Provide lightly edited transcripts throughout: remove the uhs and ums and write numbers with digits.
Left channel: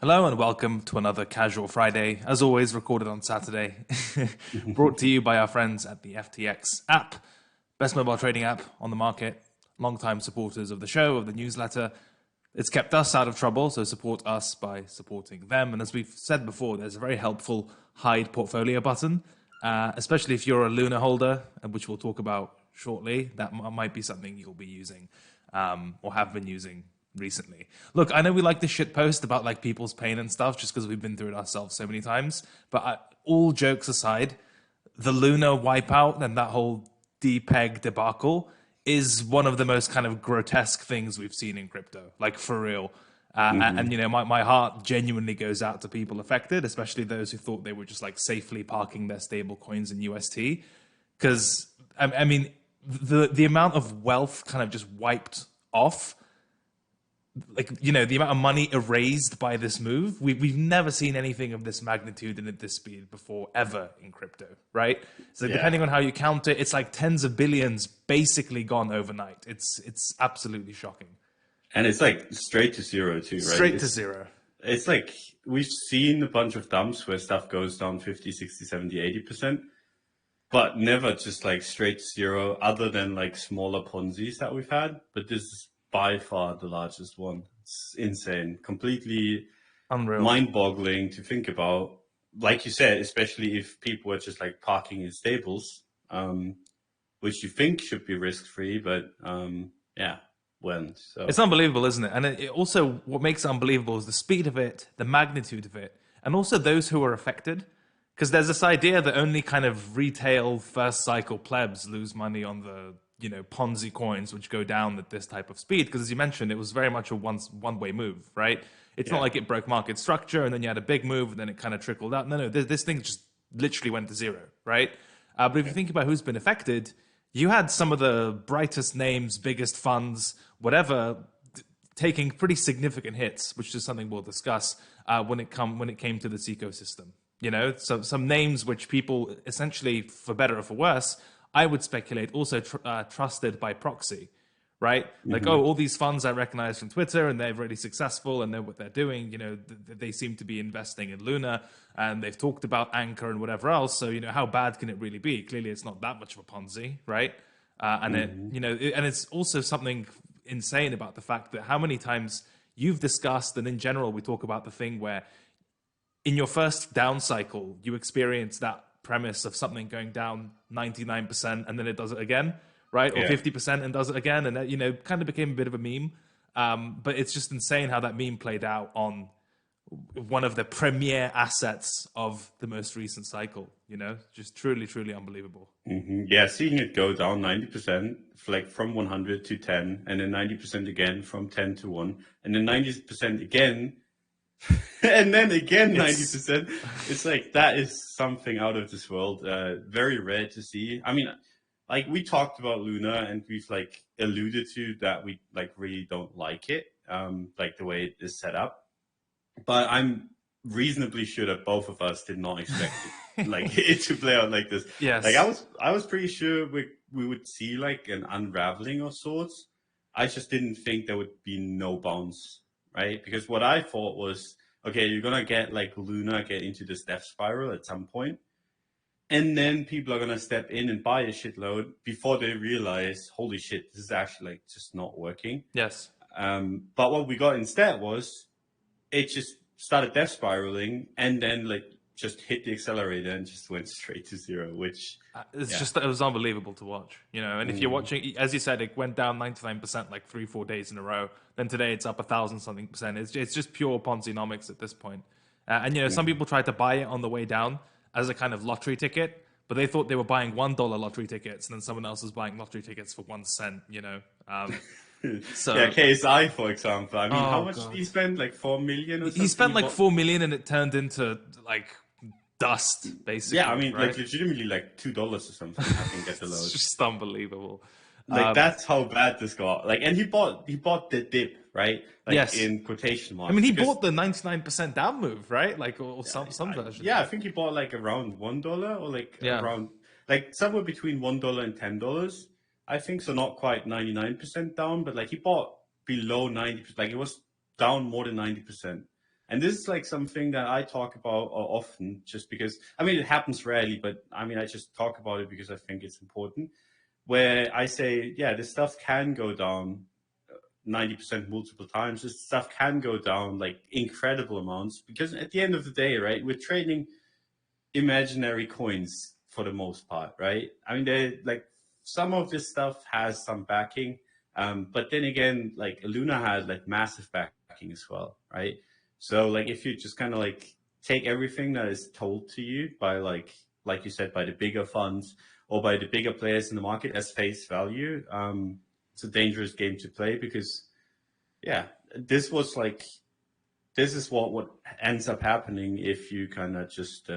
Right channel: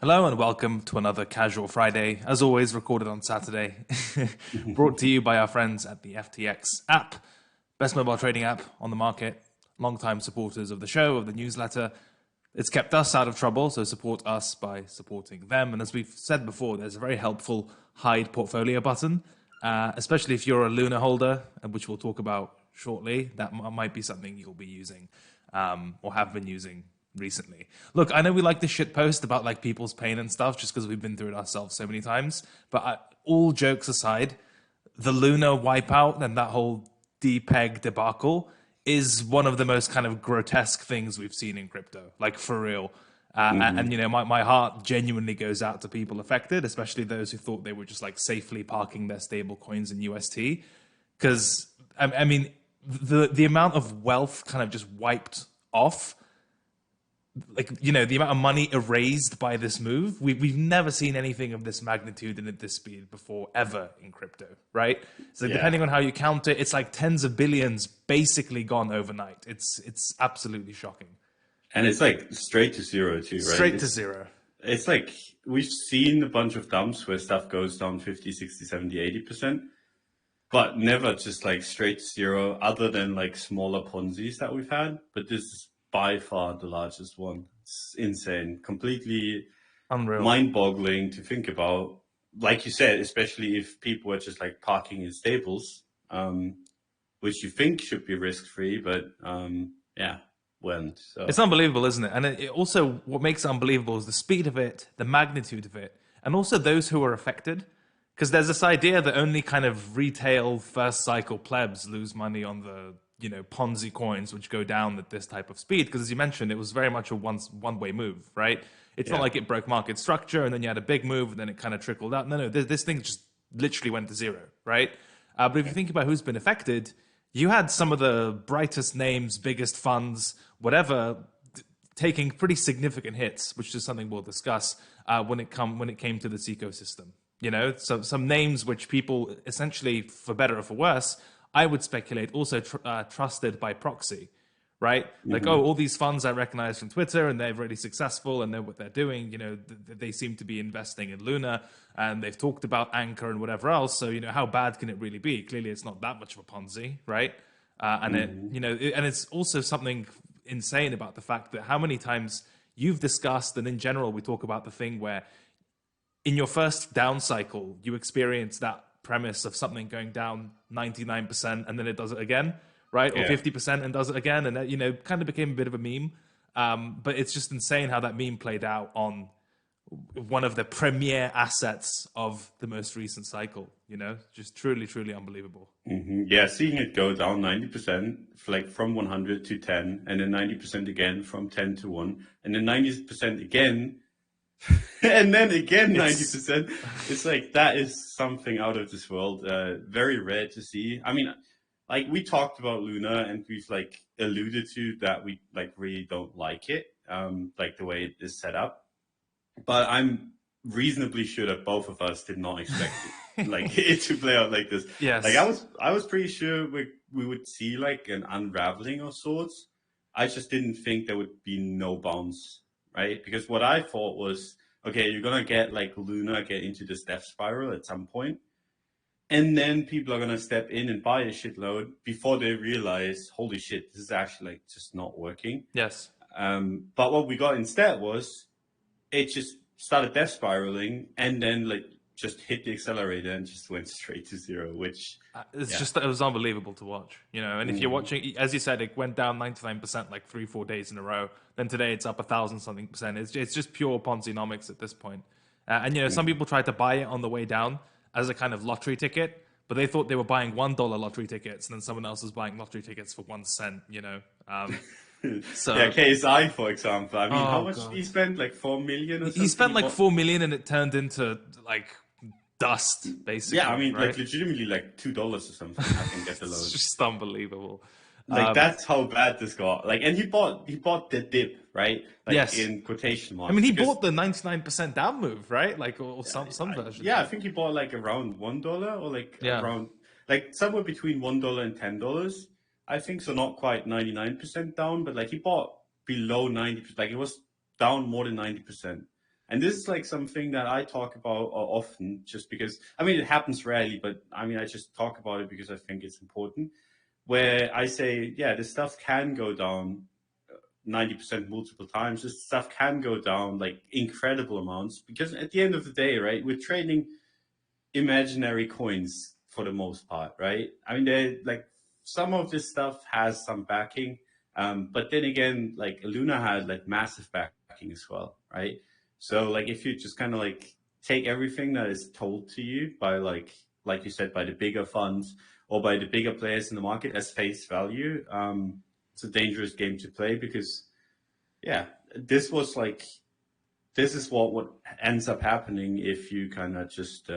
Hello and welcome to another Casual Friday, as always recorded on Saturday, brought to you by our friends at the FTX app, best mobile trading app on the market, long-time supporters of the show, of the newsletter. It's kept us out of trouble, so support us by supporting them. And as we've said before, there's a very helpful hide portfolio button, especially if you're a Luna holder, which we'll talk about shortly. That might be something you'll be using or have been using recently. Look, I know we like to shit post about like people's pain and stuff just because we've been through it ourselves so many times. But all jokes aside, the Luna wipeout and that whole depeg debacle is one of the most kind of grotesque things we've seen in crypto, like for real. And you know, my heart genuinely goes out to people affected, especially those who thought they were just like safely parking their stable coins in UST. Because I mean, the amount of wealth kind of just wiped off, like, you know, the amount of money erased by this move, we've never seen anything of this magnitude and at this speed before ever in crypto, right? So depending on how you count it, it's like tens of billions basically gone overnight. It's absolutely shocking. And it's like straight to zero too, right? Straight to zero. It's like we've seen a bunch of dumps where stuff goes down 50, 60, 70, 80%, but never just like straight to zero other than like smaller Ponzi's that we've had. But this is by far the largest one. It's insane, completely Unreal. mind-boggling to think about. Like you said, especially if people are just like parking in stables, which you think should be risk-free, but yeah, went. So It's unbelievable, isn't it? And it also, what makes it unbelievable is the speed of it, the magnitude of it, and also those who are affected. Because there's this idea that only kind of retail first cycle plebs lose money on the, you know, Ponzi coins, which go down at this type of speed. Because as you mentioned, it was very much a one-way move, right? It's not like it broke market structure and then you had a big move and then it kind of trickled out. No, this thing just literally went to zero, right? But if you think about who's been affected, you had some of the brightest names, biggest funds, whatever, taking pretty significant hits, which is something we'll discuss when it came to this ecosystem. You know, so some names which people essentially, for better or for worse, I would speculate also trusted by proxy, right? Like, oh, all these funds I recognize from Twitter and they're really successful and know what they're doing. You know, they seem to be investing in Luna and they've talked about Anchor and whatever else. So, you know, how bad can it really be? Clearly, it's not that much of a Ponzi, right? And and it's also something insane about the fact that how many times you've discussed, and in general, we talk about the thing where in your first down cycle, you experience that premise of something going down 99% and then it does it again, right? Or 50% and does it again. And that, you know, kind of became a bit of a meme. But it's just insane how that meme played out on one of the premier assets of the most recent cycle, you know, just truly, truly unbelievable. Yeah, seeing it go down 90%, like from 100 to 10, and then 90% again from 10 to 1, and then 90% again, and then again 90%. It's like that is something out of this world. Very rare to see. I mean, like we talked about Luna, and we've like alluded to that we like really don't like it, like the way it is set up. But I'm reasonably sure that both of us did not expect like it to play out like this. Yes. Like I was pretty sure we would see like an unraveling of sorts. I just didn't think there would be no bounce, right? Because what I thought was, okay, you're gonna get like Luna get into this death spiral at some point, and then people are gonna step in and buy a shitload before they realize, holy shit, this is actually like just not working. Yes. But what we got instead was it just started death spiraling and then like just hit the accelerator and just went straight to zero, which just, it was unbelievable to watch, you know. And if you're watching, as you said, it went down 99% like 3-4 days in a row. Then today it's up 1,000 something percent. It's just pure Ponzi-nomics at this point. And you know, some people tried to buy it on the way down as a kind of lottery ticket, but they thought they were buying $1 lottery tickets, and then someone else was buying lottery tickets for 1 cent, you know. So yeah, KSI, for example. I mean, how much did he spend? Like 4 million or something? He spent like 4 million and it turned into like dust, basically. Yeah, I mean, right? like legitimately like $2 or something. I can get the load. It's just unbelievable. Like that's how bad this got. Like, and he bought the dip, right? Like, yes. In quotation marks. I mean, he bought the 99% down move, right? Like, or some version. Yeah, I think he bought like around $1 or like around like somewhere between $1 and $10. I think so, not quite 99% down, but like he bought below 90%. Like it was down more than 90%. And this is like something that I talk about often, just because, I mean, it happens rarely, but I mean, I just talk about it because I think it's important. Where I say, yeah, this stuff can go down 90% multiple times. This stuff can go down like incredible amounts, because at the end of the day, right, we're trading imaginary coins for the most part, right? I mean, they like some of this stuff has some backing, but then again, like Luna had like massive backing as well, right? So like if you just kind of like take everything that is told to you by like you said, by the bigger funds or by the bigger players in the market as face value, it's a dangerous game to play, because yeah, this was like this is what ends up happening if you kind of just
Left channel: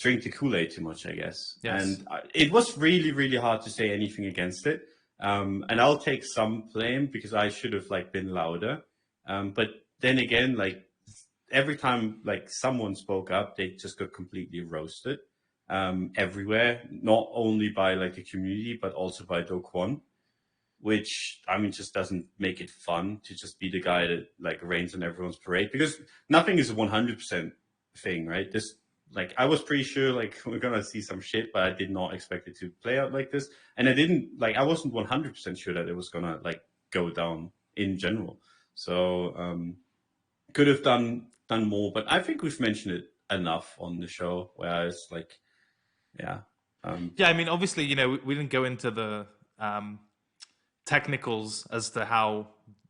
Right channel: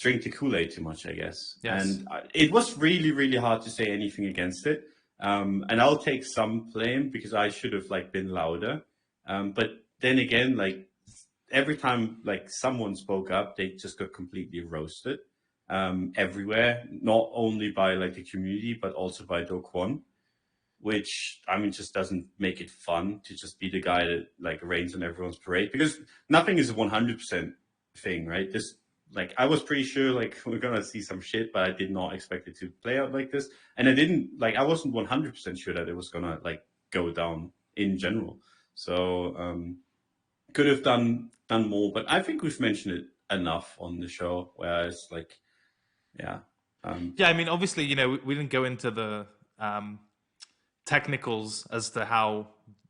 drink the Kool-Aid too much, I guess. Yes. And it was really, really hard to say anything against it. And I'll take some blame because I should have like been louder. But then again, like every time like someone spoke up, they just got completely roasted everywhere, not only by like the community, but also by Do Kwon, which I mean just doesn't make it fun to just be the guy that like rains on everyone's parade, because nothing is a 100% thing, right? This like I was pretty sure like we're gonna see some shit, but I did not expect it to play out like this, and I wasn't 100% sure that it was gonna like go down in general. So could have done more, but I think we've mentioned it enough on the show. Whereas like yeah, Yeah, I mean, obviously, we didn't go into the technicals as to how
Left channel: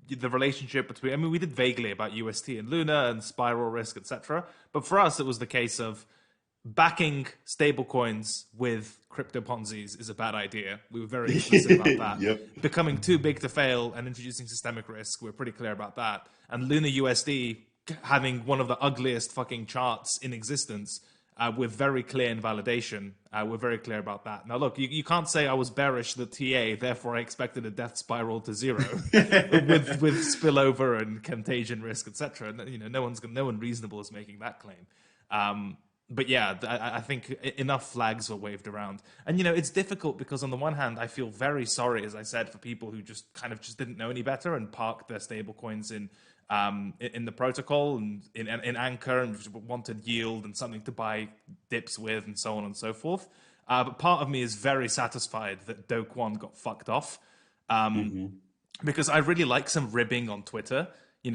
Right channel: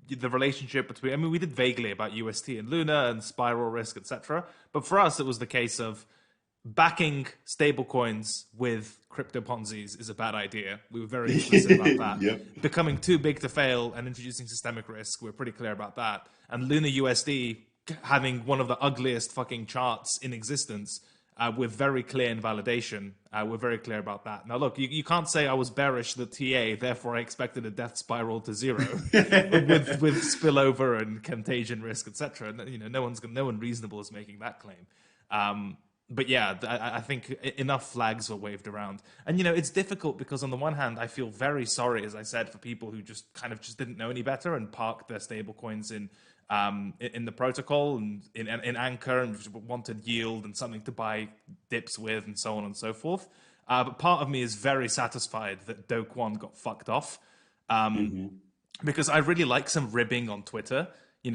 the relationship between. I mean, we did vaguely about UST and Luna and spiral risk, etc. But for us, it was the case of backing stablecoins with crypto Ponzi's is a bad idea. We were very explicit about that. Yep. Becoming too big to fail and introducing systemic risk, we're pretty clear about that. And Luna USD having one of the ugliest fucking charts in existence with very clear invalidation. We're very clear about that. Now, look, you can't say I was bearish the TA, therefore I expected a death spiral to zero with spillover and contagion risk, etc. No one reasonable is making that claim. But yeah, I think enough flags were waved around. And, it's difficult because on the one hand, I feel very sorry, as I said, for people who just didn't know any better and parked their stable coins in the protocol and in Anchor and wanted yield and something to buy dips with and so on and so forth. But part of me is very satisfied that Do Kwon got fucked off because I really like some ribbing on Twitter,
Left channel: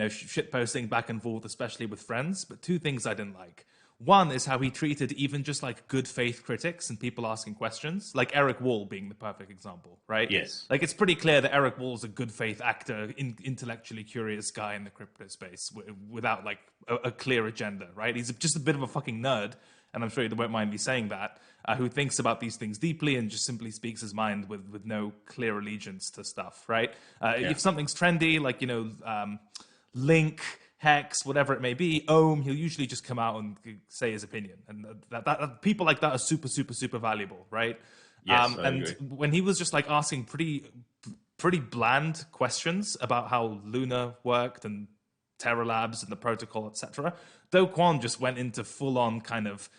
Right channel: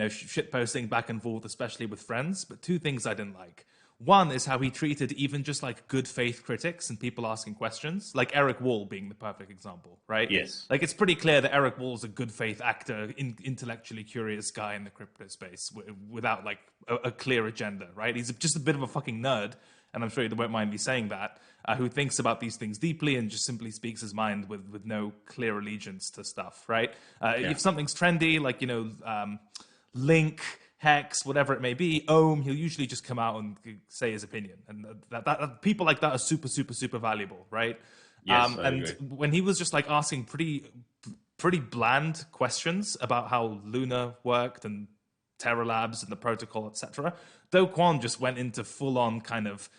shit posting back and forth, especially with friends. But two things I didn't like. One is how he treated even just like good faith critics and people asking questions, like Eric Wall being the perfect example, right? Yes. Like it's pretty clear that Eric Wall is a good faith actor, intellectually curious guy in the crypto space without like a clear agenda, right? He's just a bit of a fucking nerd, and I'm sure you won't mind me saying that, who thinks about these things deeply and just simply speaks his mind with no clear allegiance to stuff, right? If something's trendy, like, Link, Hex, whatever it may be, Ohm, he'll usually just come out and say his opinion. And that people like that are super, super, super valuable, right? Yes, I and agree. when he was just like asking pretty bland questions about how Luna worked and Terra Labs and the protocol, etc., Do Kwon just went into full on kind of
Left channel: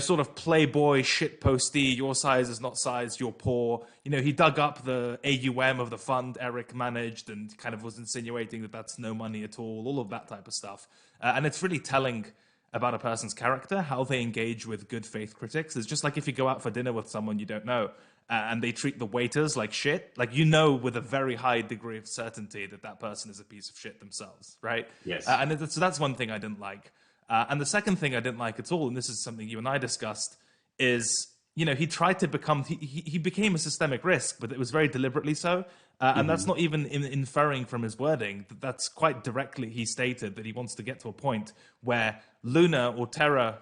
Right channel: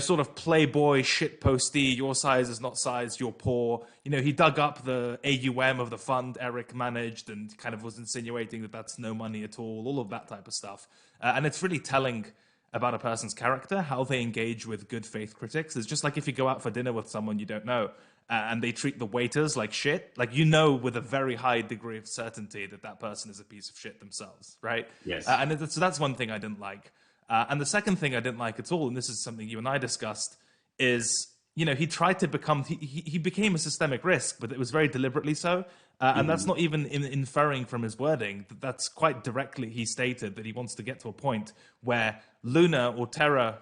sort of playboy shit posty, your size is not size, you're poor. He dug up the AUM of the fund Eric managed and kind of was insinuating that that's no money at all of that type of stuff. And it's really telling about a person's character, how they engage with good faith critics. It's just like if you go out for dinner with someone you don't know and they treat the waiters like shit, like with a very high degree of certainty that person is a piece of shit themselves, right? Yes. So that's one thing I didn't like. And the second thing I didn't like at all, and this is something you and I discussed, is, he tried to become, he became a systemic risk, but it was very deliberately so. And that's not even inferring from his wording. That's quite directly he stated that he wants to get to a point where Luna or Terra,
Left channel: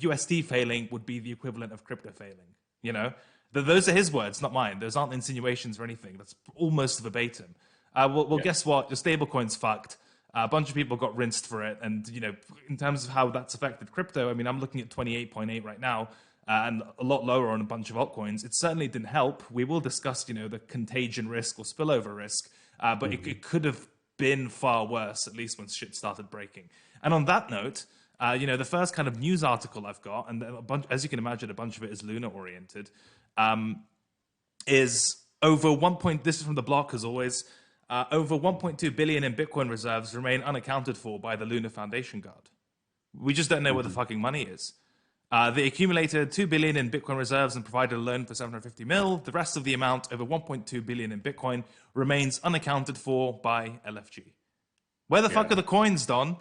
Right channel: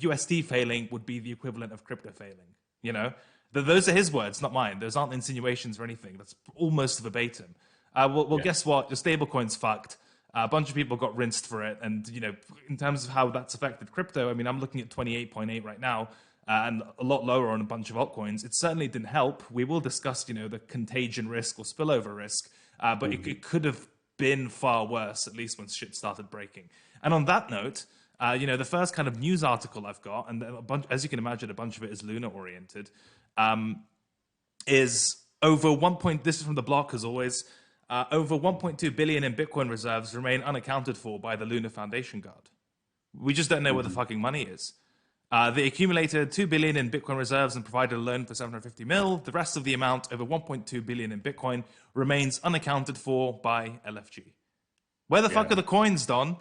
UST failing would be the equivalent of crypto failing, Those are his words, not mine. Those aren't insinuations or anything. That's almost verbatim. Well, guess what? Your stablecoin's fucked. A bunch of people got rinsed for it. And, in terms of how that's affected crypto, I mean, I'm looking at 28.8 right now and a lot lower on a bunch of altcoins. It certainly didn't help. We will discuss, the contagion risk or spillover risk, but it could have been far worse, at least when shit started breaking. And on that note, the first kind of news article I've got, and as you can imagine, a bunch of it is Luna oriented, is over 1 point. This is from the block, as always. over 1.2 billion in Bitcoin reserves remain unaccounted for by the Luna Foundation Guard. We just don't know where the fucking money is. They accumulated 2 billion in Bitcoin reserves and provided a loan for 750 mil. The rest of the amount, over 1.2 billion in Bitcoin, remains unaccounted for by LFG. Where the fuck are the coins, Don?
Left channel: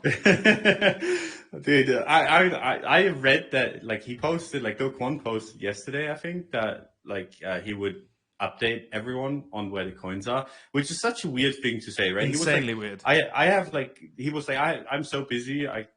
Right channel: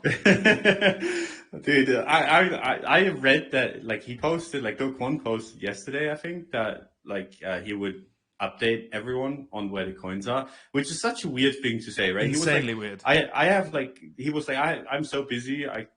Dude, I have read that, like, he posted, like, Do Kwon posted yesterday, I think, that, like, he would update everyone on where the coins are, which is such a weird thing to say, right? Insanely weird. I have, like, he was like, I'm so busy, I'm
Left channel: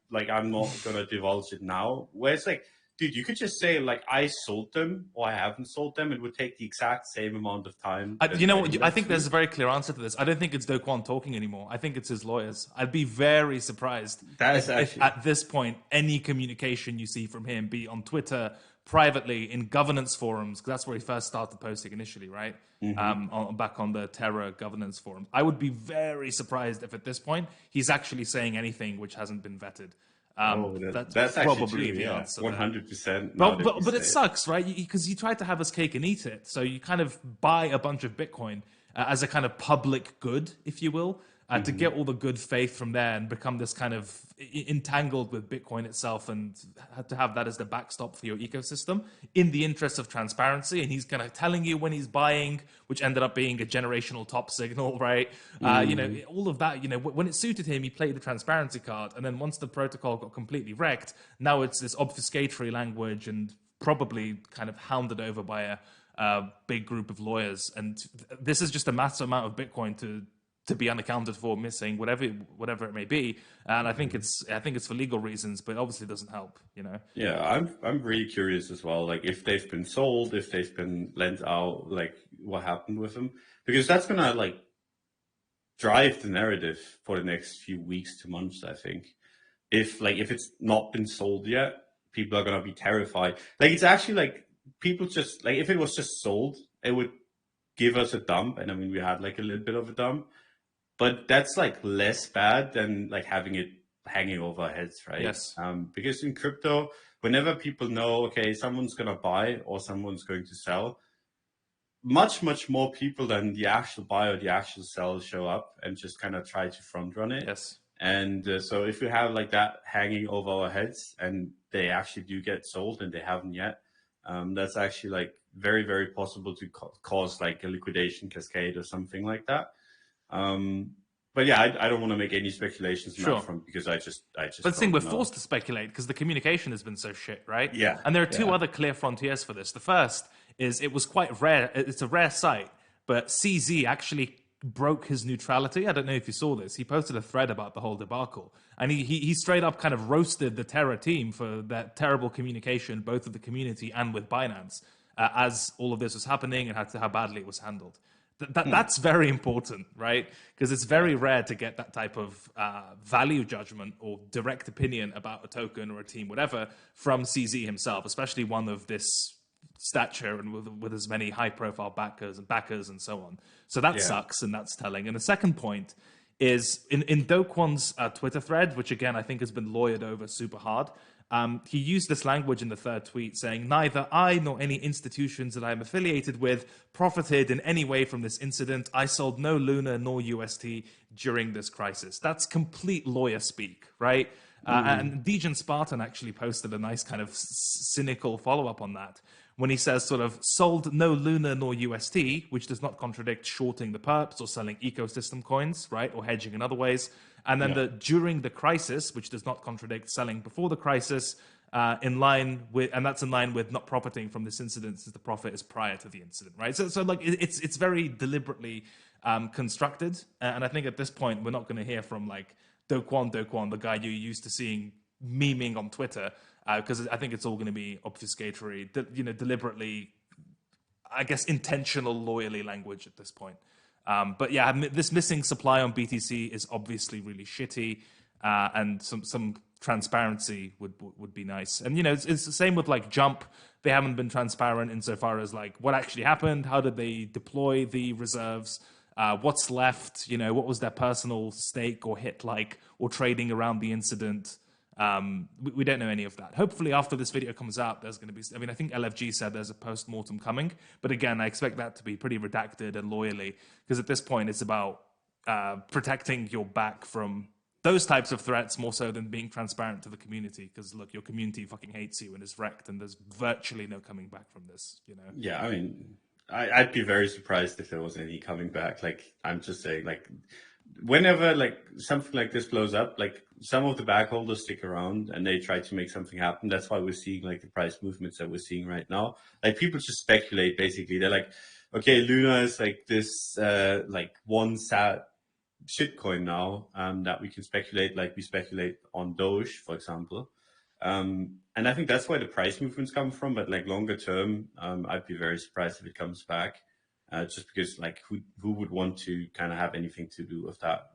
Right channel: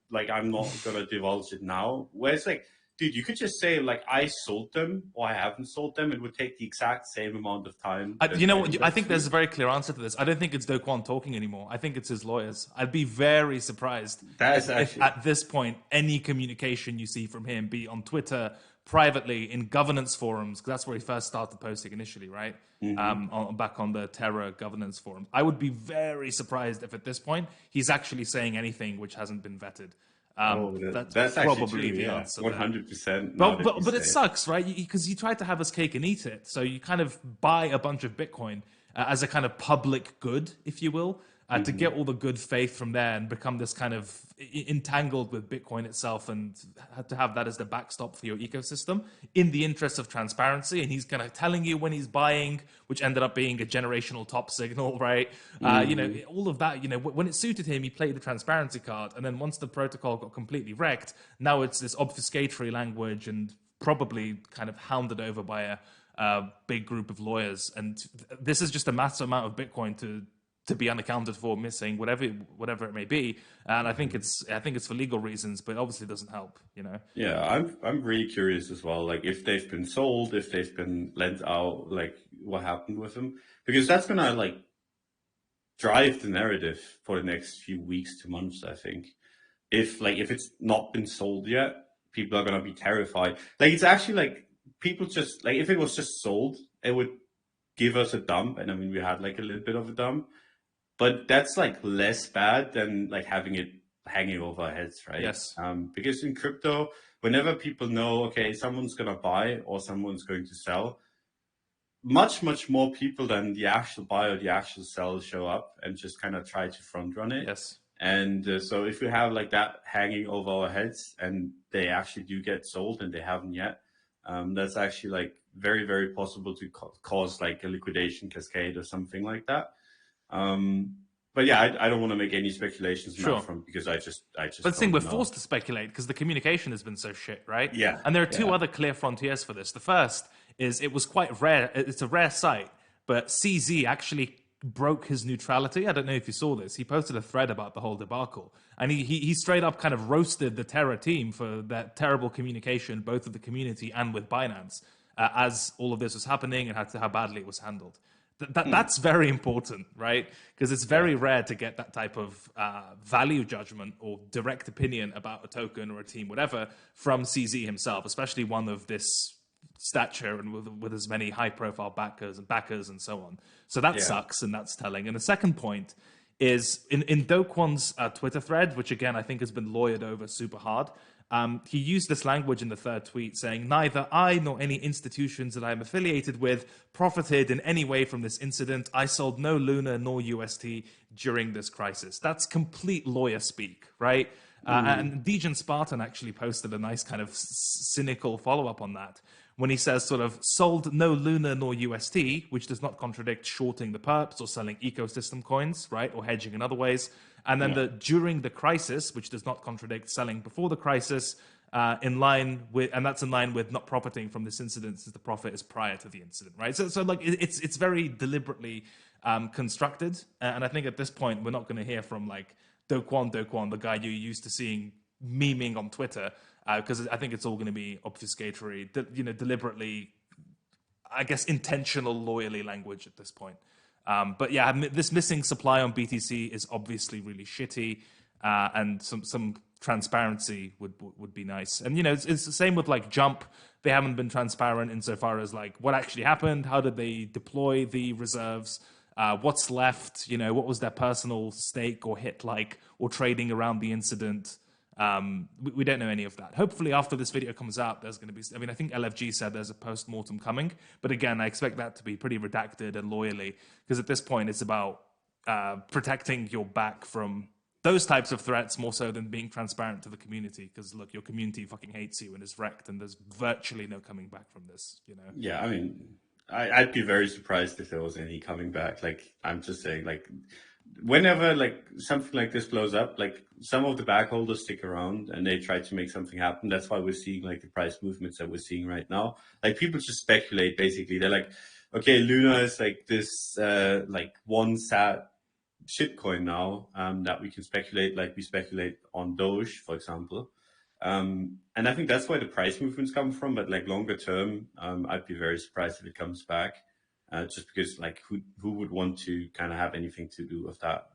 not gonna divulge it now. Where it's like, dude, you could just say, like, I sold them or I haven't sold them. It would take the exact same amount of time. You know what? I think there's a very clear answer to this. I don't think it's Do Kwon talking anymore. I think it's his lawyers. I'd be very surprised if at this point any communication you see from him, be on Twitter, privately, in governance forums, because that's where he first started posting initially, right? Back on the Terra governance forum. I would be very surprised if at this point he's actually saying anything which hasn't been vetted. That's probably the answer. 100%. But it sucks, right? Because you try to have his cake and eat it. So you kind of buy a bunch of Bitcoin as a kind of public good, if you will, to get all the good faith from there and become this kind of entangled with Bitcoin itself and to have that as the backstop for your ecosystem in the interest of transparency. And he's kind of telling you when he's buying, which ended up being a generational top signal, right? You know, all of that, you know, when it suited him, he played the transparency card. And then once the protocol got completely wrecked, now it's this obfuscatory language and probably kind of hounded over by a big group of lawyers. And this is just a massive amount of Bitcoin to be unaccounted for, missing, whatever it may be, and I think it's for legal reasons, but obviously doesn't help, you know. Yeah, I'm really curious as well, like if they've been sold, if they've been lent out, like what happened with them, because that's gonna like drive the narrative for the next few weeks to months. I think if it's not been sold yet, people are gonna be terrified. Like it's actually like people just like if it was just sold, it would give us a dump, and I mean we had like a little bit of a dump. But that's like less bad than like having it hanging over our heads, right? Yes. Because in crypto, whenever people know, okay, someone's going to buy or someone's going to sell, much more people than the actual buy or the actual sell show up and just kind of try to front run it. Yes. And so if you have like that hanging over our heads and they actually do get sold and they haven't yet, that's actually like very, very possible to cause like a liquidation cascade or something like that. But yeah, I don't want to make any speculations on that front because I just. But the thing, we're forced to speculate because the communication has been so shit, right? Yeah. And there are two other clear frontiers for this. The first is it was quite rare. It's a rare sight, but CZ actually broke his neutrality. I don't know if you saw this. He posted a thread about the whole debacle, and he straight up kind of roasted the Terra team for that terrible communication, both with the community and with Binance, as all of this was happening and how badly it was handled. That's very important, right? Because it's very rare to get that type of value judgment or direct opinion about a token or a team, whatever, from CZ himself, especially one of this stature and with as many high-profile backers and so on. So that sucks, and that's telling. And the second point is in Do Kwon's Twitter thread, which again I think has been lawyered over super hard. He used this language in the third tweet saying, neither I nor any institutions that I am affiliated with profited in any way from this incident. I sold no Luna nor UST during this crisis. That's complete lawyer speak, right? And Dejan Spartan actually posted a nice kind of cynical follow-up on that when he says sort of sold no Luna nor UST, which does not contradict shorting the perps or selling ecosystem coins, right? Or hedging in other ways. And then the during the crisis, which does not contradict selling before the crisis, that's in line with not profiting from this incident since the profit is prior to the incident, right? So like it's very deliberately constructed, and I think at this point we're not going to hear from like Do Kwon, the guy you're used to seeing memeing on Twitter, because I think it's all going to be obfuscatory, deliberately, I guess, intentional lawyerly language at this point. But yeah, this missing supply on BTC is obviously really shitty, and some transparency would be nice. And it's the same with like Jump. They haven't been transparent insofar as like what actually happened, how did they deploy the reserves, what's left, what was their personal stake or hit like, or trading around the incident. We don't know any of that. Hopefully after this video comes out, there's going to be, I think LFG said there's a post-mortem coming, but again, I expect that to be pretty redacted and lawyerly, because at this point it's about protecting your back from those types of threats more so than being transparent to the community. Because look, your community fucking hates you and is wrecked, and there's virtually no coming back from this. You know? Yeah, I mean, I'd be very surprised if there was any coming back. Like, I'm just saying, like, whenever like something like this blows up, like some of the backholders stick around and they try to make something happen. That's why we're seeing like the price movements that we're seeing right now. Like people just speculate basically. They're like, okay, Luna is like this like one sad shitcoin now that we can speculate, like we speculate on Doge, for example. And I think that's where the price movements come from. But like longer term, I'd be very surprised if it comes back, just because like who would want to kind of have anything to do with that?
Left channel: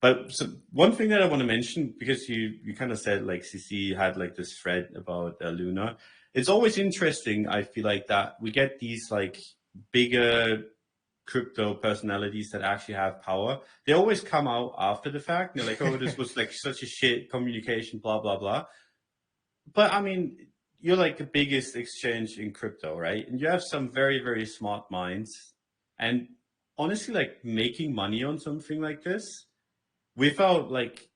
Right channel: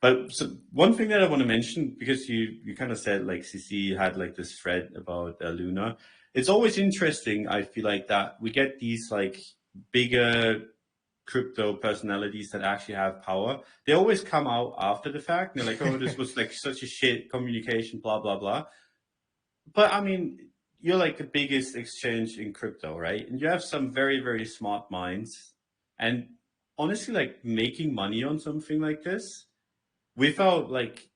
But so one thing that I want to mention, because you kind of said like CC had like this thread about Luna. It's always interesting. I feel like that we get these like bigger crypto personalities that actually have power. They always come out after the fact. They're like, oh, this was like such a shit communication, blah, blah, blah. But I mean, you're like the biggest exchange in crypto, right? And you have some very, very smart minds. And honestly, like making money on something like this without like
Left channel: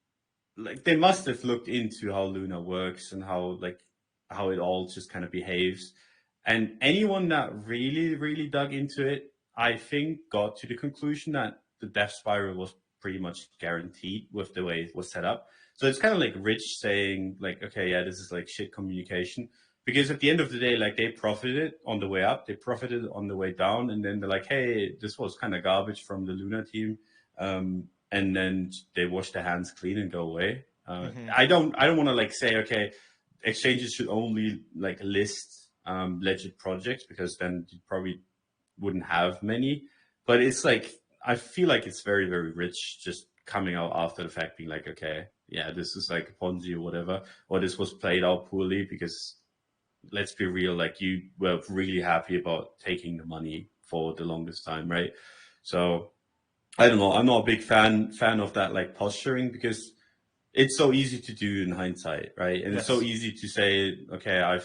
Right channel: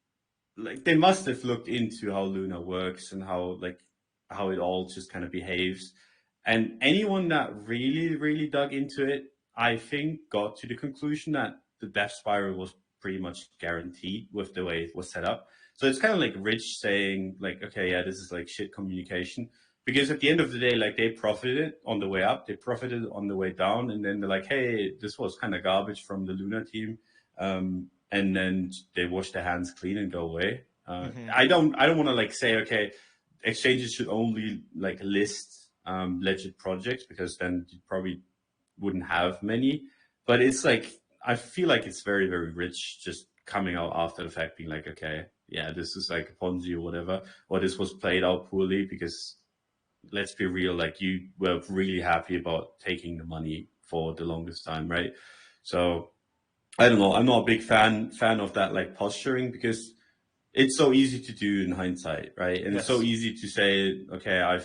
they must have looked into how Luna works and how it all just kind of behaves. And anyone that really, really dug into it, I think, got to the conclusion that the death spiral was pretty much guaranteed with the way it was set up. So it's kind of like Rich saying, like, okay, yeah, this is like shit communication. Because at the end of the day, like they profited on the way up, they profited on the way down, and then they're like, hey, this was kind of garbage from the Luna team, and then they wash their hands clean and go away. I don't want to like say, okay, exchanges should only like list legit projects because then you probably wouldn't have many. But it's like I feel like it's very, very rich just coming out after the fact, being like, okay, yeah, this is like a Ponzi or whatever, or this was played out poorly because let's be real, like you were really happy about taking the money for the longest time, right? So I don't know. I'm not a big fan of that like posturing because it's so easy to do in hindsight, right? And it's so easy to say, okay,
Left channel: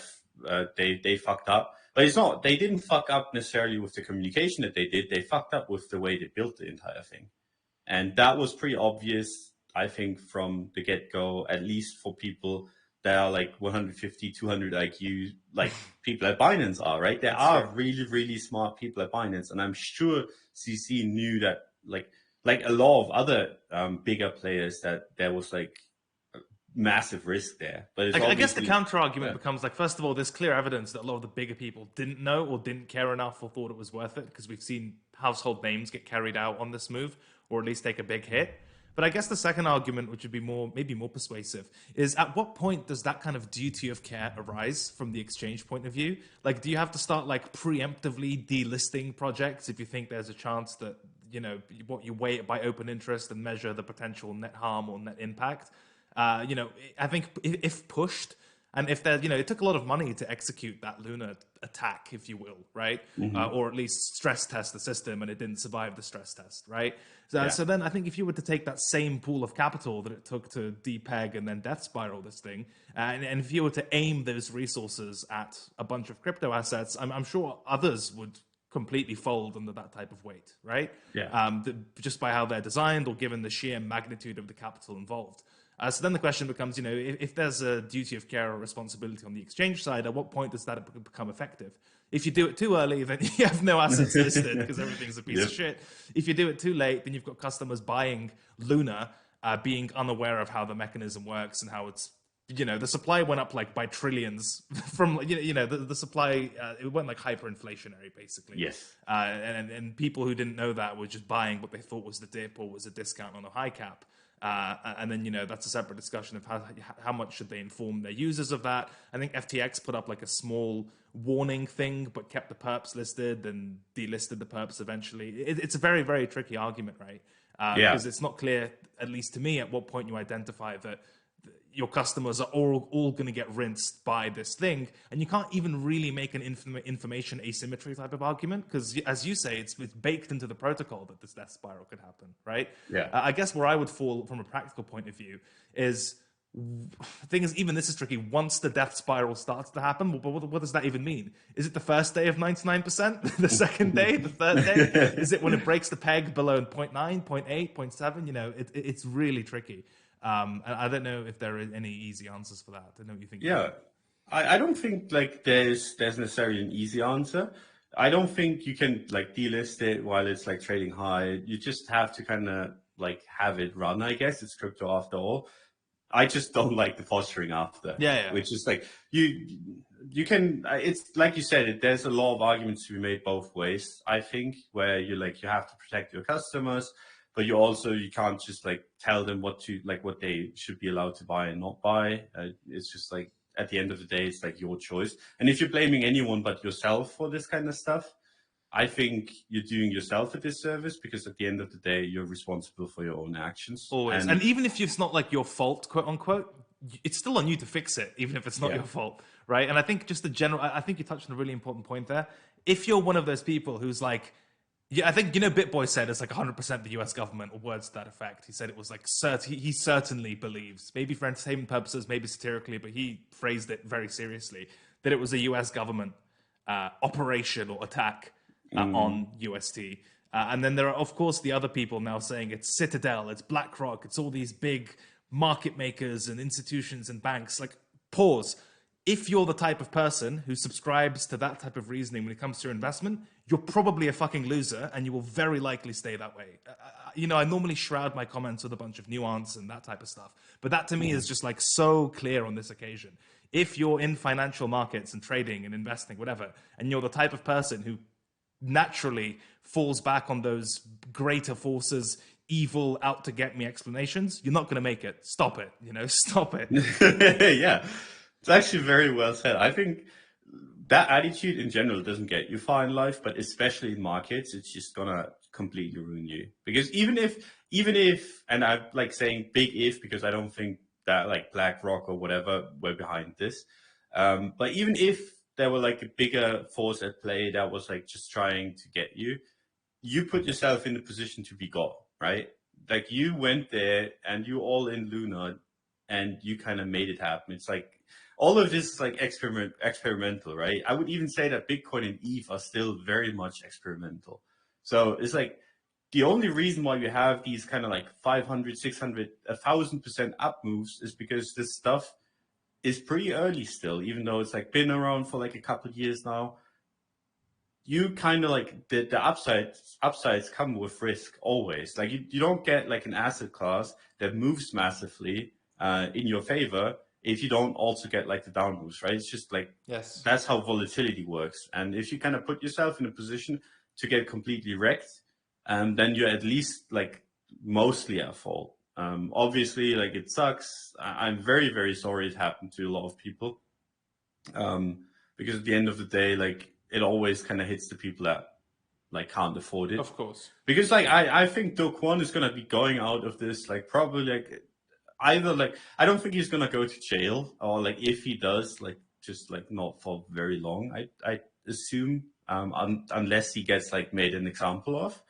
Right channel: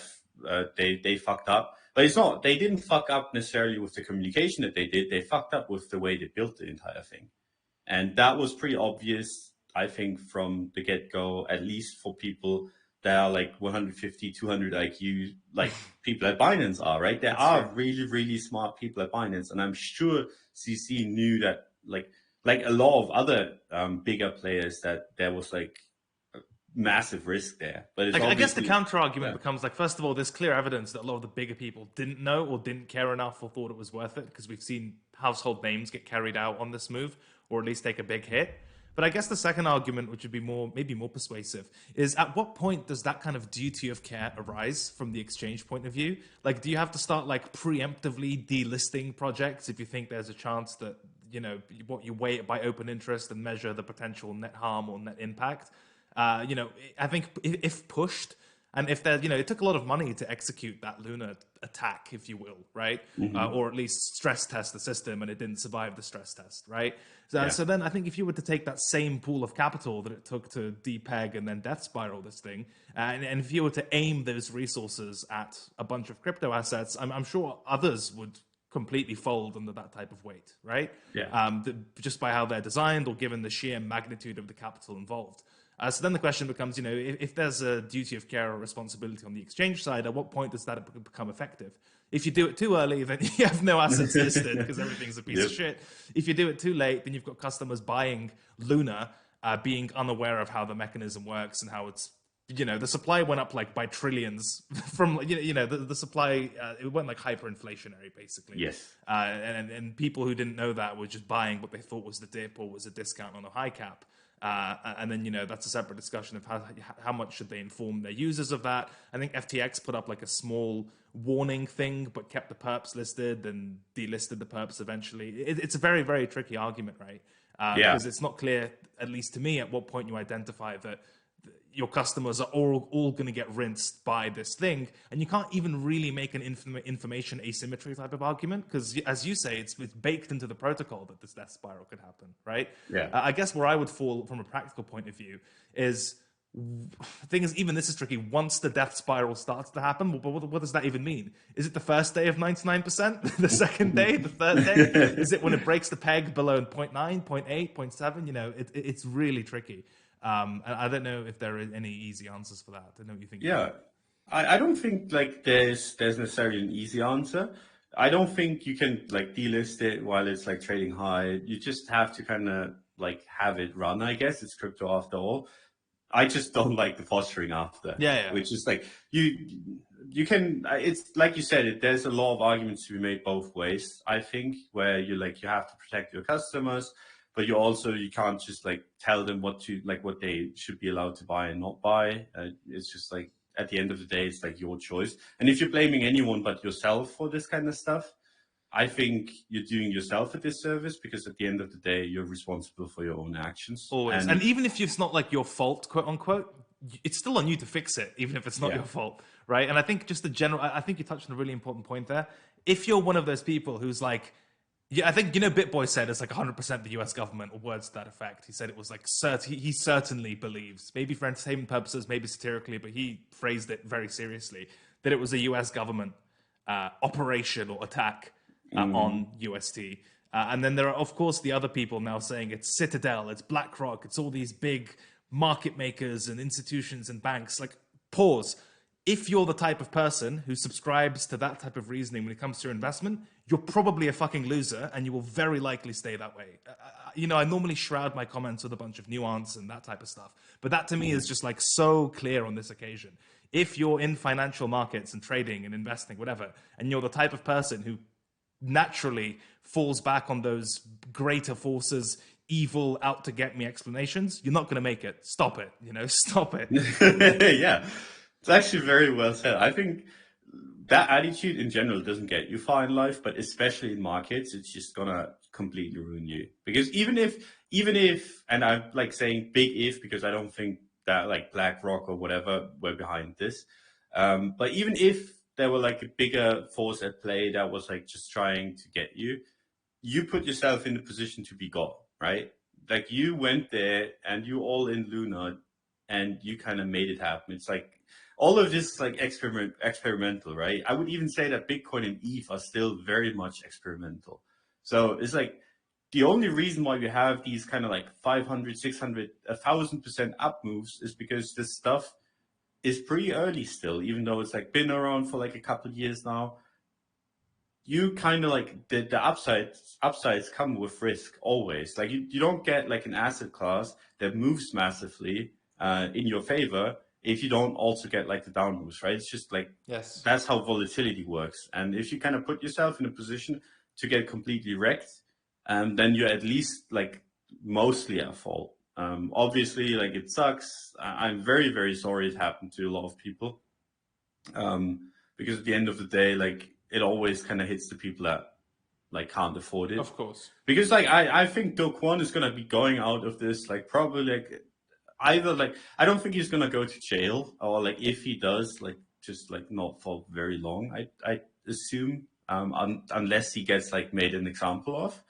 they fucked up, but it's not. They didn't fuck up necessarily with the communication that they did. They fucked up with the way they built the entire thing, and that was pretty obvious, I think, from the get go. At least for people that are like 150, 200 IQ, like people at Binance are, right? There are really, really smart people at Binance, and I'm sure CC knew that, like a lot of other bigger players, that there was like massive risk there. But it's I guess the counter argument becomes like, first of all, there's clear evidence that a lot of the bigger people didn't know or didn't care enough or thought it was worth it, because we've seen household names get carried out on this move, or at least take a big hit. But I guess the second argument, which would be maybe more persuasive, is at what point does that kind of duty of care arise from the exchange point of view? Like, do you have to start like preemptively delisting projects if you think there's a chance that, you know, what you weigh it by open interest and measure the potential net harm or net impact? You know, I think if pushed, and if there, you know, it took a lot of money to execute that Luna attack, if you will, right? Or at least stress test the system, and it didn't survive the stress test, right? So then I think if you were to take that same pool of capital that it took to depeg and then death spiral this thing, and if you were to aim those resources at a bunch of crypto assets, I'm sure others would completely fold under that type of weight, right? Just by how they're designed or given the sheer magnitude of the capital involved. So then the question becomes, you know, if there's a duty of care or responsibility on the exchange side, at what point does that become effective? If you do it too early, then you have no assets listed because everything's a piece of shit. If you do it too late, then you've got customers buying Luna, being unaware of how the mechanism works and how it's, you know, the supply went up like by trillions from, you know, the supply, it went like hyperinflationary basically. Yes. And people who didn't know that were just buying what they thought was the dip or was a discount on a high cap. And then, you know, that's a separate discussion of how much should they inform their users of that. I think FTX put up like a small warning thing, but kept the perps listed and delisted the perps eventually. It's a very, very tricky argument, right? Because it's not clear, at least to me, at what point you identify that your customers are all going to get rinsed by this thing, and you can't even really make an information asymmetry type of argument because, as you say, it's baked into the protocol that this death spiral could happen, right? Yeah. I guess where I would fall from a practical point of view is The thing is, even this is tricky. Once the death spiral starts to happen, what does that even mean? Is it the first day of 99%? The second day? The third day? Is it when it breaks the peg below 0.9, 0.8, 0.7? You know, it's really tricky. And I don't know if there are any easy answers for that. I don't know what you think. Yeah, I don't think like there's necessarily an easy answer. I don't think you can like delist it while it's like trading high. You just have to kind of like have it run. I guess it's crypto after all. I just don't like the posturing after, Yeah. which is like you can. It's like you said. There's a lot of arguments to be made both ways. I think where you like you have to protect your customers, but you can't just like tell them what they should be allowed to buy and not buy. It's just like at the end of the day, it's like your choice. And if you're blaming anyone but yourself for this kind of stuff, I think you're doing yourself a disservice because at the end of the day, you're responsible for your own actions. Always. And even if it's not like your fault, quote unquote, it's still on you to fix it, even if it's not your fault, right? And I think just the general, I think you touched on a really important point there. If you're one of those people who's like, yeah, I think, BitBoy said it's like 100% the US government, or words to that effect. He said it was like, he certainly believes, maybe for entertainment purposes, maybe satirically, but he phrased it very seriously, that it was a US government operation or attack on UST. And then there are, of course, the other people now saying it's Citadel, it's BlackRock, it's all these big market makers and institutions and banks. Like, pause. If you're the type of person who subscribes to that type of reasoning when it comes to your investment, you're probably a fucking loser and you will very likely stay that way. I normally shroud my comments with a bunch of nuance and that type of stuff. But that to me is just like so clear on this occasion. If you're in financial markets and trading and investing, whatever, and you're the type of person who naturally falls back on those greater forces, evil, out to get me explanations, you're not going to make it. Stop it. Stop it. Yeah, it's actually very well said. I think that attitude in general doesn't get you far in life, but especially in markets, it's just gonna completely ruin you. Because even if, and I'm like saying big if because I don't think that like BlackRock or whatever were behind this, but even if there were like a bigger force at play that was like just trying to get you, you put yourself in the position to be God, right? Like you went there and you all in Luna and you kind of made it happen. It's like all of this is like experimental, right? I would even say that Bitcoin and ETH are still very much experimental. So it's like the only reason why we have these kind of like 500, 600, 1,000% up moves is because this stuff is pretty early still, even though it's like been around for like a couple of years now. You kind of like the upsides come with risk always. Like you don't get like an asset class that moves massively in your favor if you don't also get like the down moves, right? It's just like, Yes, that's how volatility works. And if you kind of put yourself in a position to get completely wrecked, then you're at least like mostly at fault. Obviously, like it sucks. I'm very, very sorry it happened to a lot of people. Because at the end of the day, like it always kind of hits the people that like can't afford it. of course. Because like I think Do Kwon is gonna be going out of this like probably like either like I don't think he's gonna go to jail, or like if he does, like just like not for very long. I assume unless he gets like made an example of,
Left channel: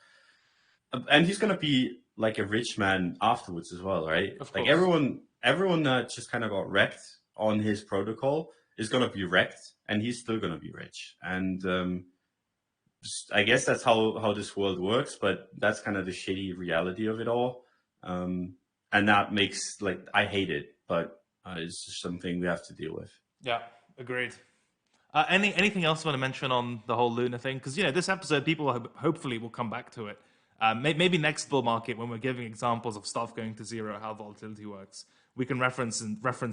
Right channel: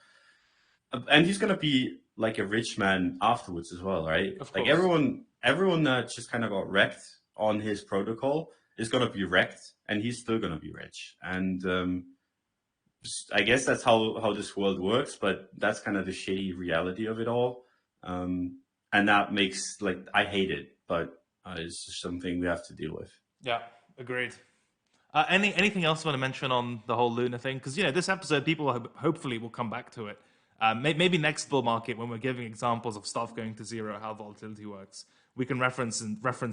and he's gonna be like a rich man afterwards as well, right? Of Like course. everyone that just kind of got wrecked on his protocol is gonna be wrecked, and he's still gonna be rich. And I guess that's how this world works, but that's kind of the shitty reality of it all. And that makes like I hate it, but it's just something we have to deal with. Yeah, agreed. Anything else you want to mention on the whole Luna thing? Because this episode, people hopefully will come back to it. Maybe next bull market, when we're giving examples of stuff going to zero, how volatility works, we can reference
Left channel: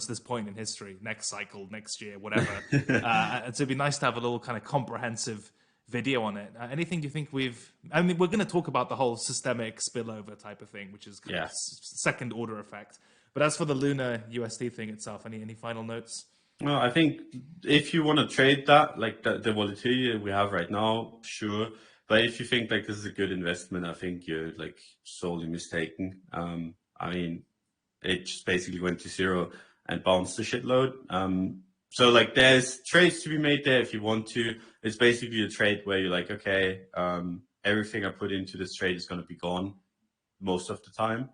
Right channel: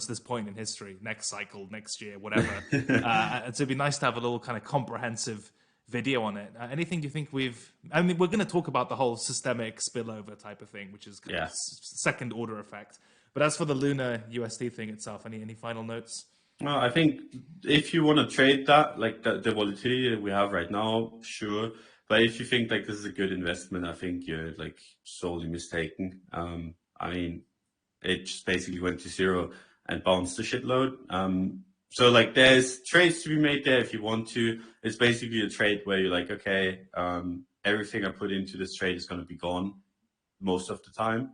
this point in history, next cycle, next year, whatever. And so it'd be nice to have a little kind of comprehensive video on it. Anything you think we're going to talk about the whole systemic spillover type of thing, which is kind of second order effect. But as for the Luna USD thing itself, any final notes? Well, I think if you want to trade that, like the volatility that we have right now, sure. But if you think like this is a good investment, I think you're like sorely mistaken. I mean, it just basically went to zero and bounced a shitload. So like there's trades to be made there if you want to. It's basically a trade where you're like, okay, everything I put into this trade is going to be gone most of the time.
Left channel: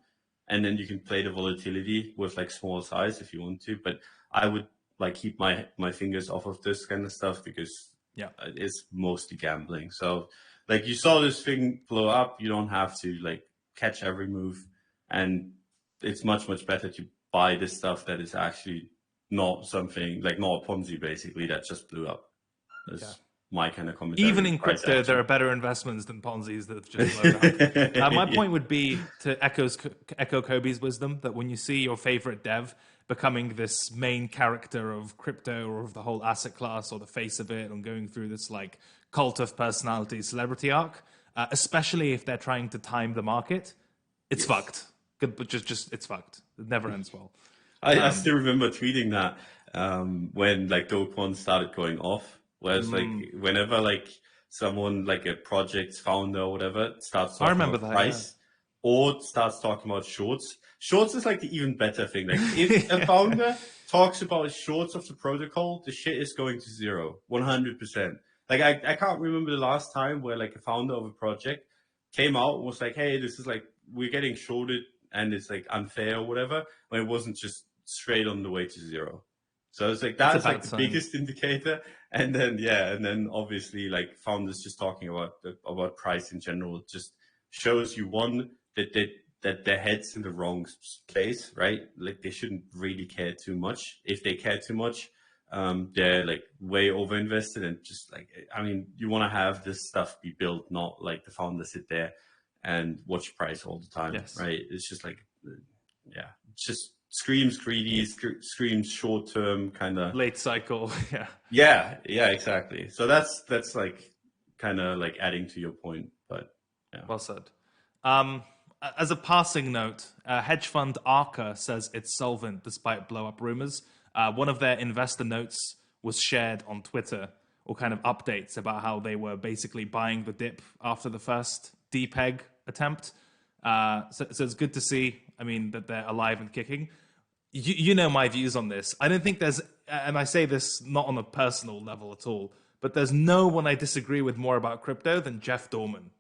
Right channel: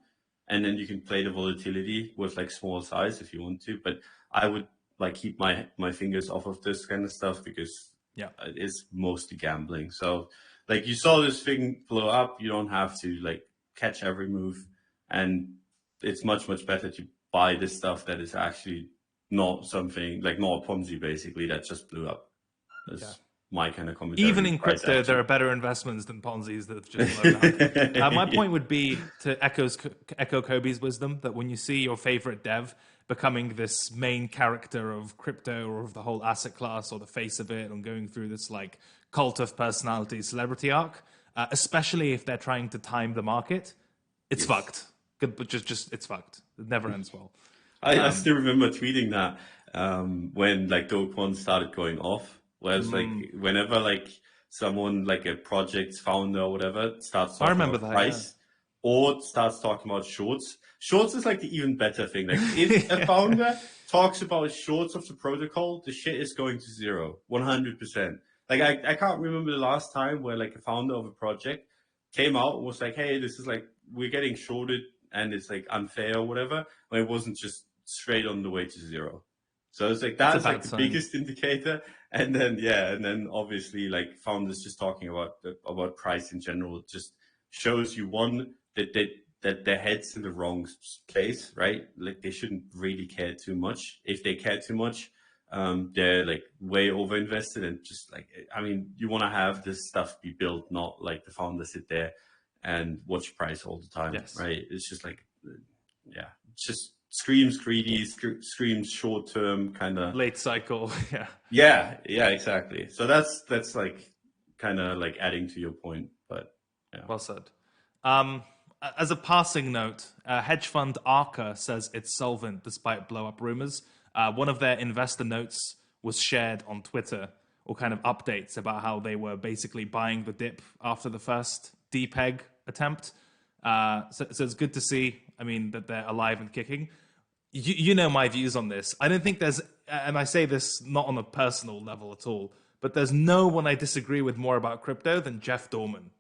and then you can play the volatility with like small size if you want to. But I would like keep my fingers off of this kind of stuff because Yeah. it's mostly gambling. So like you saw this thing blow up, you don't have to like catch every move, and it's much better to buy this stuff that is actually not something like not a Ponzi basically that just blew up. That's my kind of commentary. Even in crypto, there are better investments than Ponzi's that have just blown up. My point would be to echo Kobe's wisdom that when you see your favorite dev becoming this main character of crypto or of the whole asset class or the face of it and going through this like cult of personality celebrity arc, especially if they're trying to time the market, it's fucked. But just it's fucked. It never ends well. I still remember tweeting that when like Dogecoin started going off. Whereas like whenever like someone like a project's founder or whatever starts talking about price or starts talking about shorts is like the even better thing. Like if a founder talks about shorts of the protocol, the shit is going to zero, 100%. Like I can't remember the last time where like a founder of a project came out and was like, hey, this is like we're getting shorted and it's like unfair or whatever, when it wasn't just straight on the way to zero. So it's like that's like the biggest indicator. And then obviously like founders just talking about price in general just shows you one that their head's in the wrong place, right? Like they shouldn't really care too much. If they care too much, they're like way over invested and just like I mean, you want to have this stuff be built, not like the founder sit there and watch price all the time, right? It's just like it's just screams greedy, screams short term kind of late cycle. Yeah, exactly. So that's like kind of like adding to your point, but yeah. Well said. As a passing note, hedge fund Arca says it's solvent despite blow up rumors. One of their investor notes was shared on Twitter, or kind of updates about how they were basically buying the dip after the first depeg attempt. So it's good to see. I mean that they're alive and kicking. You know my views on this. I don't think there's, and I say this not on a personal level at all, but there's no one I disagree with more about crypto than Jeff Dorman,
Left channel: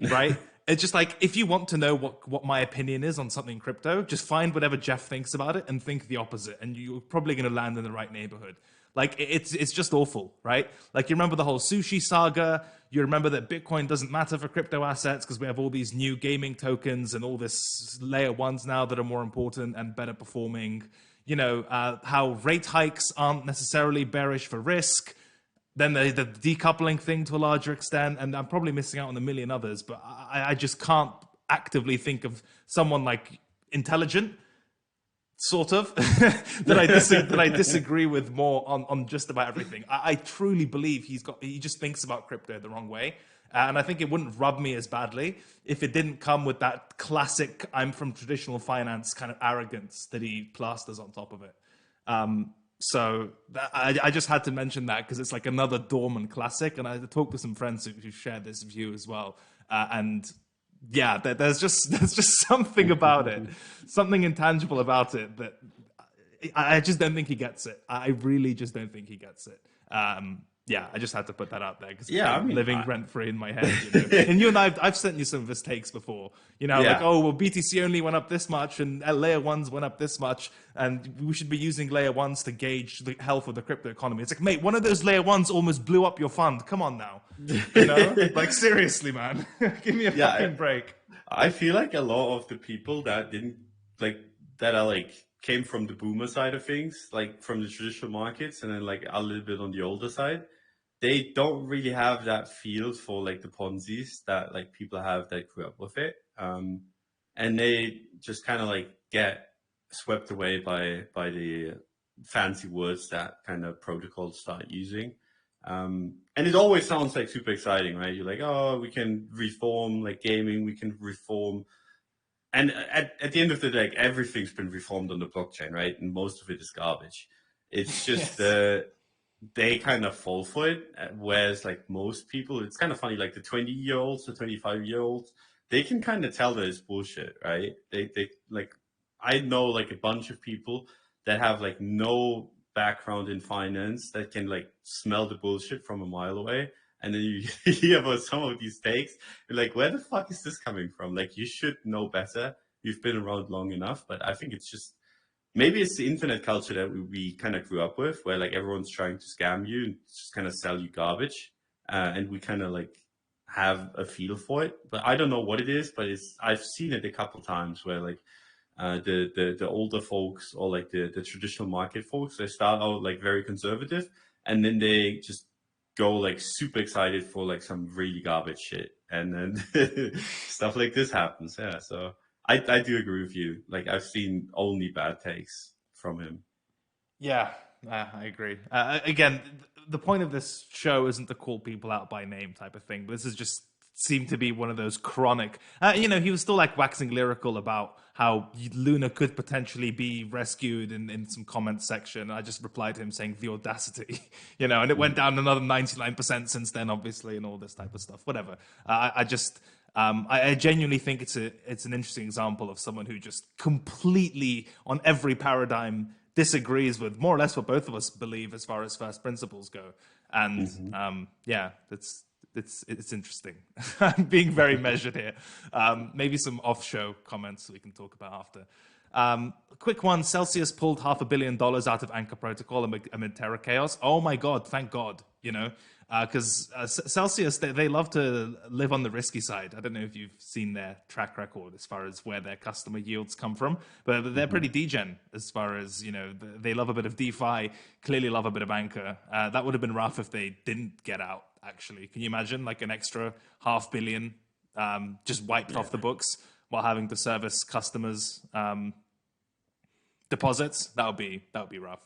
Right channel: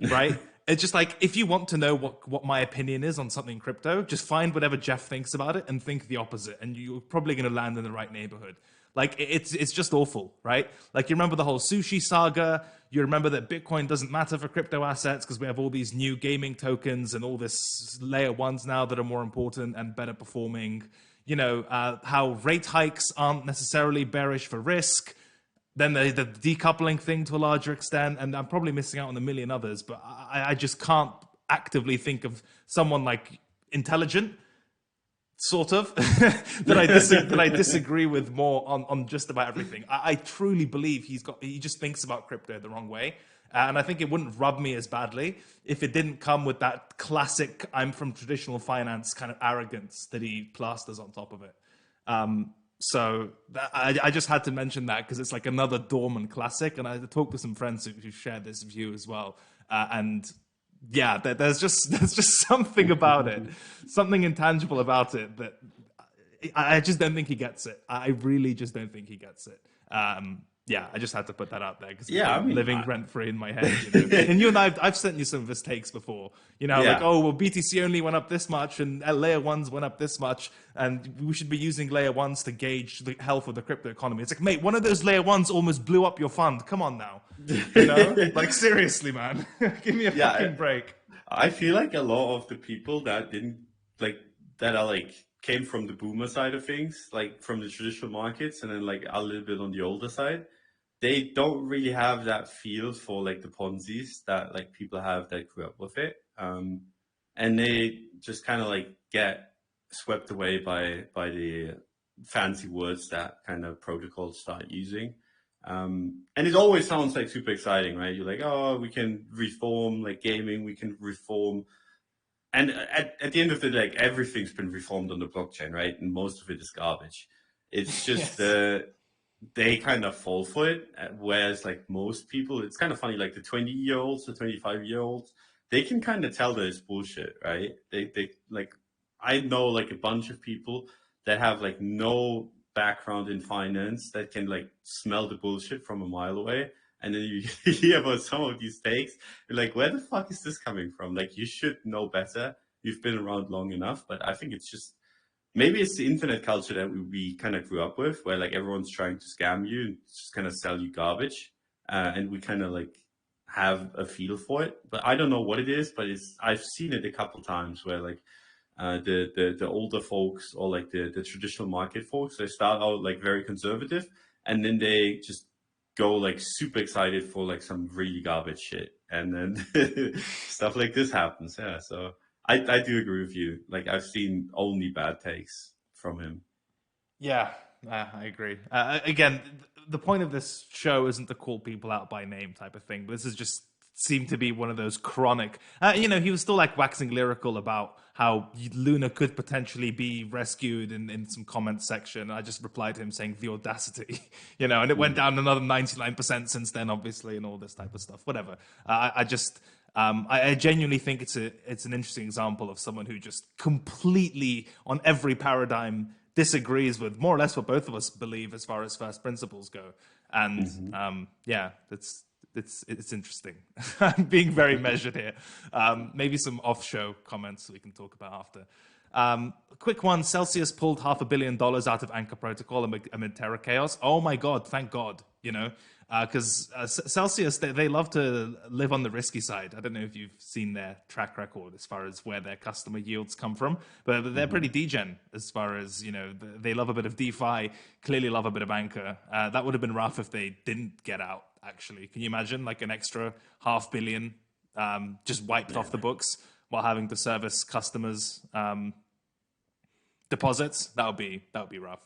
right? It's just like, if you want to know what my opinion is on something crypto, just find whatever Jeff thinks about it and think the opposite, and you're probably going to land in the right neighborhood. Like, it's just awful, right? Like, you remember the whole sushi saga. You remember that Bitcoin doesn't matter for crypto assets because we have all these new gaming tokens and all this layer ones now that are more important and better performing. You know, how rate hikes aren't necessarily bearish for risk. Then the decoupling thing to a larger extent. And I'm probably missing out on a million others, but I just can't actively think of someone like intelligent, sort of, that I disagree with more on just about everything. I truly believe he just thinks about crypto the wrong way. And I think it wouldn't rub me as badly if it didn't come with that classic I'm from traditional finance kind of arrogance that he plasters on top of it. So I just had to mention that because it's like another Dorman classic. And I talked to some friends who shared this view as well. And yeah, there's just something about it, something intangible about it that I just don't think he gets it. I really just don't think he gets it. Yeah, I just had to put that out there because living rent free in my head. You know? And you and I've sent you some of his takes before. You know, like, oh, well, BTC only went up this much and layer ones went up this much, and we should be using layer ones to gauge the health of the crypto economy. It's like, mate, one of those layer ones almost blew up your fund. Come on now, you know, like seriously, man, give me a fucking break. I feel like a lot of the people that came from the boomer side of things, like from the traditional markets, and then like a little bit on the older side. They don't really have that feel for like the Ponzi's that like people have that grew up with it. And they just kind of like get swept away by the fancy words that kind of protocols start using. And it always sounds like super exciting, right? You're like, oh, we can reform like gaming, we can reform. And at the end of the day, like, everything's been reformed on the blockchain, right? And most of it is garbage. It's just they kind of fall for it, whereas like most people, it's kind of funny, like the 20-year-olds, the 25-year-olds, they can kind of tell that it's bullshit, right? They like, I know like a bunch of people that have like no background in finance that can like smell the bullshit from a mile away. And then you hear about some of these takes, you're like, where the fuck is this coming from? Like, you should know better. you've been around long enough. But I think it's just maybe it's the internet culture that we kind of grew up with, where like everyone's trying to scam you and just kind of sell you garbage, and we kind of like have a feel for it. But I don't know what it is, but I've seen it a couple times where like the older folks or like the traditional market folks, they start out like very conservative, and then they just go like super excited for like some really garbage shit, and then stuff like this happens. Yeah, so I do agree with you. Like I've seen only bad takes from him. Yeah, I agree. Again, the point of this show isn't to call people out by name type of thing, but this is just seemed to be one of those chronic. He was still like waxing lyrical about how Luna could potentially be rescued in some comment section. I just replied to him saying the audacity, and it went down another 99% since then, obviously, and all this type of stuff. Whatever. I genuinely think it's an interesting example of someone who just completely on every paradigm disagrees with more or less what both of us believe as far as first principles go. And it's interesting. I'm being very measured here. Maybe some off-show comments we can talk about after. Quick one, Celsius pulled $500 million out of Anchor Protocol amid Terra chaos. Oh my God, thank God, because Celsius, they love to live on the risky side. I don't know if you've seen their track record as far as where their customer yields come from, but they're pretty degen as far as, they love a bit of DeFi, clearly love a bit of Anchor. That would have been rough if they didn't get out, actually. Can you imagine like an extra $500 million just wiped off the books while having to service customers' deposits? That would be rough.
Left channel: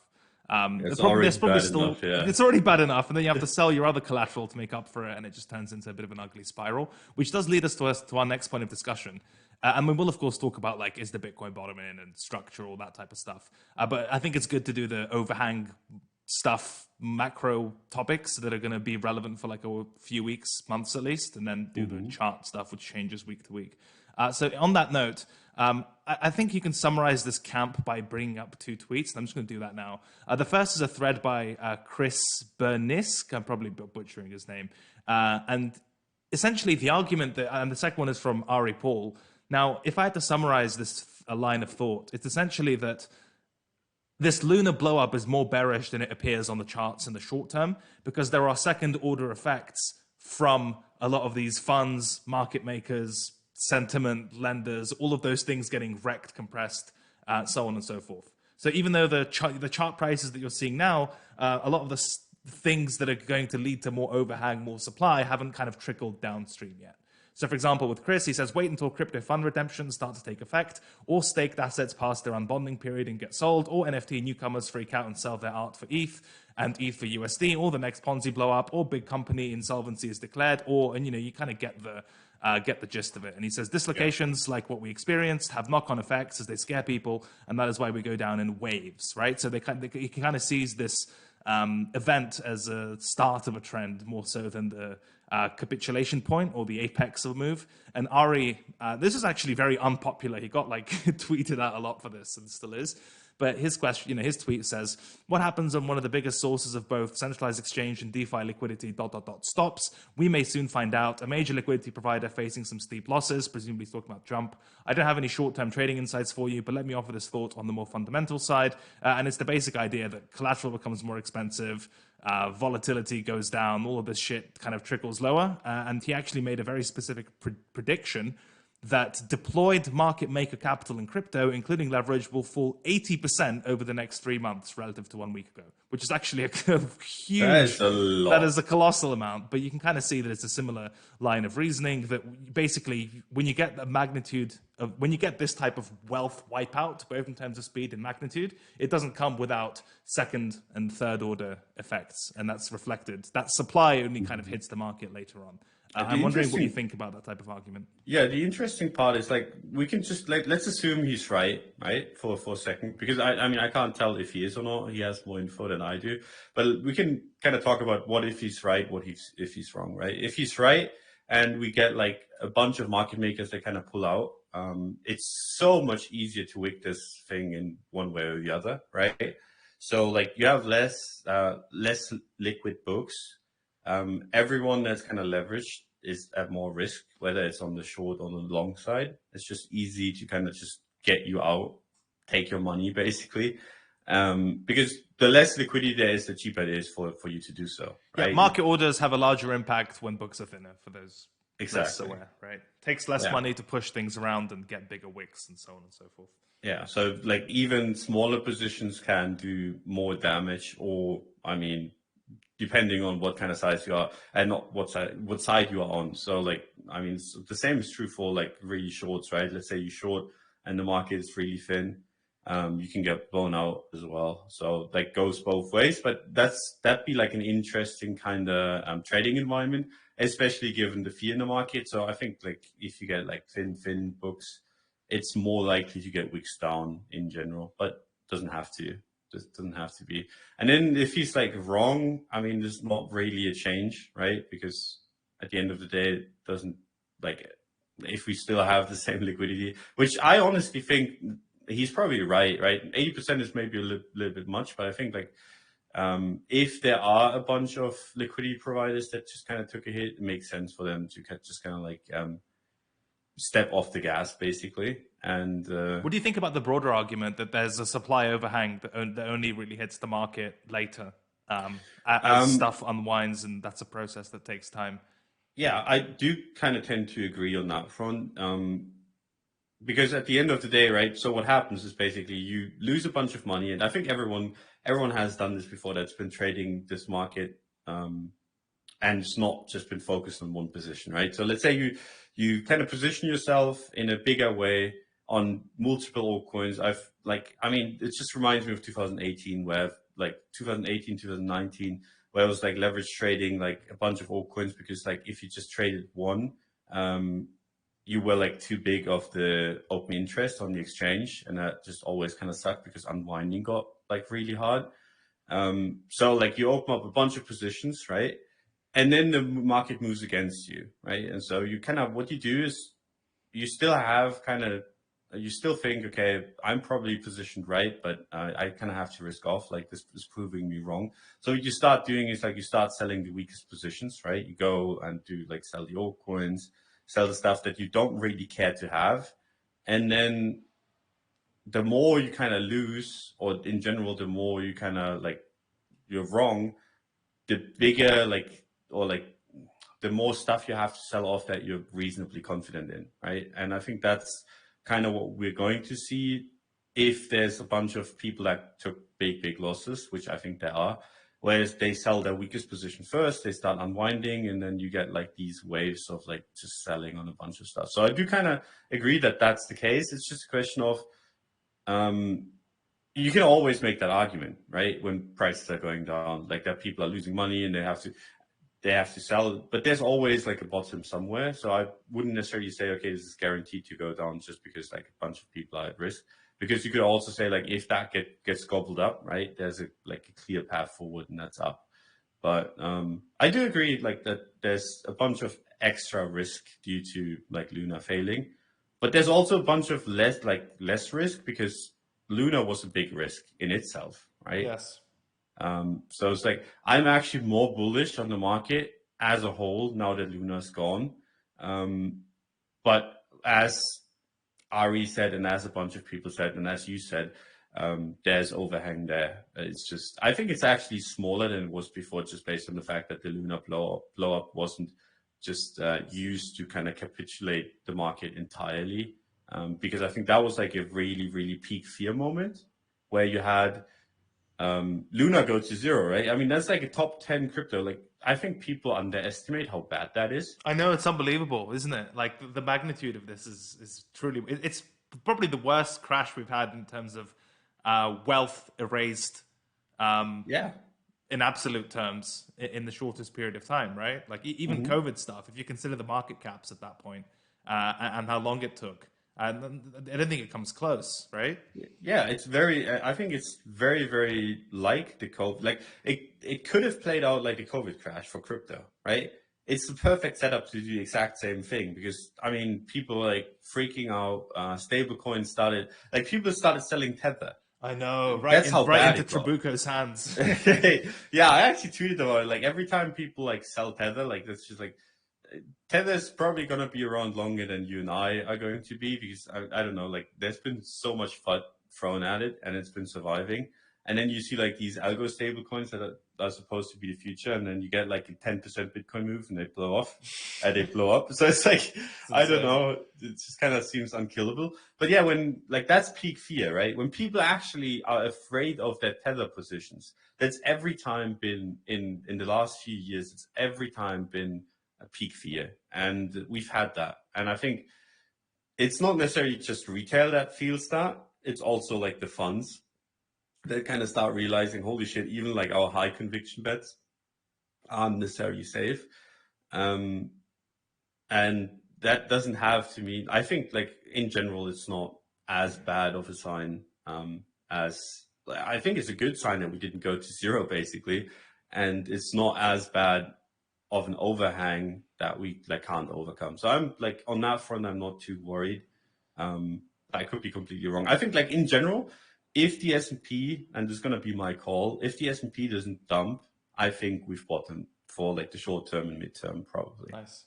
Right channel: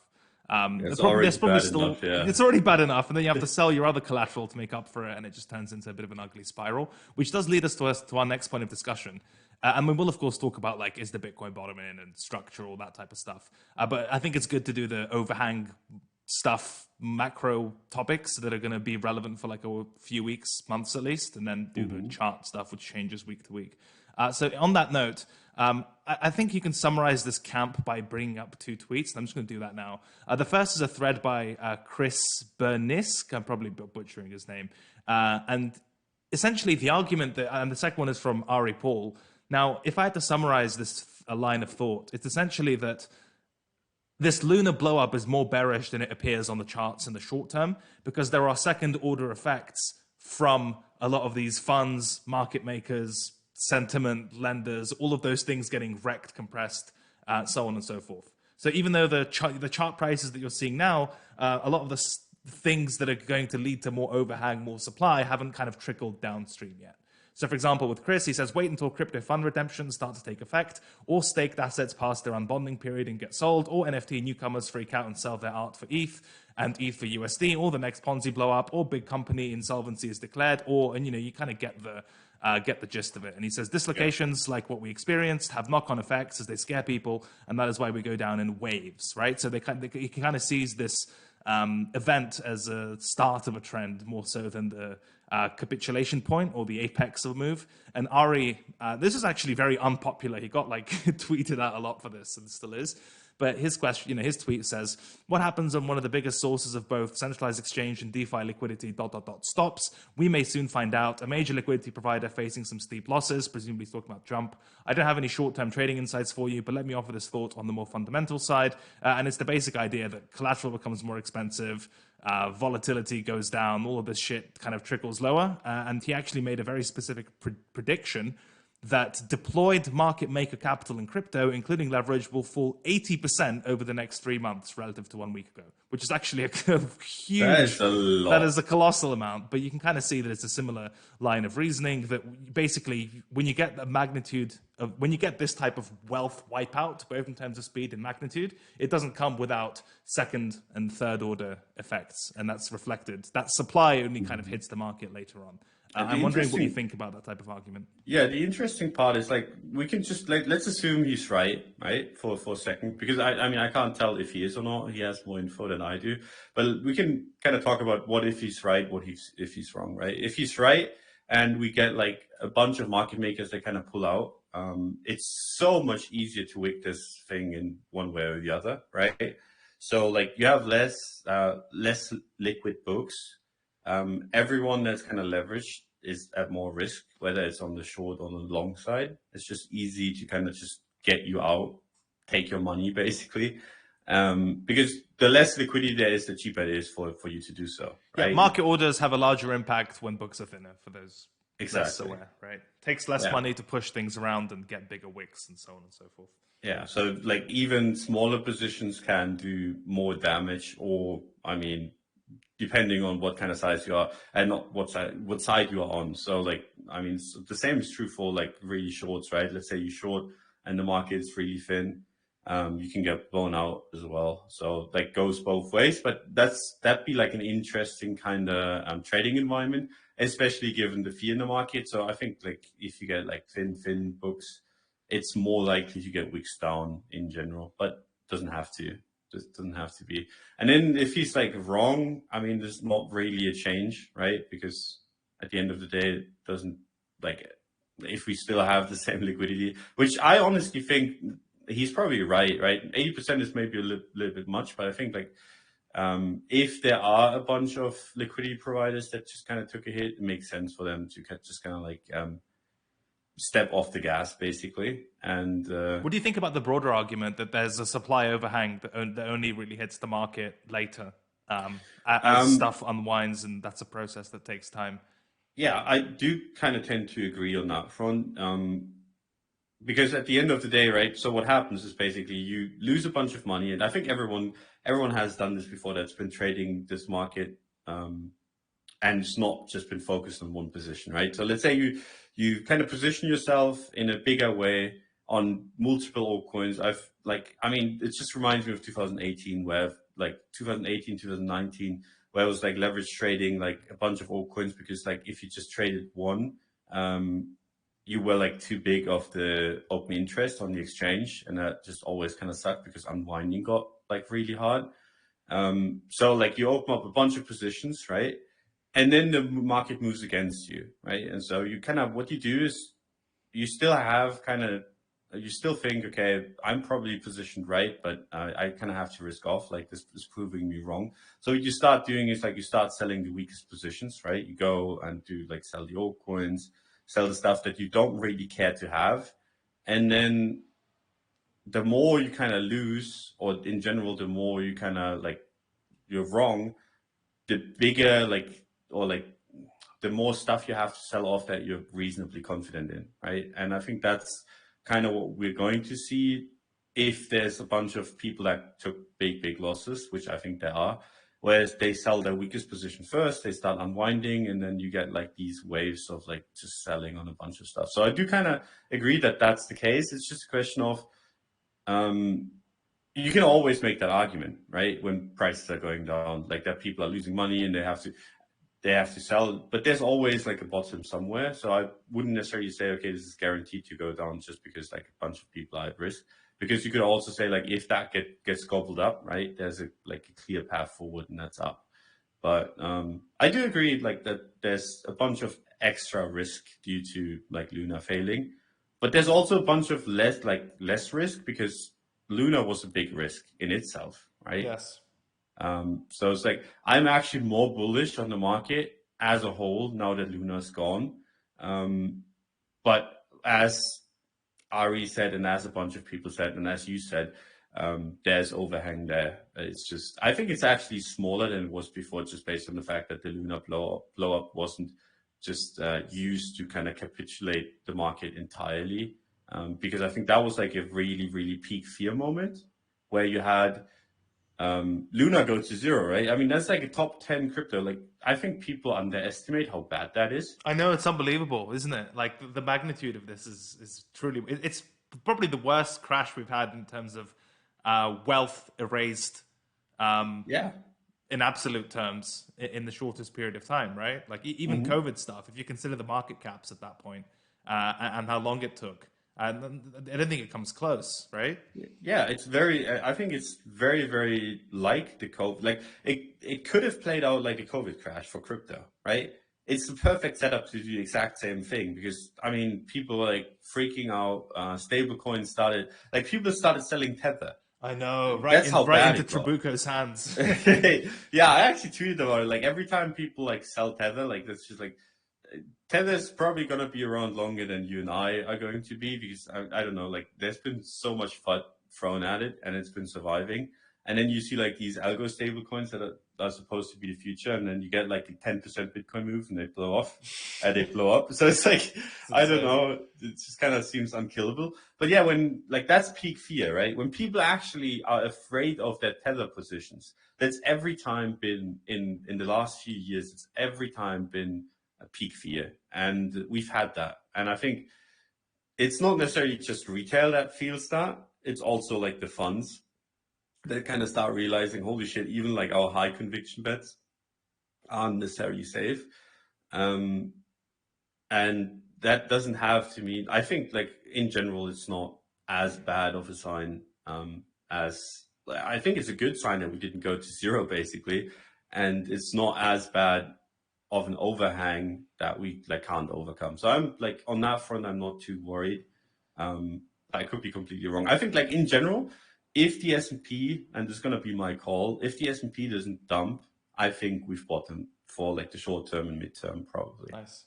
There's probably still enough, yeah. It's already bad enough, and then you have to sell your other collateral to make up for it, and it just turns into a bit of an ugly spiral, which does lead us to our next point of discussion. And we will, of course, talk about like is the Bitcoin bottoming and structure, all that type of stuff. But I think it's good to do the overhang stuff, macro topics that are going to be relevant for like a few weeks, months at least, and then do the chart stuff, which changes week to week. So on that note, I think you can summarize this camp by bringing up two tweets. And I'm just going to do that now. The first is a thread by Chris Bernisk. I'm probably butchering his name. And essentially the argument and the second one is from Ari Paul. Now, if I had to summarize this a line of thought, it's essentially that this Luna blow-up is more bearish than it appears on the charts in the short term because there are second-order effects from a lot of these funds, market makers, sentiment, lenders, all of those things getting wrecked, compressed, so on and so forth. So even though the chart prices that you're seeing now, a lot of the things that are going to lead to more overhang, more supply, haven't kind of trickled downstream yet. So, for example, with Chris, he says, wait until crypto fund redemptions start to take effect, or staked assets pass their unbonding period and get sold, or NFT newcomers freak out and sell their art for ETH and ETH for USD, or the next Ponzi blow up, or big company insolvency is declared, and you kind of get the gist of it. And he says dislocations like what we experienced have knock-on effects as they scare people, and that is why we go down in waves, right? So he kind of sees this event as a start of a trend more so than the capitulation point or the apex of a move. And Ari, this is actually very unpopular. He got like tweeted out a lot for this and still is. But his question, his tweet says, what happens when one of the biggest sources of both centralized exchange and DeFi liquidity ... stops? We may soon find out. A major liquidity provider facing some steep losses, presumably talking about Jump. I don't have any short-term trading insights for you, but let me offer this thought on the more fundamental side. And it's the basic idea that collateral becomes more expensive, volatility goes down, all of this shit kind of trickles lower. And he actually made a very specific prediction that deployed market maker capital in crypto, including leverage, will fall 80% over the next 3 months relative to 1 week ago, which is actually a huge, that is a colossal amount. But you can kind of see that it's a similar line of reasoning that basically when you get the magnitude of, when you get this type of wealth wipeout, both in terms of speed and magnitude, it doesn't come without second and third order effects. And that's reflected. That supply only kind of hits the market later on. I'm wondering what you think about that type of argument. Yeah, the interesting part is like we can just let's assume he's right, for a second, because I mean I can't tell if he is or not. He has more info than I do, but we can kind of talk about what if he's right, if he's wrong, right? If he's right, and we get like a bunch of market makers that kind of pull out, it's so much easier to wick this thing in one way or the other, right? So like you have less liquid books. Everyone that's kind of leveraged is at more risk, whether it's on the short or the long side. It's just easy to kind of just get you out, take your money basically. Because the less liquidity there is, the cheaper it is for you to do so. Right? Yeah, market orders have a larger impact when books are thinner for those less Exactly. aware, right? Takes less money to push things around and get bigger wicks and so on and so forth. Yeah, so like even smaller positions can do more damage, or I mean, depending on what kind of size you are and not what side you are on. So like, I mean, the same is true for like really shorts, right? Let's say you short and the market is really thin, you can get blown out as well. So that goes both ways, but that'd be like an interesting kind of trading environment, especially given the fear in the market. So I think like if you get like thin books, it's more likely to get wicks down in general, but doesn't have to. Just doesn't have to be. And then if he's like wrong, I mean, there's not really a change, right? Because at the end of the day, it doesn't like if we still have the same liquidity, which I honestly think he's probably right? 80% is maybe a little bit much, but I think like if there are a bunch of liquidity providers that just kind of took a hit, it makes sense for them to just kind of like step off the gas, basically. And what do you think about the broader argument that there's a supply overhang that only really hits the market later as stuff unwinds, and that's a process that takes time? Yeah, I do kind of tend to agree on that front. Because at the end of the day, right? So what happens is basically you lose a bunch of money, and I think everyone has done this before. That's been trading this market, and it's not just been focused on one position, right? So let's say you kind of position yourself in a bigger way on multiple altcoins. It just reminds me of 2018, where like 2018, 2019, where it was like leverage trading, like a bunch of altcoins, because like if you just traded one, you were like too big of the open interest on the exchange, and that just always kind of sucked because unwinding got like really hard. So like you open up a bunch of positions, right? And then the market moves against you, right? And so you kind of, what you do is you still think, okay, I'm probably positioned right, but I kind of have to risk off, like this is proving me wrong. So what you start doing is like you start selling the weakest positions, right? You go and do like sell the altcoins, sell the stuff that you don't really care to have. And then the more you kind of lose, or in general, the more you kind of like you're wrong, the bigger the more stuff you have to sell off that you're reasonably confident in, right? And I think that's kind of what we're going to see if there's a bunch of people that took big losses, which I think there are, whereas they sell their weakest position first, they start unwinding, and then you get like these waves of like just selling on a bunch of stuff. So I do kind of agree that that's the case. It's just a question of you can always make that argument, right? When prices are going down, like that people are losing money and they have to sell, but there's always like a bottom somewhere. So I wouldn't necessarily say, okay, this is guaranteed to go down just because like a bunch of people are at risk. Because you could also say like if that gets gobbled up, right? There's a clear path forward, and that's up. But I do agree like that there's a bunch of extra risk due to like Luna failing, but there's also a bunch of less risk because Luna was a big risk in itself, right? Yes. So it's like I'm actually more bullish on the market as a whole now that Luna's gone. But as Ari said, and as a bunch of people said, and as you said, there's overhang there. It's just I think it's actually smaller than it was before, just based on the fact that the Luna blow up wasn't just used to kind of capitulate the market entirely. Because I think that was like a really peak fear moment where you had Luna go to zero, right? I mean, that's like a top 10 crypto. Like, I think people underestimate how bad that is. I know, it's unbelievable, isn't it? Like the magnitude of this is truly, it's probably the worst crash we've had in terms of wealth erased Yeah. in absolute terms in the shortest period of time, right? Like even COVID stuff, if you consider the market caps at that point and how long it took, I don't think it comes close, right? Yeah, I think it's very like the COVID. Like it could have played out like a COVID crash for crypto, right? It's the perfect setup to do the exact same thing because I mean, people were like freaking out. People started selling Tether. I know, That's how right bad into it got. Trabuco's hands. Yeah, I actually tweeted about it. Like every time people like sell Tether, like that's just like Tether's probably going to be around longer than you and I are going to be, because I don't know, like there's been so much FUD thrown at it and it's been surviving. And then you see like these algo stable coins that are supposed to be the future, and then you get like a 10% Bitcoin move and they blow off and they blow up. So it's like, I don't know, it just kind of seems unkillable. But yeah, when like that's peak fear, right? When people actually are afraid of their Tether positions, that's every time been in the last few years, it's every time been a peak fear. And we've had that. And I think it's not necessarily just retail that feels that, it's also like the funds that kind of start realizing, holy shit, even like our high conviction bets aren't necessarily safe. And that doesn't have to mean, I think like in general, it's not as bad of a sign as, I think it's a good sign that we didn't go to zero basically. And it's not as bad of an overhang that we like can't overcome. So I'm like on that front, I'm not too worried. I could be completely wrong. I think like in general, if the S&P, and this is going to be my call, if the S&P doesn't dump, I think we've bottomed for like the short term and midterm probably. Nice.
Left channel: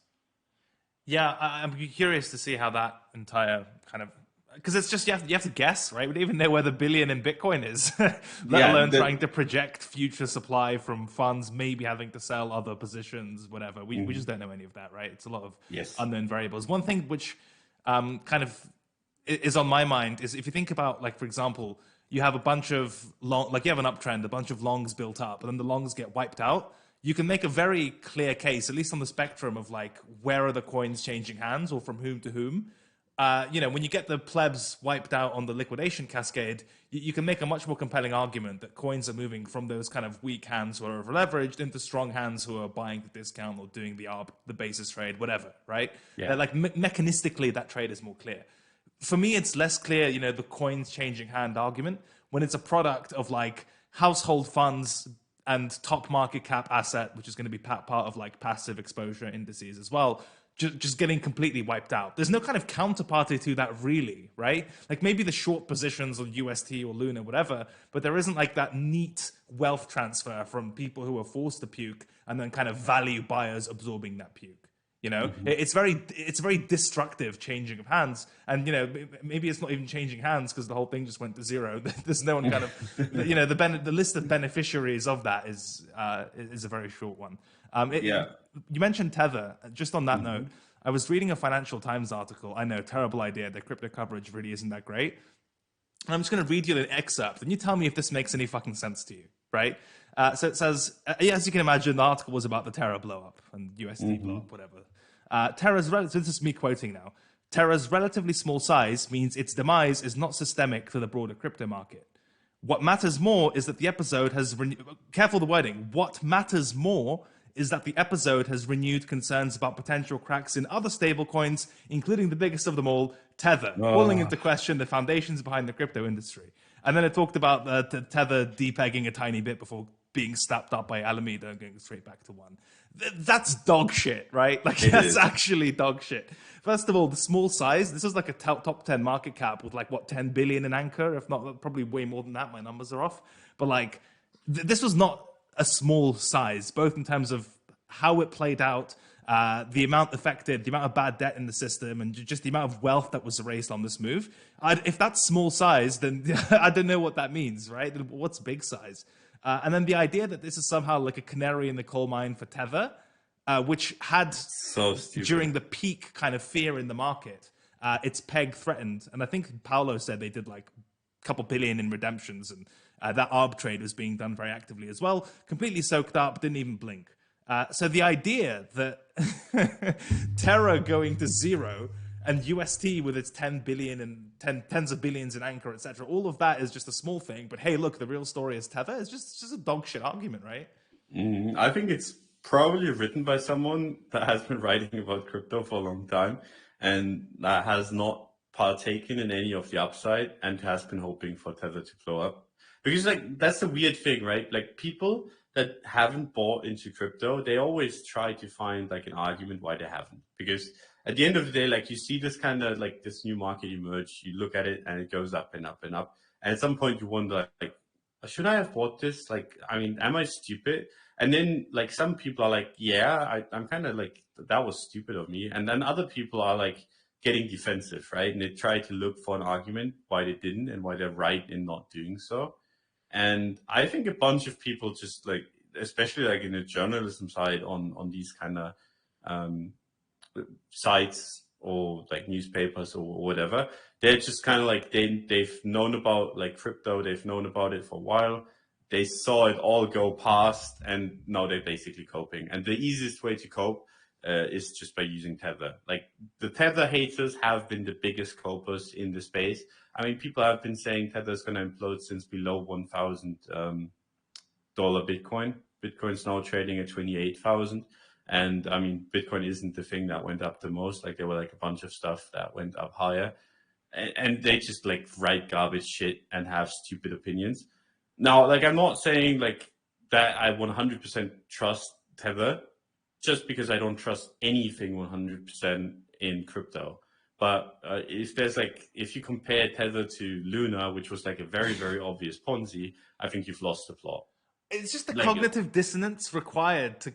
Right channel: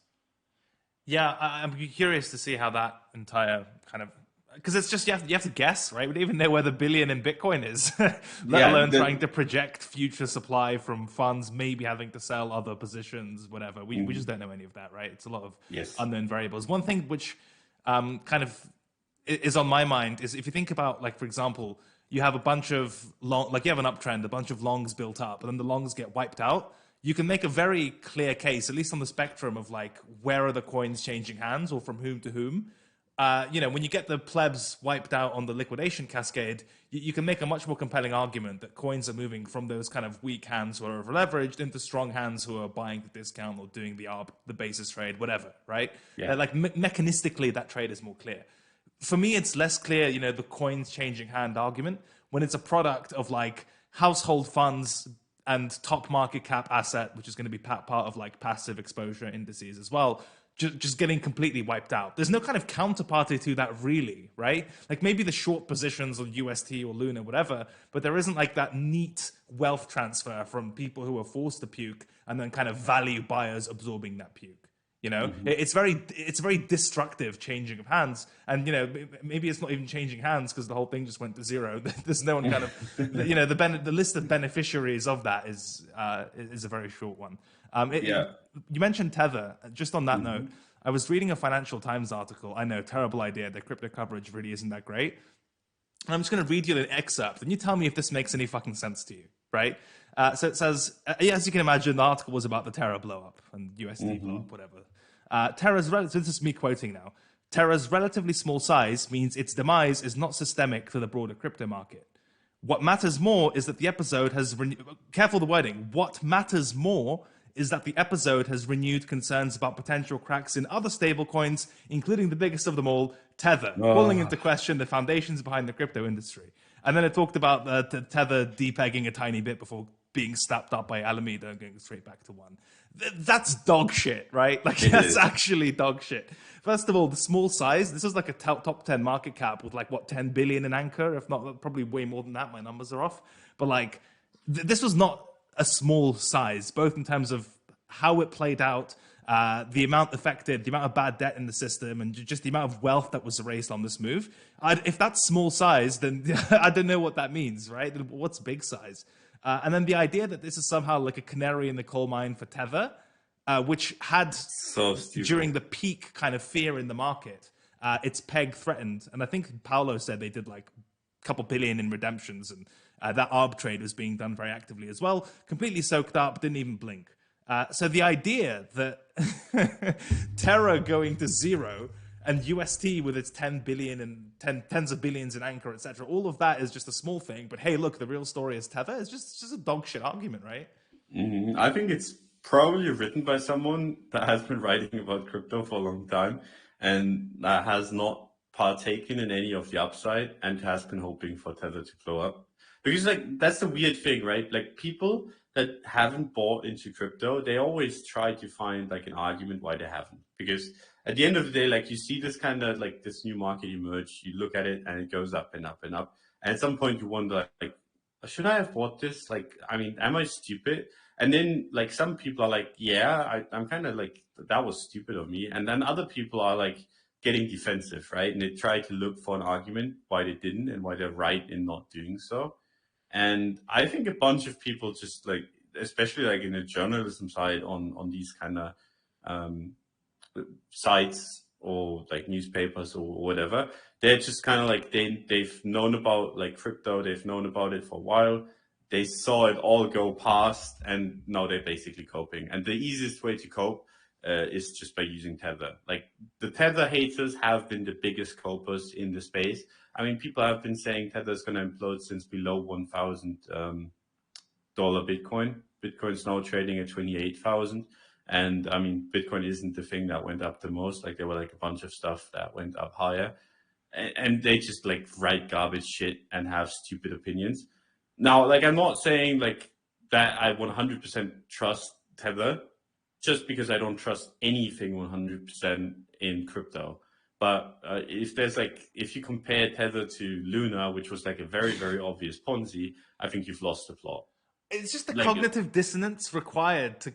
Yeah, I'm curious to see how that entire kind of, because it's just you have to guess, right? We don't even know where the billion in Bitcoin is, let alone trying to project future supply from funds, maybe having to sell other positions, whatever. We just don't know any of that, right? It's a lot of unknown variables. One thing which kind of is on my mind is if you think about, like, for example, you have a bunch of long, like you have an uptrend, a bunch of longs built up, and then the longs get wiped out. You can make a very clear case, at least on the spectrum of like where are the coins changing hands or from whom to whom. When you get the plebs wiped out on the liquidation cascade, you can make a much more compelling argument that coins are moving from those kind of weak hands who are over leveraged into strong hands who are buying the discount or doing the ARB, the basis trade, whatever, right? Yeah. Like mechanistically, that trade is more clear. For me, it's less clear, the coins changing hand argument when it's a product of like household funds and top market cap asset, which is going to be part of like passive exposure indices as well, just getting completely wiped out. There's no kind of counterparty to that really, right? Like maybe the short positions on UST or Luna, whatever, but there isn't like that neat wealth transfer from people who are forced to puke and then kind of value buyers absorbing that puke. It's very destructive changing of hands, and maybe it's not even changing hands because the whole thing just went to zero. There's no one kind of the list of beneficiaries of that is a very short one. You mentioned Tether. Just on that note, I was reading a Financial Times article. I know, terrible idea. Their crypto coverage really isn't that great. And I'm just going to read you an excerpt, and you tell me if this makes any fucking sense to you, right? So it says, as you can imagine, the article was about the Terra blow-up and USD blow-up, whatever. Terra's so this is me quoting now. Terra's relatively small size means its demise is not systemic to the broader crypto market. What matters more is that the episode has... Careful the wording. What matters more is that the episode has renewed concerns about potential cracks in other stablecoins, including the biggest of them all, Tether, calling into question the foundations behind the crypto industry. And then it talked about the Tether depegging a tiny bit before being snapped up by Alameda and going straight back to one. That's dog shit, right? Like, that's actually dog shit. First of all, the small size, this is like a top 10 market cap with like, 10 billion in Anchor, if not probably way more than that. My numbers are off. But like, this was not a small size, both in terms of how it played out, the amount affected, the amount of bad debt in the system, and just the amount of wealth that was erased on this move. If that's small size, then I don't know what that means, right? What's big size? And then the idea that this is somehow like a canary in the coal mine for Tether, which had, during the peak kind of fear in the market, its peg threatened. And I think Paolo said they did like a couple billion in redemptions, and that ARB trade was being done very actively as well. Completely soaked up, didn't even blink. So the idea that Terra going to zero and UST with its 10 billion and tens of billions in Anchor, etc., all of that is just a small thing. But hey, look, the real story is Tether. It's just a dog shit argument, right? I think it's probably written by someone that has been writing about crypto for a long time and that has not partaken in any of the upside and has been hoping for Tether to blow up. Because like that's the weird thing, right? Like people that haven't bought into crypto, they always try to find like an argument why they haven't. Because at the end of the day, like you see this kind of like this new market emerge, you look at it and it goes up and up and up. And at some point you wonder like, should I have bought this? Like, I mean, am I stupid? And then like some people are like, yeah, I'm kind of like that was stupid of me. And then other people are like getting defensive, right? And they try to look for an argument why they didn't and why they're right in not doing so. And I think a bunch of people just like, especially like in the journalism side on these kind of um, sites or like newspapers or whatever, they're just kind of like they've known about like crypto, they've known about it for a while. They saw it all go past, and now they're basically coping. And the easiest way to cope is just by using Tether. Like the Tether haters have been the biggest copers in the space. I mean, people have been saying Tether is going to implode since below $1,000 Bitcoin. Bitcoin's now trading at 28,000. And I mean, Bitcoin isn't the thing that went up the most. Like there were like a bunch of stuff that went up higher, and they just like write garbage shit and have stupid opinions. Now, like I'm not saying like that I 100% trust Tether, just because I don't trust anything 100% in crypto. But if you compare Tether to Luna, which was like a very, very obvious Ponzi, I think you've lost the plot. It's just the Like, cognitive dissonance required to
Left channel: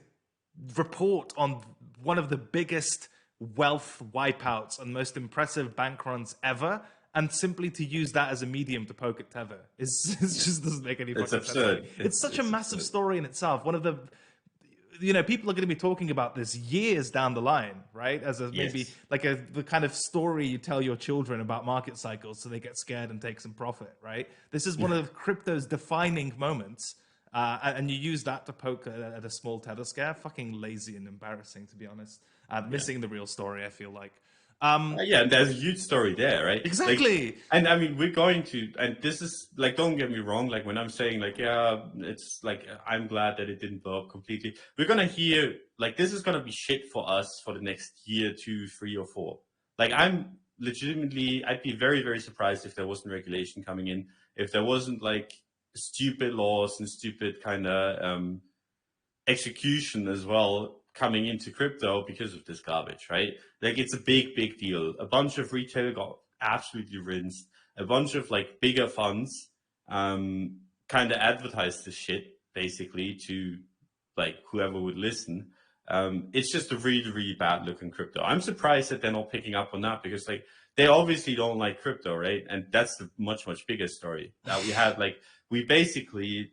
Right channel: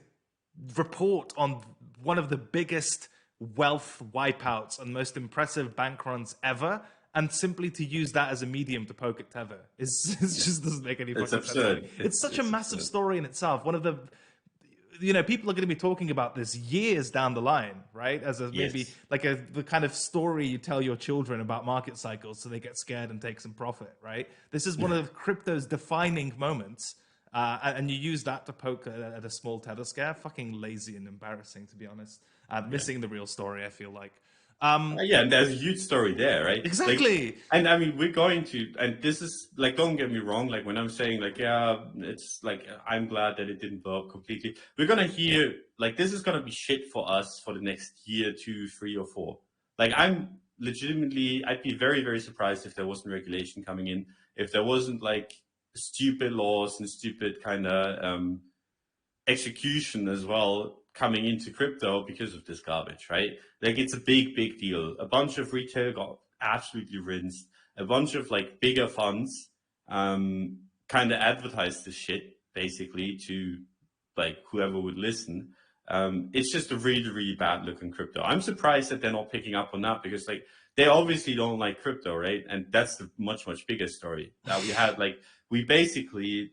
report on one of the biggest wealth wipeouts and most impressive bank runs ever, and simply to use that as a medium to poke at Tether it just doesn't make any fucking sense to me. It's such a massive absurd story in itself. One of the, people are going to be talking about this years down the line, right? As a maybe Yes. like the kind of story you tell your children about market cycles so they get scared and take some profit, right? This is one of crypto's defining moments. And you use that to poke at a small Tether scare. Fucking lazy and embarrassing, to be honest. Missing the real story, I feel like. Yeah, and there's a huge story there, right? Exactly. Like, and I mean, we're going to, and this is like, don't get me wrong. Like when I'm saying like, yeah, it's like, I'm glad that it didn't blow up completely. We're going to hear like, this is going to be shit for us for the next year, 2, 3, or 4. Like I'm legitimately, I'd be very, very surprised if there wasn't regulation coming in, if there wasn't like stupid laws and stupid kind of execution as well coming into crypto because of this garbage, right? Like it's a big, big deal. A bunch of retail got absolutely rinsed. A bunch of like bigger funds kind of advertised this shit basically to like whoever would listen. It's just a really, really bad look in crypto. I'm surprised that they're not picking up on that because like they obviously don't like crypto, right? And that's the much, much bigger story that we had. Like we basically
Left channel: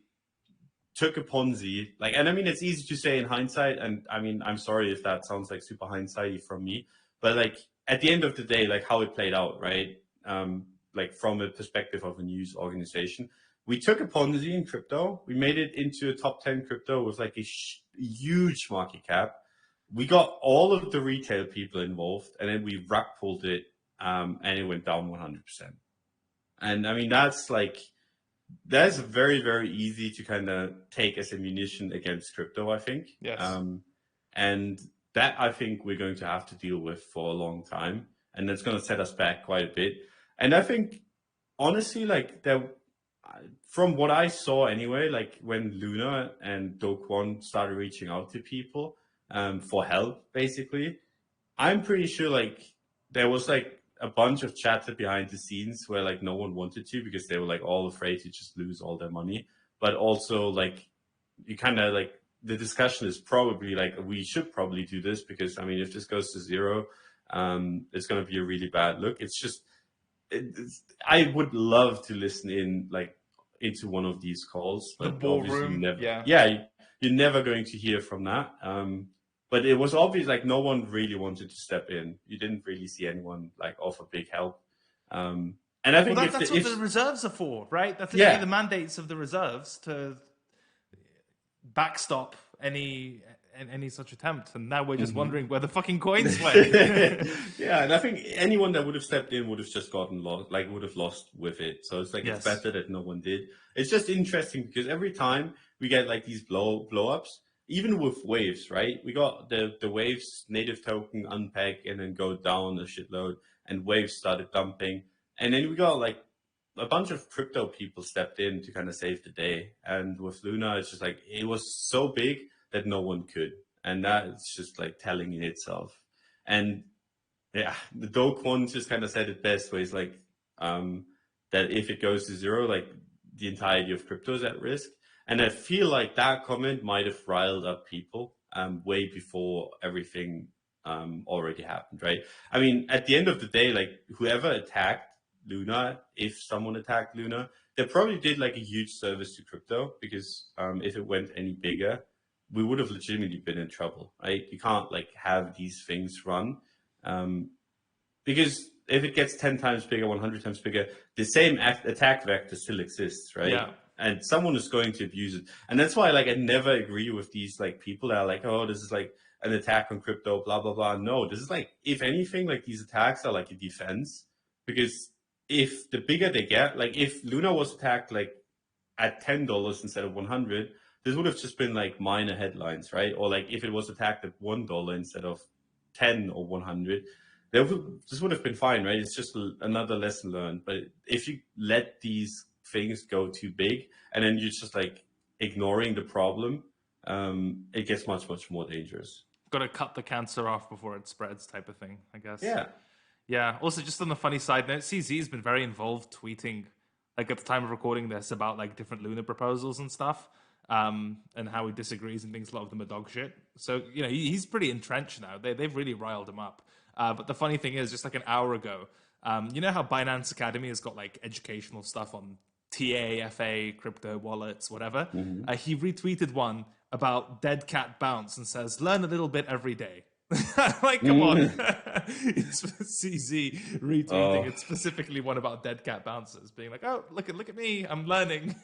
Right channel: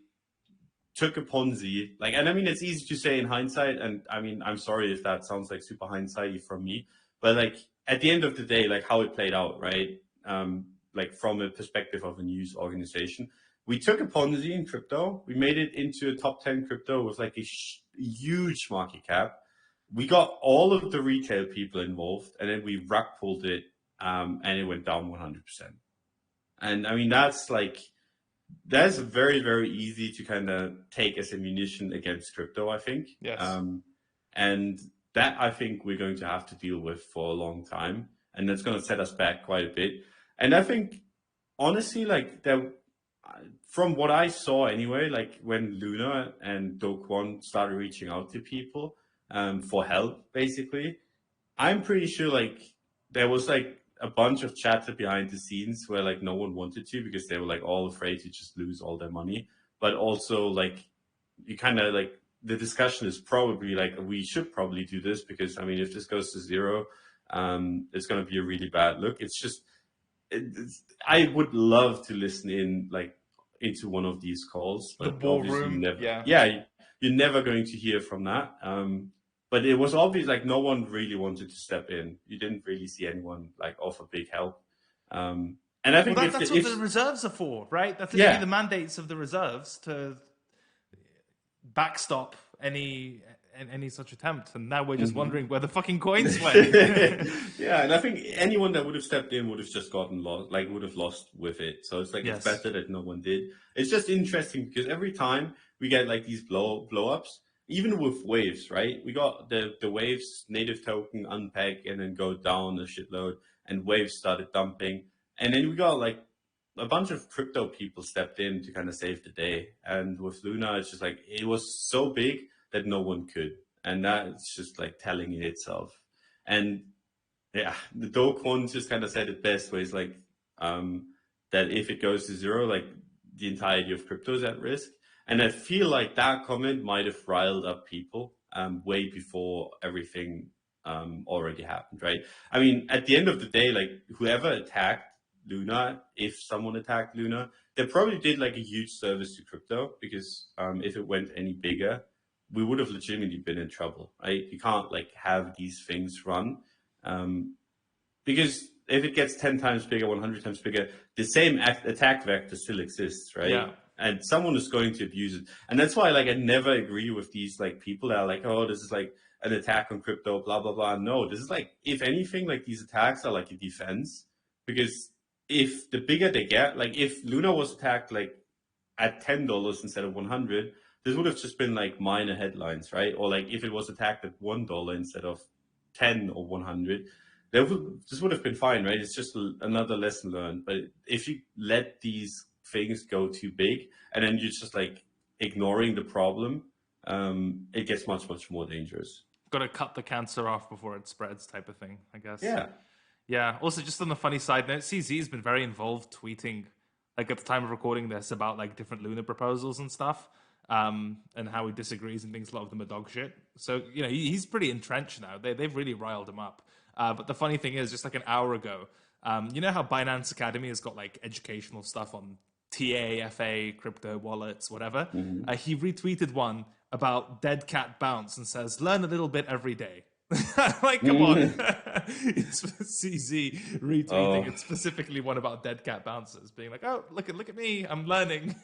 took a Ponzi, like, and I mean, it's easy to say in hindsight, and I mean, I'm sorry if that sounds like super hindsighty from me, but like at the end of the day, like how it played out, right? Like from a perspective of a news organization, we took a Ponzi in crypto, we made it into a top 10 crypto with like a huge market cap. We got all of the retail people involved, and then we rug pulled it, and it went down 100%. And I mean, that's very, very easy to kind of take as ammunition against crypto, I think. Yes. And that I think we're going to have to deal with for a long time. And that's going to set us back quite a bit. And I think, honestly, like from what I saw anyway, like when Luna and Do Kwon started reaching out to people for help, basically, I'm pretty sure like there was like a bunch of chatter behind the scenes where like no one wanted to because they were like all afraid to just lose all their money. But also like you kind of like the discussion is probably like we should probably do this because I mean if this goes to zero, it's going to be a really bad look. It's just I would love to listen in like into one of these calls, The but war obviously room. Yeah. you're never going to hear from that. But it was obvious like no one really wanted to step in. You didn't really see anyone like offer big help. And I think That's what the reserves are for, right? That's yeah. the mandates of the reserves to backstop any such attempt. And now we're just wondering where the fucking coins went. Yeah, and I think anyone that would have stepped in would have just gotten lost, like would have lost with it. So it's like Yes. it's better that no one did. It's just interesting because every time we get like these blow ups, even with waves, right? We got the waves native token unpack and then go down a shitload, and waves started dumping, and then we got like a bunch of crypto people stepped in to kind of save the day. And with Luna, it's just like it was so big that no one could, and that's just like telling in itself. And yeah, the Do Kwon just kind of said it best, where it's like that if it goes to zero, like the entirety of crypto is at risk. And I feel like that comment might have riled up people way before everything already happened, right? I mean, at the end of the day, like whoever attacked Luna, if someone attacked Luna, they probably did like a huge service to crypto, because if it went any bigger, we would have legitimately been in trouble, right? You can't like have these things run, because if it gets 10 times bigger, 100 times bigger, the same attack vector still exists, right? Yeah. And someone is going to abuse it. And that's why, like, I never agree with these, like, people that are like, oh, this is like an attack on crypto, blah, blah, blah. No, this is like, if anything, like, these attacks are like a defense. Because if the bigger they get, like, if Luna was attacked, like, at $10 instead of 100, this would have just been like minor headlines, right? Or like if it was attacked at $1 instead of 10 or 100, this would have been fine, right? It's just another lesson learned. But if you let these things go too big and then you're just like ignoring the problem, it gets much, much more dangerous. Got to cut the cancer off before it spreads, type of thing, I guess. Yeah. Yeah. Also, just on the funny side note, CZ has been very involved tweeting, like at the time of recording this, about like different Luna proposals and stuff, and how he disagrees and thinks a lot of them are dog shit. So he's pretty entrenched now. They've really riled him up. But the funny thing is, just like an hour ago, you know how Binance Academy has got like educational stuff on TA, FA, crypto wallets, whatever. He retweeted one about dead cat bounce and says, "Learn a little bit every day." Like, come on. CZ retweeting it, specifically one about dead cat bouncers, being like, "Oh, look at me, I'm learning,"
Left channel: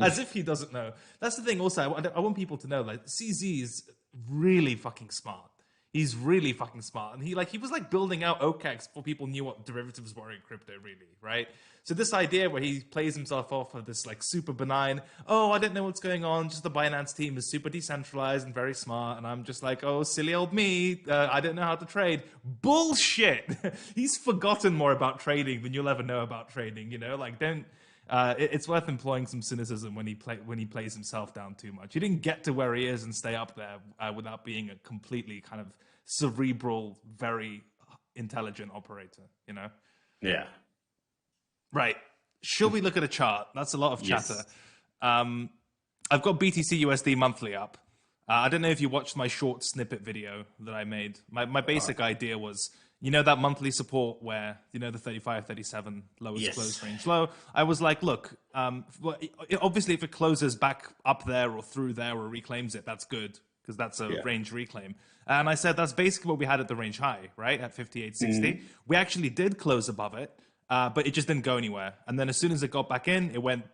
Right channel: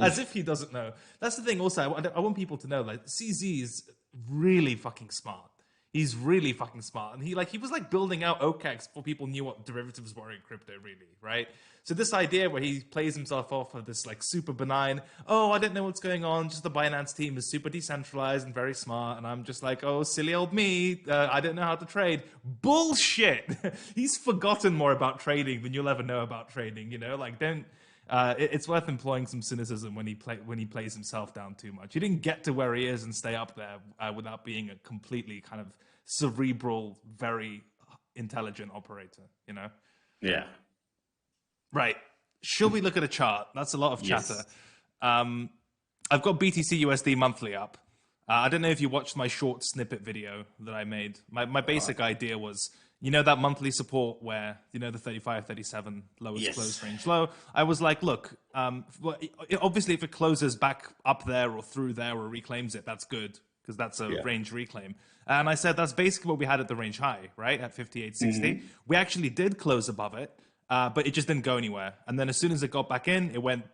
as if he doesn't know. That's the thing. Also, I want people to know, like, CZ is really fucking smart. He's really fucking smart, and he was like building out OKEx before people knew what derivatives were in crypto, really, right? So this idea where he plays himself off of this like super benign, oh, I don't know what's going on, just the Binance team is super decentralized and very smart, and I'm just like, oh, silly old me, I don't know how to trade. Bullshit. He's forgotten more about trading than you'll ever know about trading. Like, don't. It's worth employing some cynicism when he plays himself down too much. He didn't get to where he is and stay up there without being a completely kind of cerebral, very intelligent operator. Yeah. Right. Should we look at a chart? That's a lot of chatter. Yes. I've got BTC USD monthly up. I don't know if you watched my short snippet video that I made. My basic idea was, that monthly support where, the 35, 37 lowest close range low. I was like, look, obviously if it closes back up there or through there or reclaims it, that's good, because that's a range reclaim. And I said that's basically what we had at the range high, right, at 58.60. We actually did close above it, but it just didn't go anywhere. And then as soon as it got back in, it went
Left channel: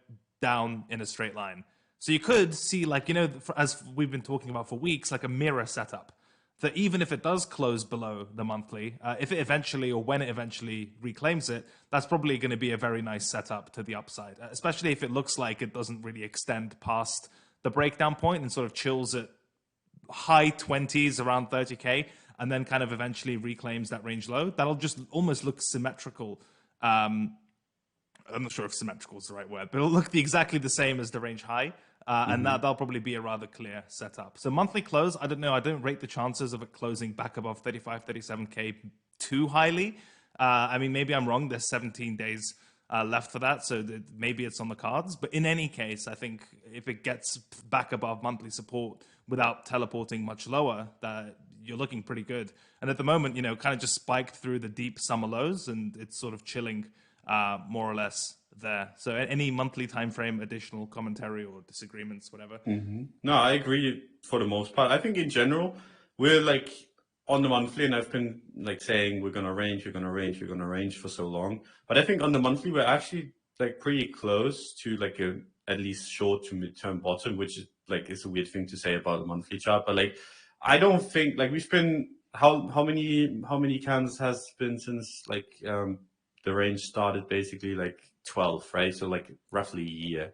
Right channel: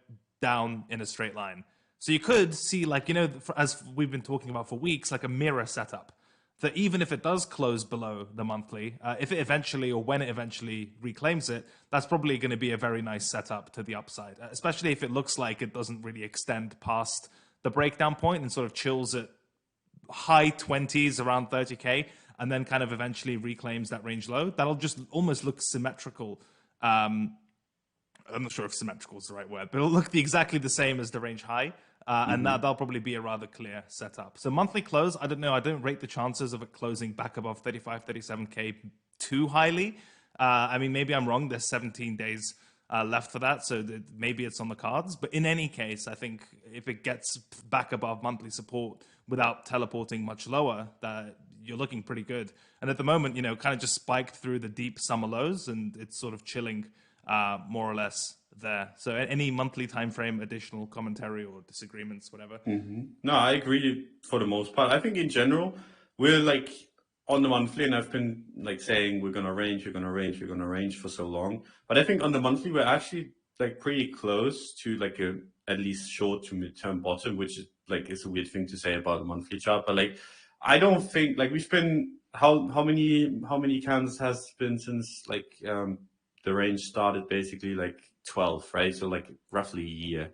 down in a straight line. So you could see, like, as we've been talking about for weeks, like a mirror setup. That even if it does close below the monthly, if it eventually, or when it eventually reclaims it, that's probably going to be a very nice setup to the upside, especially if it looks like it doesn't really extend past the breakdown point and sort of chills at high 20s, around 30K, and then kind of eventually reclaims that range low. That'll just almost look symmetrical. I'm not sure if symmetrical is the right word, but it'll look exactly the same as the range high. And that'll probably be a rather clear setup. So monthly close, I don't know. I don't rate the chances of it closing back above 35, 37K too highly. I mean, maybe I'm wrong. There's 17 days left for that, so maybe it's on the cards. But in any case, I think if it gets back above monthly support without teleporting much lower, that you're looking pretty good. And at the moment, kind of just spiked through the deep summer lows, and it's sort of chilling more or less there. So any monthly time frame, additional commentary or disagreements, whatever? No, I agree for the most part. I think in general, we're like on the monthly, and I've been like saying we're going to range for so long. But I think on the monthly, we're actually like pretty close to like a at least short to midterm bottom, which is like, it's a weird thing to say about a monthly chart. But like, I don't think like we've been, how many candles has been since like the range started, basically like 12, right? So like roughly a year.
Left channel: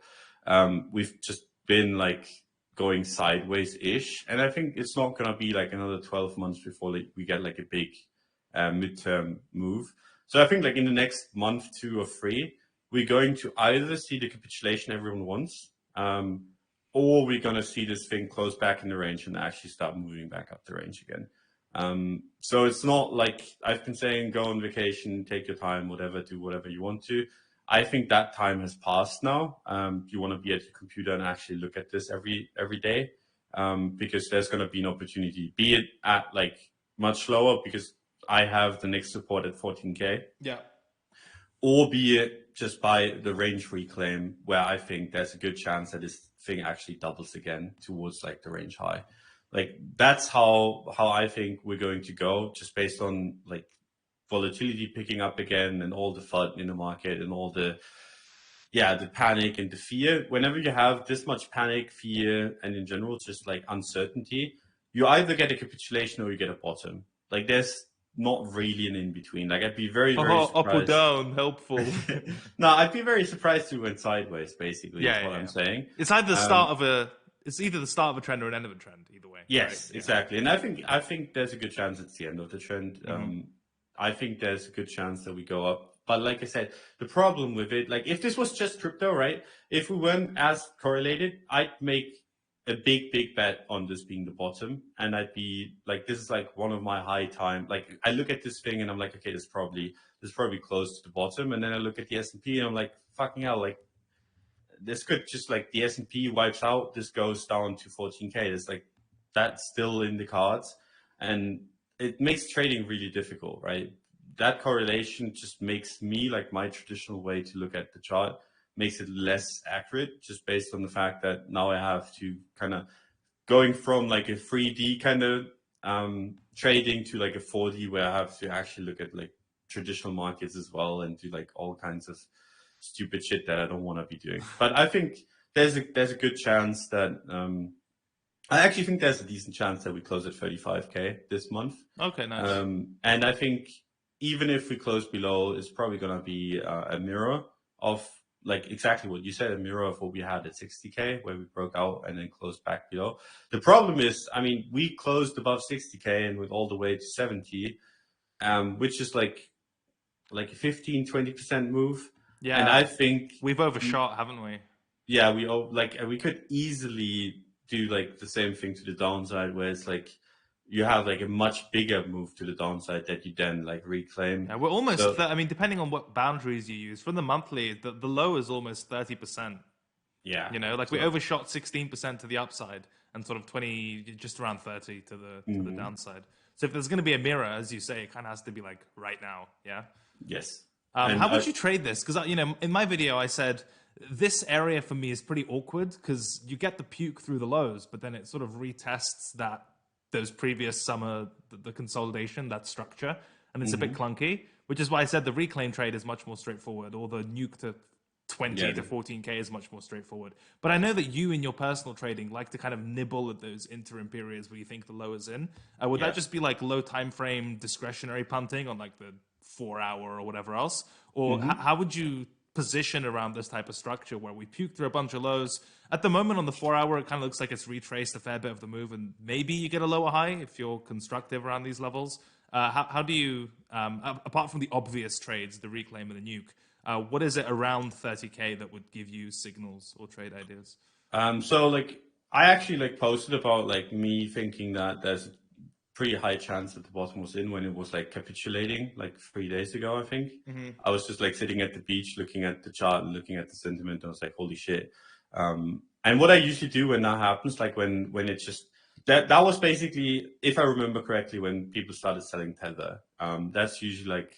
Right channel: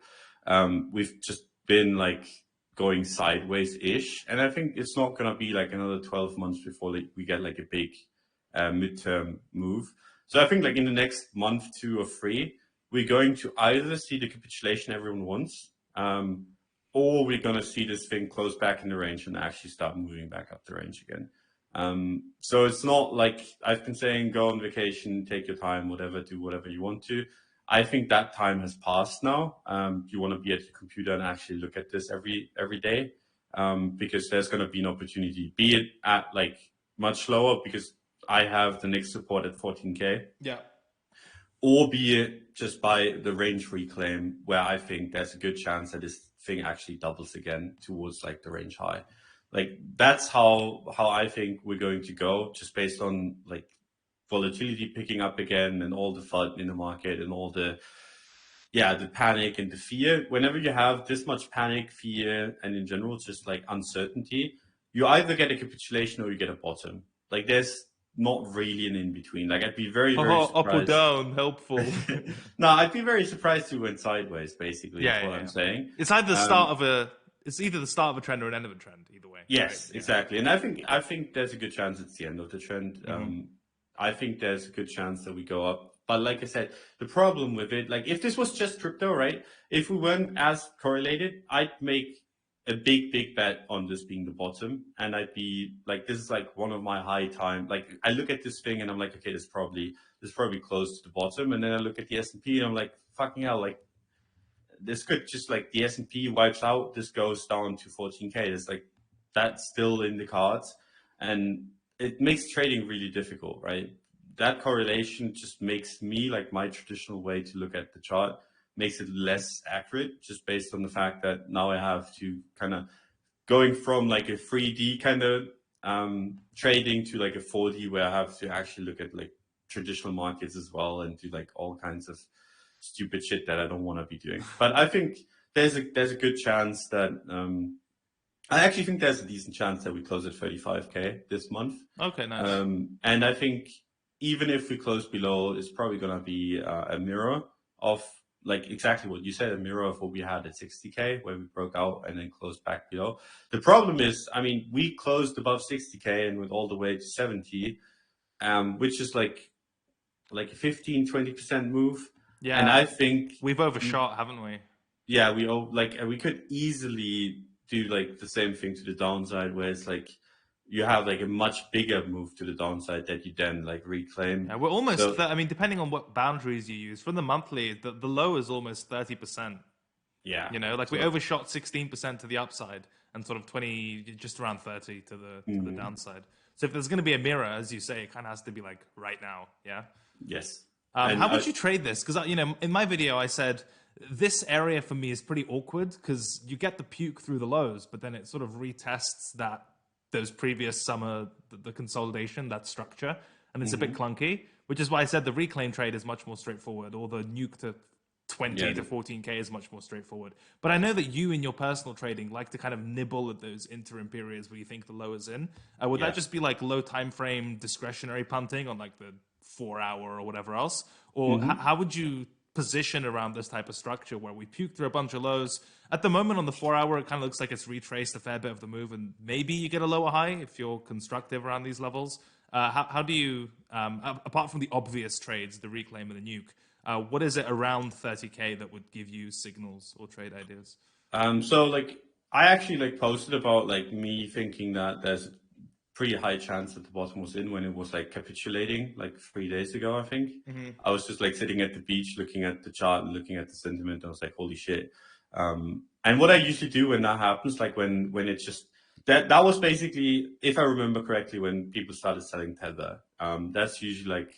We've just been like going sideways-ish, and I think it's not going to be like another 12 months before like, we get like a big midterm move. So I think like in the next month, 2 or 3, we're going to either see the capitulation everyone wants, or we're going to see this thing close back in the range and actually start moving back up the range again. So it's not like I've been saying, go on vacation, take your time, whatever, do whatever you want to. I think that time has passed now. You want to be at your computer and actually look at this every day, because there's going to be an opportunity, be it at like much lower because I have the next support at 14K. Yeah. Or be it just by the range reclaim, where I think there's a good chance that this thing actually doubles again towards like the range high. Like that's how I think we're going to go, just based on like volatility picking up again and all the FUD in the market and all the panic and the fear. Whenever you have this much panic, fear, and in general just like uncertainty, you either get a capitulation or you get a bottom. Like there's not really an in between. Like I'd be very, very Up or surprised. down, helpful. No, I'd be very surprised to went sideways. Basically, is what I'm saying. It's either the start of it's either the start of a trend or an end of a trend. Either way. Yes, right? exactly. And I think there's a good chance it's the end of the trend. I think there's a good chance that we go up. But like I said, the problem with it, like if this was just crypto, right? If we weren't as correlated, I'd make a big bet on this being the bottom, and I'd be like, this is like one of my high time. Like I look at this thing and I'm like, okay, this probably close to the bottom, and then I look at the S&P and I'm like, fucking hell, like this could just like the S&P wipes out, this goes down to 14K. It's like that's still in the cards, and it makes trading really difficult, right? That correlation just makes me like my traditional way to look at the chart makes it less accurate, just based on the fact that now I have to kind of going from like a 3D kind of trading to like a 4D where I have to actually look at like traditional markets as well and do like all kinds of stupid shit that I don't want to be doing. But I think there's a good chance that I actually think there's a decent chance that we close at 35K this month. Okay, nice. And I think even if we close below, it's probably going to be a mirror of like exactly what you said, a mirror of what we had at 60K, where we broke out and then closed back below. The problem is, I mean, we closed above 60K and went all the way to 70, which is like a 15-20% move. Yeah, and I think we've overshot, haven't we? Yeah, we could easily do like the same thing to the downside, where it's like you have like a much bigger move to the downside that you then like reclaim. Yeah, we're almost. I mean, depending on what boundaries you use, from the monthly, the low is almost 30%. Yeah, You know, like we overshot 16% to the upside and sort of 20, just around 30 to the downside. So if there's going to be a mirror, as you say, it kind of has to be like right now. Yeah. Yes. How would you trade this? Because in my video, I said this area for me is pretty awkward because you get the puke through the lows, but then it sort of retests those previous summer the consolidation, that structure, and it's a bit clunky. Which is why I said the reclaim trade is much more straightforward, or the nuke to 20 to 14K is much more straightforward. But I know that you, in your personal trading, like to kind of nibble at those interim periods where you think the low is in. Would that just be like low time frame discretionary punting on like the 4 hour or whatever else? Or how would you position around this type of structure where we puke through a bunch of lows? At the moment on the 4 hour, it kind of looks like it's retraced a fair bit of the move, and maybe you get a lower high if you're constructive around these levels. How do you, apart from the obvious trades, the reclaim and the nuke, what is it around 30K that would give you signals or trade ideas? So like I actually like posted about like me thinking that there's a pretty high chance that the bottom was in when it was like capitulating like 3 days ago, I think. I was just like sitting at the beach looking at the chart and looking at the sentiment. I was like, holy shit. And what I usually do when that happens, like when it's just that was basically, if I remember correctly, when people started selling Tether. That's usually like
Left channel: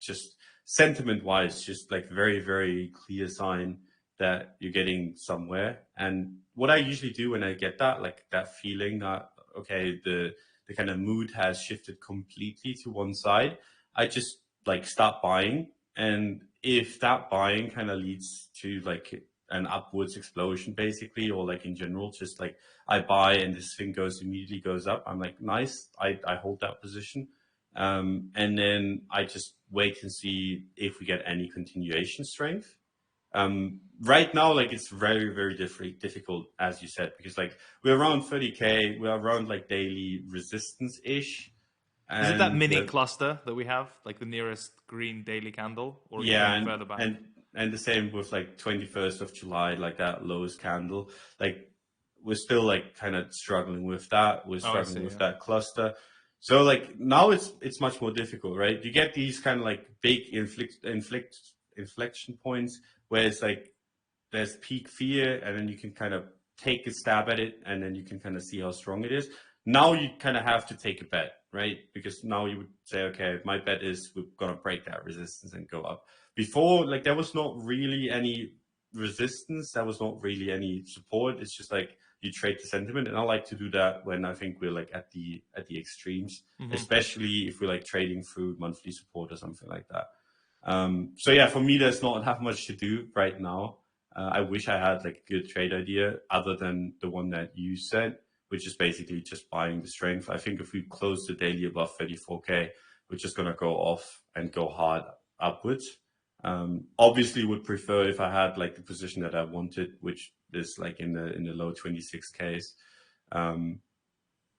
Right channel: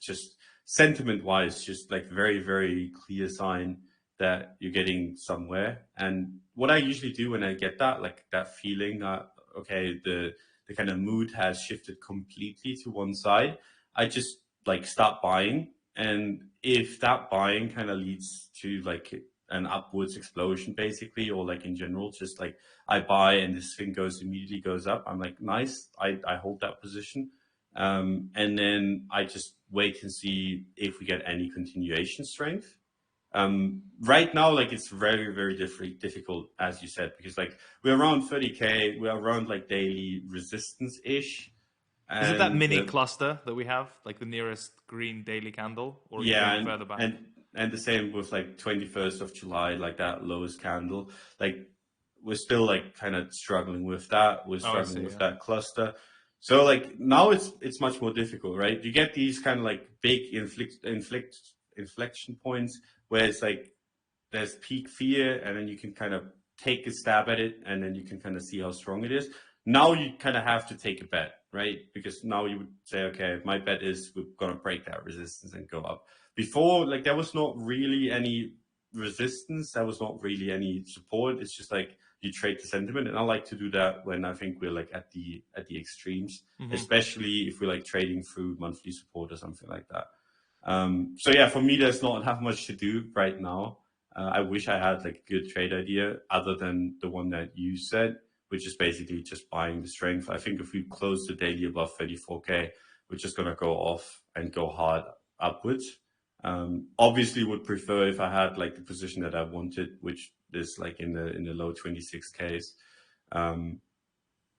just sentiment wise, just like very, very clear sign that you're getting somewhere. And what I usually do when I get that, like that feeling that, okay, the kind of mood has shifted completely to one side, I just like start buying. And if that buying kind of leads to like an upwards explosion basically, or like in general, just like I buy and this thing immediately goes up, I'm like, nice, I hold that position. And then I just wait and see if we get any continuation strength. Right now, like it's very, very difficult, as you said, because like we're around 30K, we're around like daily resistance-ish. Is it that mini cluster that we have, like the nearest green daily candle, or are you going further back? And the same with like 21st of July, like that lowest candle. Like we're still like kind of struggling with that. We're struggling with that cluster. So like now it's much more difficult, right? You get these kind of like big inflection points where it's like there's peak fear, and then you can kind of take a stab at it, and then you can kind of see how strong it is. Now you kind of have to take a bet, right? Because now you would say, okay, my bet is we're gonna break that resistance and go up. Before, like there was not really any resistance, there was not really any support. It's just like you trade the sentiment, and I like to do that when I think we're like at the extremes, especially if we're like trading through monthly support or something like that. So yeah, for me, there's not that much to do right now. I wish I had like a good trade idea other than the one that you said, which is basically just buying the strength. I think if we close the daily above 34K, we're just going to go off and go hard upwards. Obviously would prefer if I had like the position that I wanted, which is like in the low 26Ks.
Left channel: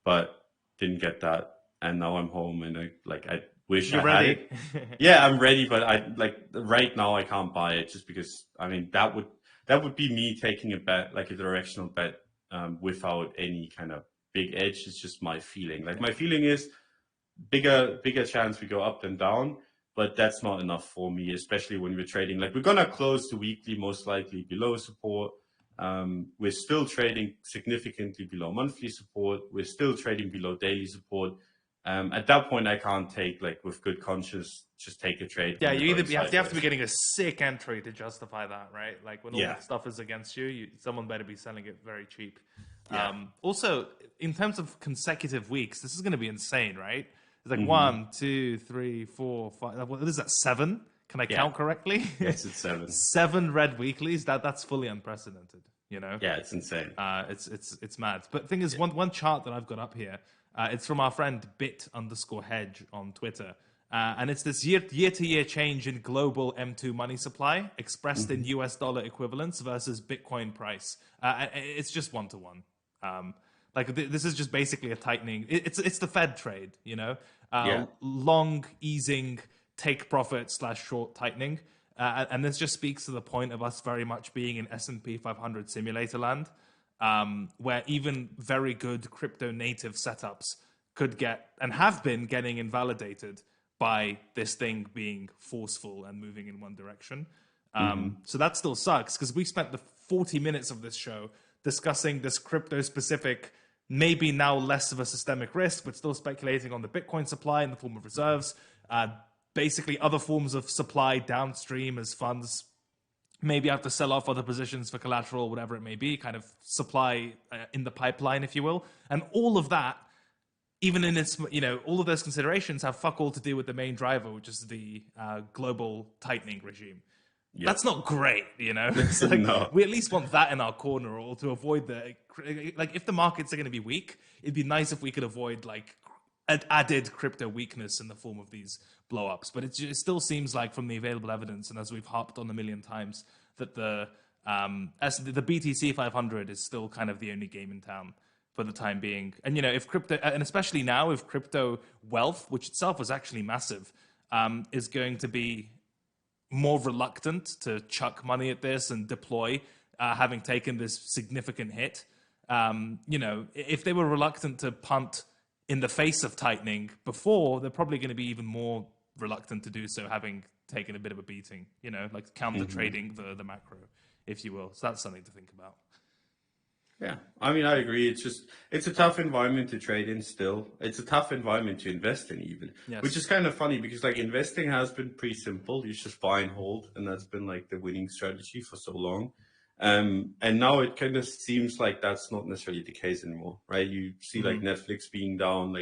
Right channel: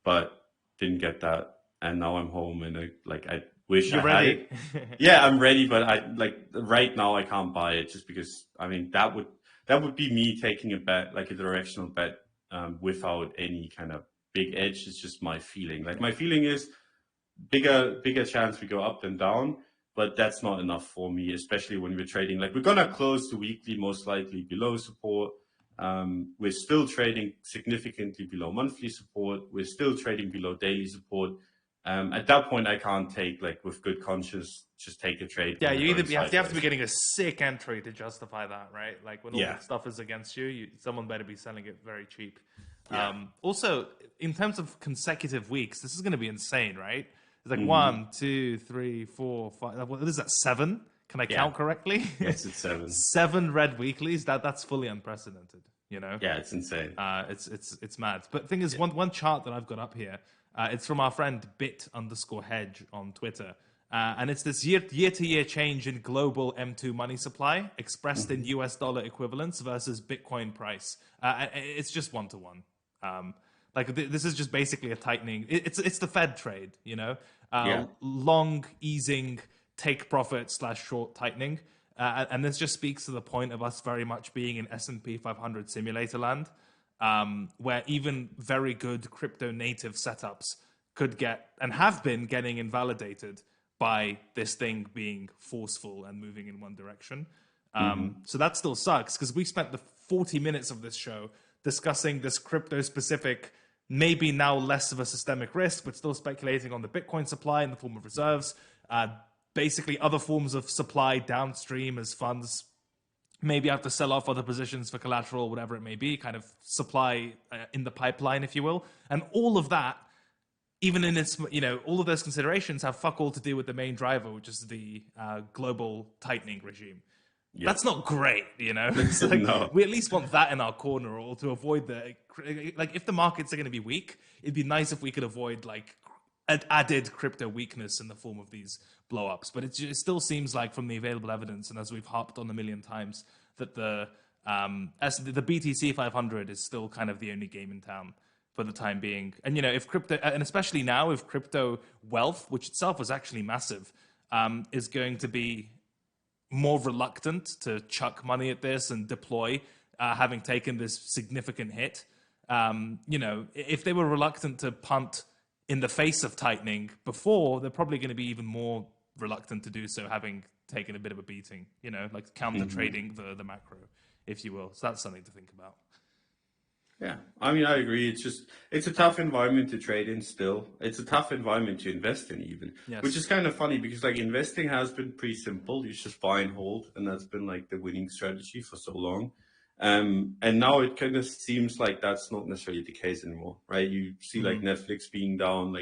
But didn't get that. And now I'm home and I wish You're I had ready. it. Yeah, I'm ready, but I like right now I can't buy it just because I mean that would be me taking a bet, like a directional bet, without any kind of big edge. It's just my feeling. Like my feeling is bigger chance we go up than down, but that's not enough for me, especially when we're trading. Like we're gonna close the weekly most likely below support. We're still trading significantly below monthly support. We're still trading below daily support. At that point, I can't take like with good conscience just take a trade. Yeah, you have to be sideways. getting a sick entry to justify that, right? Like when all Yeah. the stuff is against you, someone better be selling it very cheap. Yeah. Also, in terms of consecutive weeks, this is going to be insane, right? It's like 1, 2, 3, 4, 5. What is that? 7? Can I count correctly? Yes, it's 7. 7 red weeklies. That's fully unprecedented. You know? Yeah, it's insane. It's mad. But the thing is, one chart that I've got up here, it's from our friend bit_hedge on Twitter. And it's this year-to-year change in global M2 money supply expressed in US dollar equivalents versus Bitcoin price. It's just 1-to-1. This is just basically a tightening. It's the Fed trade, you know, long easing, take profit / short tightening. And this just speaks to the point of us very much being in S&P 500 simulator land, where even very good crypto native setups could get and have been getting invalidated by this thing being forceful and moving in one direction. So that still sucks because we spent the 40 minutes of this show discussing this crypto specific, maybe now less of a systemic risk, but still speculating on the Bitcoin supply in the form of reserves, basically other forms of supply downstream as funds maybe have to sell off other positions for collateral, whatever it may be, kind of supply in the pipeline, if you will. And all of that, even in its, all of those considerations have fuck all to do with the main driver, which is the global tightening regime. Yeah. That's not great, It's like, no. We at least want that in our corner, or to avoid if the markets are going to be weak, it'd be nice if we could avoid added crypto weakness in the form of these blow-ups. But it still seems like, from the available evidence, and as we've harped on a million times, that the BTC 500 is still kind of the only game in town for the time being. And if crypto, and especially now, if crypto wealth, which itself was actually massive, is going to be more reluctant to chuck money at this and deploy, having taken this significant hit, if they were reluctant to punt in the face of tightening before, they're probably going to be even more reluctant to do so, having taken a bit of a beating, counter trading the macro, if you will. So that's something to think about. Yeah, I mean, I agree. It's a tough environment to trade in still. It's a tough environment to invest in even, yes. Which is kind of funny because investing has been pretty simple. You just buy and hold, and that's been the winning strategy for so long. And now it kind of seems like that's not necessarily the case anymore, right? You see Netflix being down,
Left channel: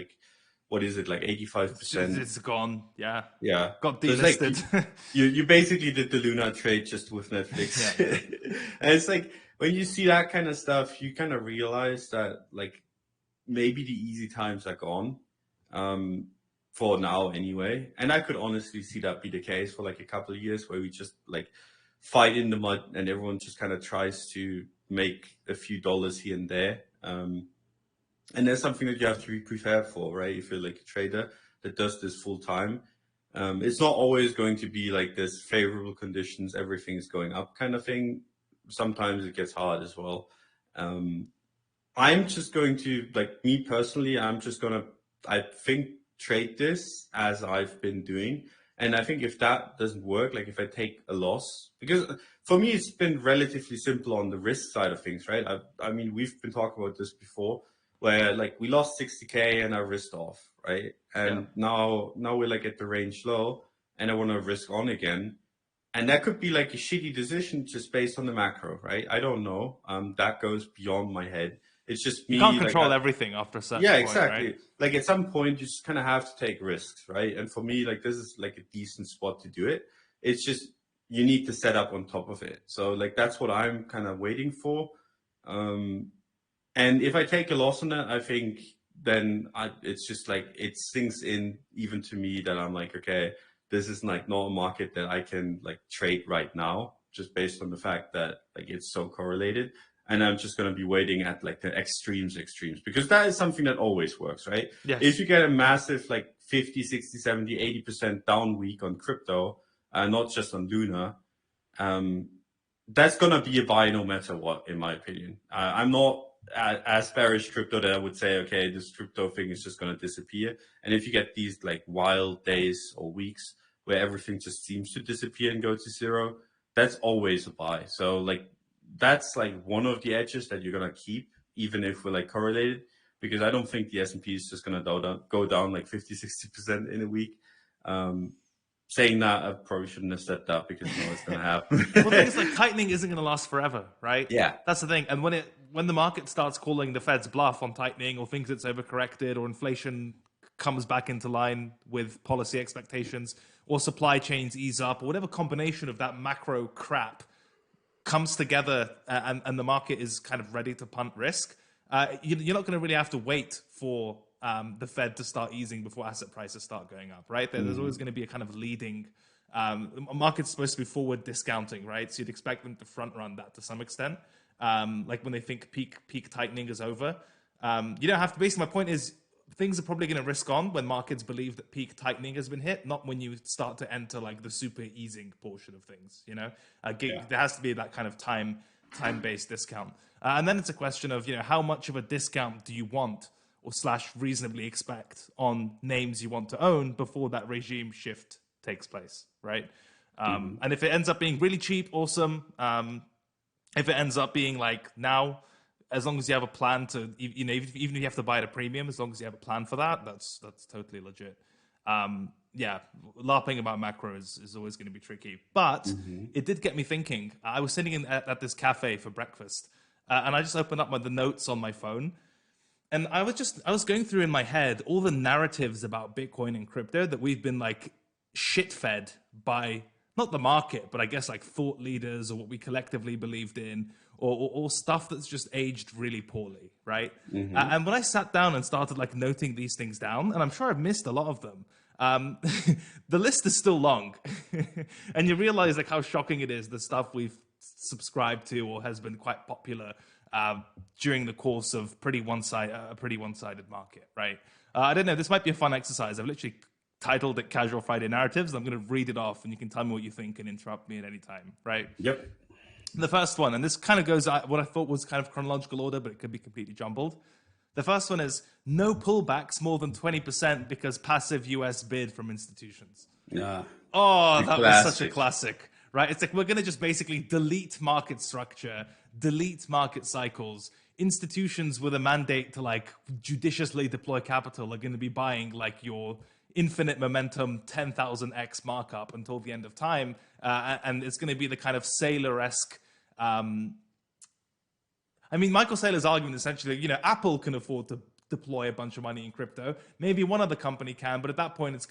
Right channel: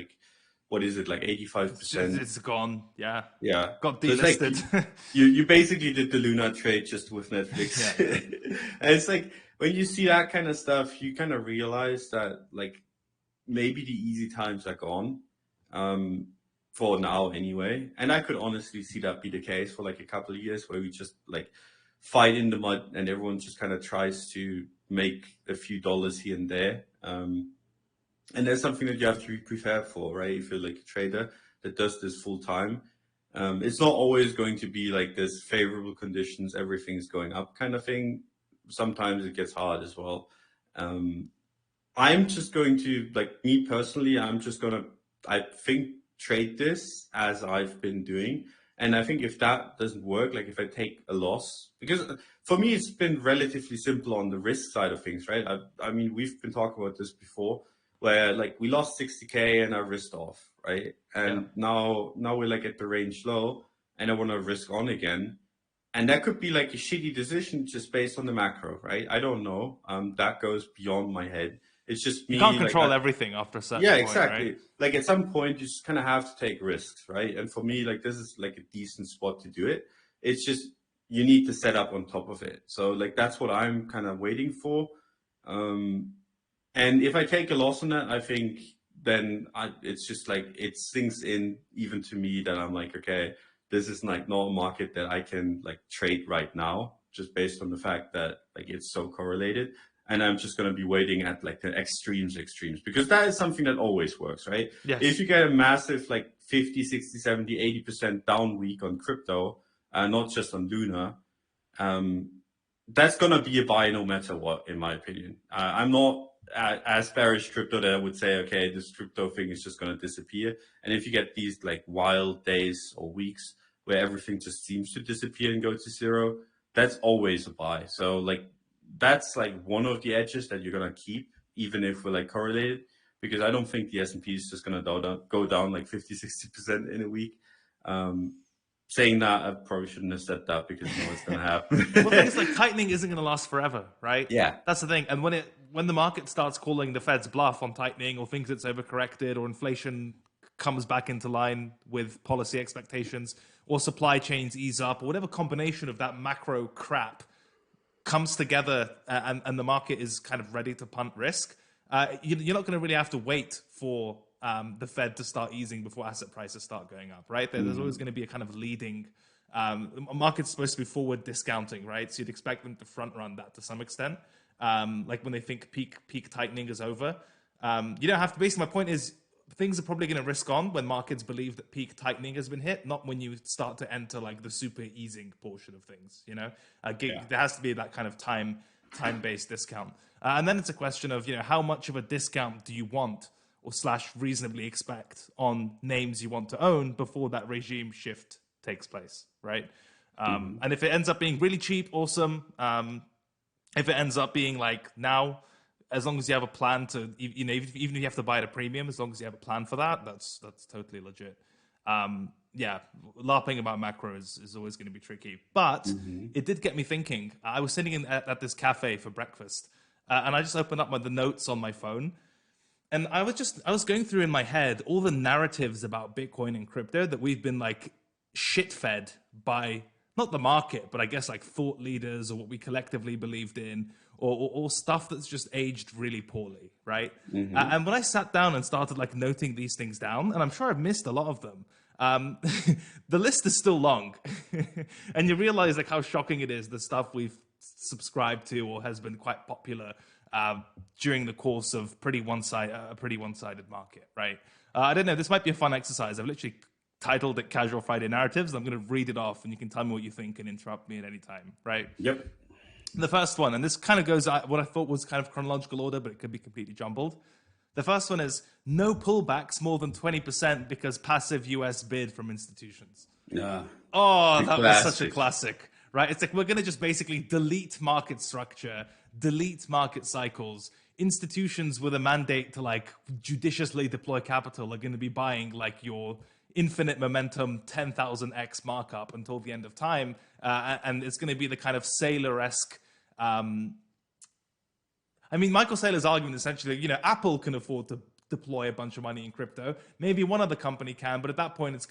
what is it, 85%? It's gone, yeah. Yeah. Got delisted. So you basically did the Luna trade just with Netflix. Yeah. And it's when you see that kind of stuff, you kind of realize that maybe the easy times are gone, for now anyway. And I could honestly see that be the case for a couple of years where we just fight in the mud and everyone just kind of tries to make a few dollars here and there. And that's something that you have to be prepared for, right? If you're a trader that does this full time, it's not always going to be there's favorable conditions, everything's going up kind of thing. Sometimes it gets hard as well. I'm just going to, me personally, I think, trade this as I've been doing. And I think if that doesn't work, if I take a loss, because for me, it's been relatively simple on the risk side of things, right? I mean, we've been talking about this before. where like we lost 60K and I risked off, right? Yeah. And now we're like at the range low and I want to risk on again. And that could be like a shitty decision just based on the macro, right? I don't know. That goes beyond my head. It's just You can't me, like, control everything after a certain yeah, point, right? exactly. Like at some point, you just kind of have to take risks, right? And for me, like this is like a decent spot to do it. It's just you need to set up on top of it. So like that's what I'm kind of waiting for. Um, and if I take a loss on that, I think then it's just like it sinks in even to me that I'm like, okay, this is like not a market that I can like trade right now, just based on the fact that like it's so correlated. And I'm just going to be waiting at like the extremes, because that is something that always works, right? Yes. If you get a massive like 50, 60, 70, 80% down week on crypto, not just on Luna, that's going to be a buy no matter what, in my opinion. I'm not as bearish crypto that I would say, okay, this crypto thing is just going to disappear. And if you get these like wild days or weeks where everything just seems to disappear and go to zero, that's always a buy. So like that's like one of the edges that you're going to keep, even if we're like correlated, because I don't think the S&P is just going to go down like 50, 60% in a week. Saying that, I probably shouldn't have said that because you know what's going to happen. Well, the thing is, like, tightening isn't going to last forever, right? Yeah. That's the thing. And when the market starts calling the Fed's bluff on tightening, or thinks it's overcorrected, or inflation comes back into line with policy expectations, or supply chains ease up, or whatever combination of that macro crap comes together, and the market is kind of ready to punt risk, you're not going to really have to wait for the Fed to start easing before asset prices start going up, right? There's always going to be a kind of leading. A market's supposed to be forward discounting, right? So you'd expect them to front run that to some extent, like when they think peak tightening is over. You don't have to. Basically, my point is, things are probably going to risk on when markets believe that peak tightening has been hit, not when you start to enter like the super easing portion of things. You know, there has to be that kind of time-based discount, and then it's a question of how much of a discount do you want or / reasonably expect on names you want to own before that regime shift takes place, right? And if it ends up being really cheap, awesome. If it ends up being like now, as long as you have a plan to, even if you have to buy at a premium, as long as you have a plan for that, that's totally legit. Yeah, LARPing about macro is always going to be tricky. But it did get me thinking. I was sitting at this cafe for breakfast, and I just opened up the notes on my phone. And I was going through in my head all the narratives about Bitcoin and crypto that we've been like shit fed by, not the market, but I guess like thought leaders or what we collectively believed in, or stuff that's just aged really poorly, right? And when I sat down and started like noting these things down, and I'm sure I've missed a lot of them, the list is still long. And you realize like how shocking it is, the stuff we've subscribed to or has been quite popular during the course of a pretty one-sided market, right? I don't know. This might be a fun exercise. I've literally titled it "Casual Friday Narratives." I'm going to read it off, and you can tell me what you think and interrupt me at any time, right? Yep. The first one, and this kind of goes what I thought was kind of chronological order, but it could be completely jumbled. The first one is no pullbacks more than 20% because passive US bid from institutions. Yeah. Oh, that was such a classic, right? It's like we're going to just basically delete market structure, delete market cycles. Institutions with a mandate to like judiciously deploy capital are going to be buying like your infinite momentum 10,000x markup until the end of time. And it's going to be the kind of Saylor-esque. I mean, Michael Saylor's argument essentially, Apple can afford to deploy a bunch of money in crypto. Maybe one other company can, but at that point, it's,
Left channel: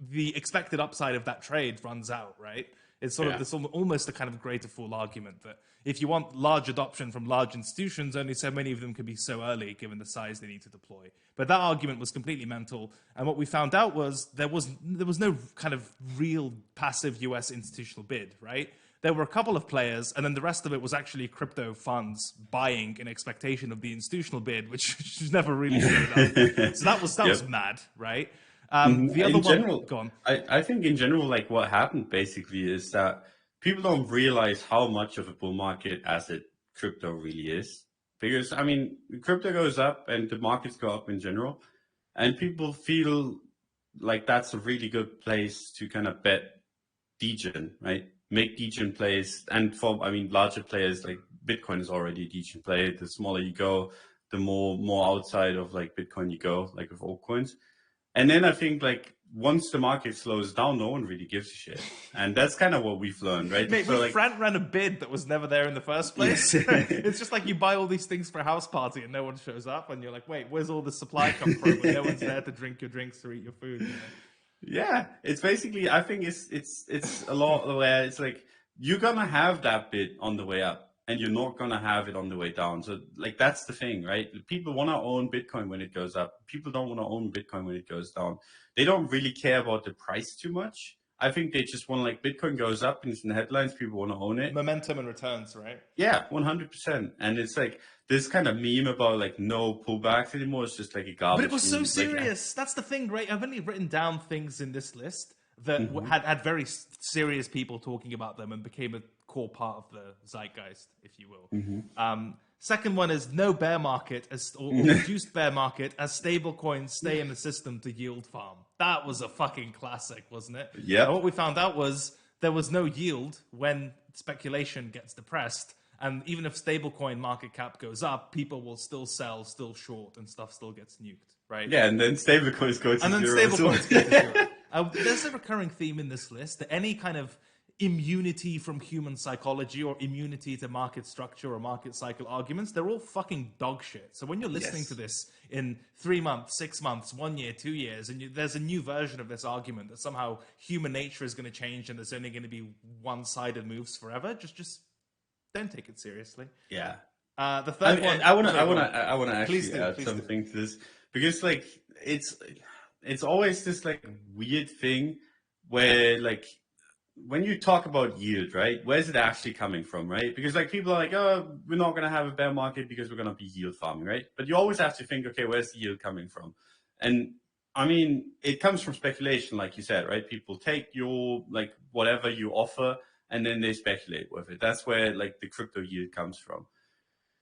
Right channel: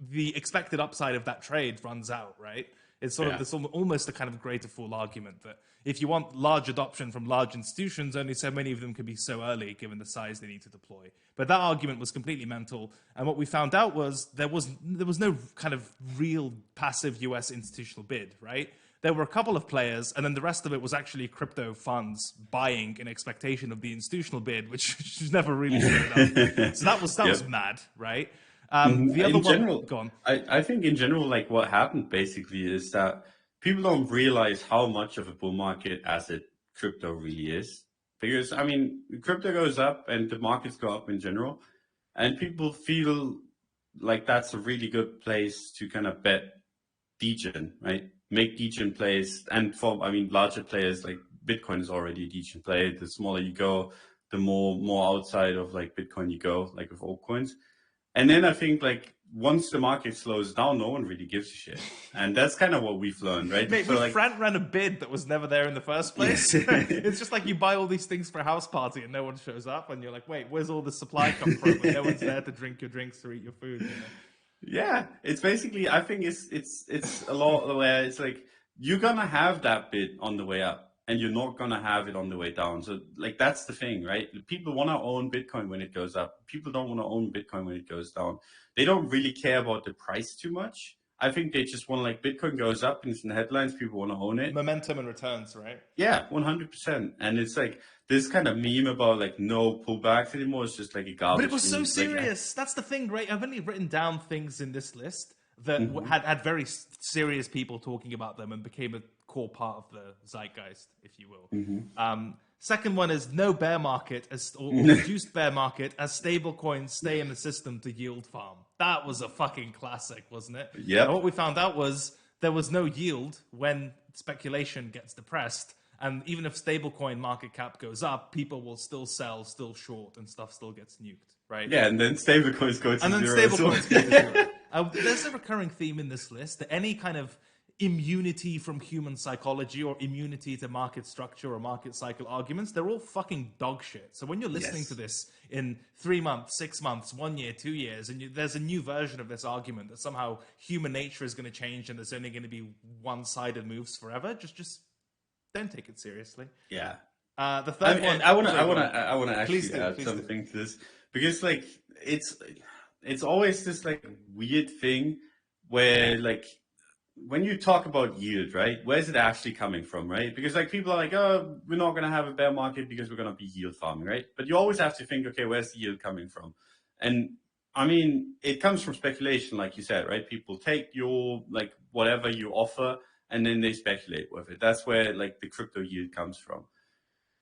the expected upside of that trade runs out, right? It's sort of this almost a kind of greater fool argument that if you want large adoption from large institutions, only so many of them can be so early given the size they need to deploy. But that argument was completely mental. And what we found out was there was no kind of real passive US institutional bid, right? There were a couple of players, and then the rest of it was actually crypto funds buying in expectation of the institutional bid, which never really showed up. So that was mad, right? The other one, go on. I think in general, like what happened basically is that people don't realize how much of a bull market asset crypto really is. Because, I mean, crypto goes up and the markets go up in general, and people feel like that's a really good place to kind of bet degen, right? Make degen plays. And for, I mean, larger players like Bitcoin is already a degen play. The smaller you go, the more outside of like Bitcoin you go, like with altcoins. And then I think like once the market slows down, no one really gives a shit. And that's kind of what we've learned, right? Mate, So, we like, ran a bid that was never there in the first place. yes. It's just like you buy all these things for a house party and no one shows up, and you're like, wait, where's all the supply come from? And no one's there to drink your drinks or eat your food. You know? Yeah, it's basically, I think it's a lot where it's like you're gonna have that bit on the way up and you're not gonna have it on the way down. So like that's the thing, right? People want to own Bitcoin when it goes up. People don't want to own Bitcoin when it goes down. They don't really care about the price too much. I think they just want, like, Bitcoin goes up and it's in the headlines, people want to own it. Momentum and returns, right? Yeah, 100%. And it's like this kind of meme about like no pullbacks anymore. It's just like a garbage. But it was so meme. serious. That's the thing, right? I've only written down things in this list that had very serious people talking about them and became a core part of the zeitgeist, if you will. Second one is no bear market or reduced bear market as stable coins stay in the system to yield farm. That was a fucking classic, wasn't it? Yeah. And what we found out was there was no yield when speculation gets depressed. And even if stablecoin market cap goes up, people will still sell, still short, and stuff still gets nuked, right? Yeah, and then stablecoins go to zero. And then stablecoins go to zero. There's a recurring theme in this list that any kind of immunity from human psychology or immunity to market structure or market cycle arguments, they're all fucking dog shit. So when you're listening to this in 3 months, 6 months, 1 year, 2 years, and there's a new version of this argument that somehow human nature is going to change and there's only going to be one-sided moves forever, just don't take it seriously. Yeah. The third one. I want to actually Please add something to this, because like it's always this like weird thing where like when you talk about yield, right? Where's it actually coming from, right? Because like people are like, oh, we're not going to have a bear market because we're going to be yield farming, right? But you always have to think, okay, where's the yield coming from? And I mean, it comes from speculation, like you said, right? People take your like whatever you offer and then they speculate with it. That's where like the crypto yield comes from.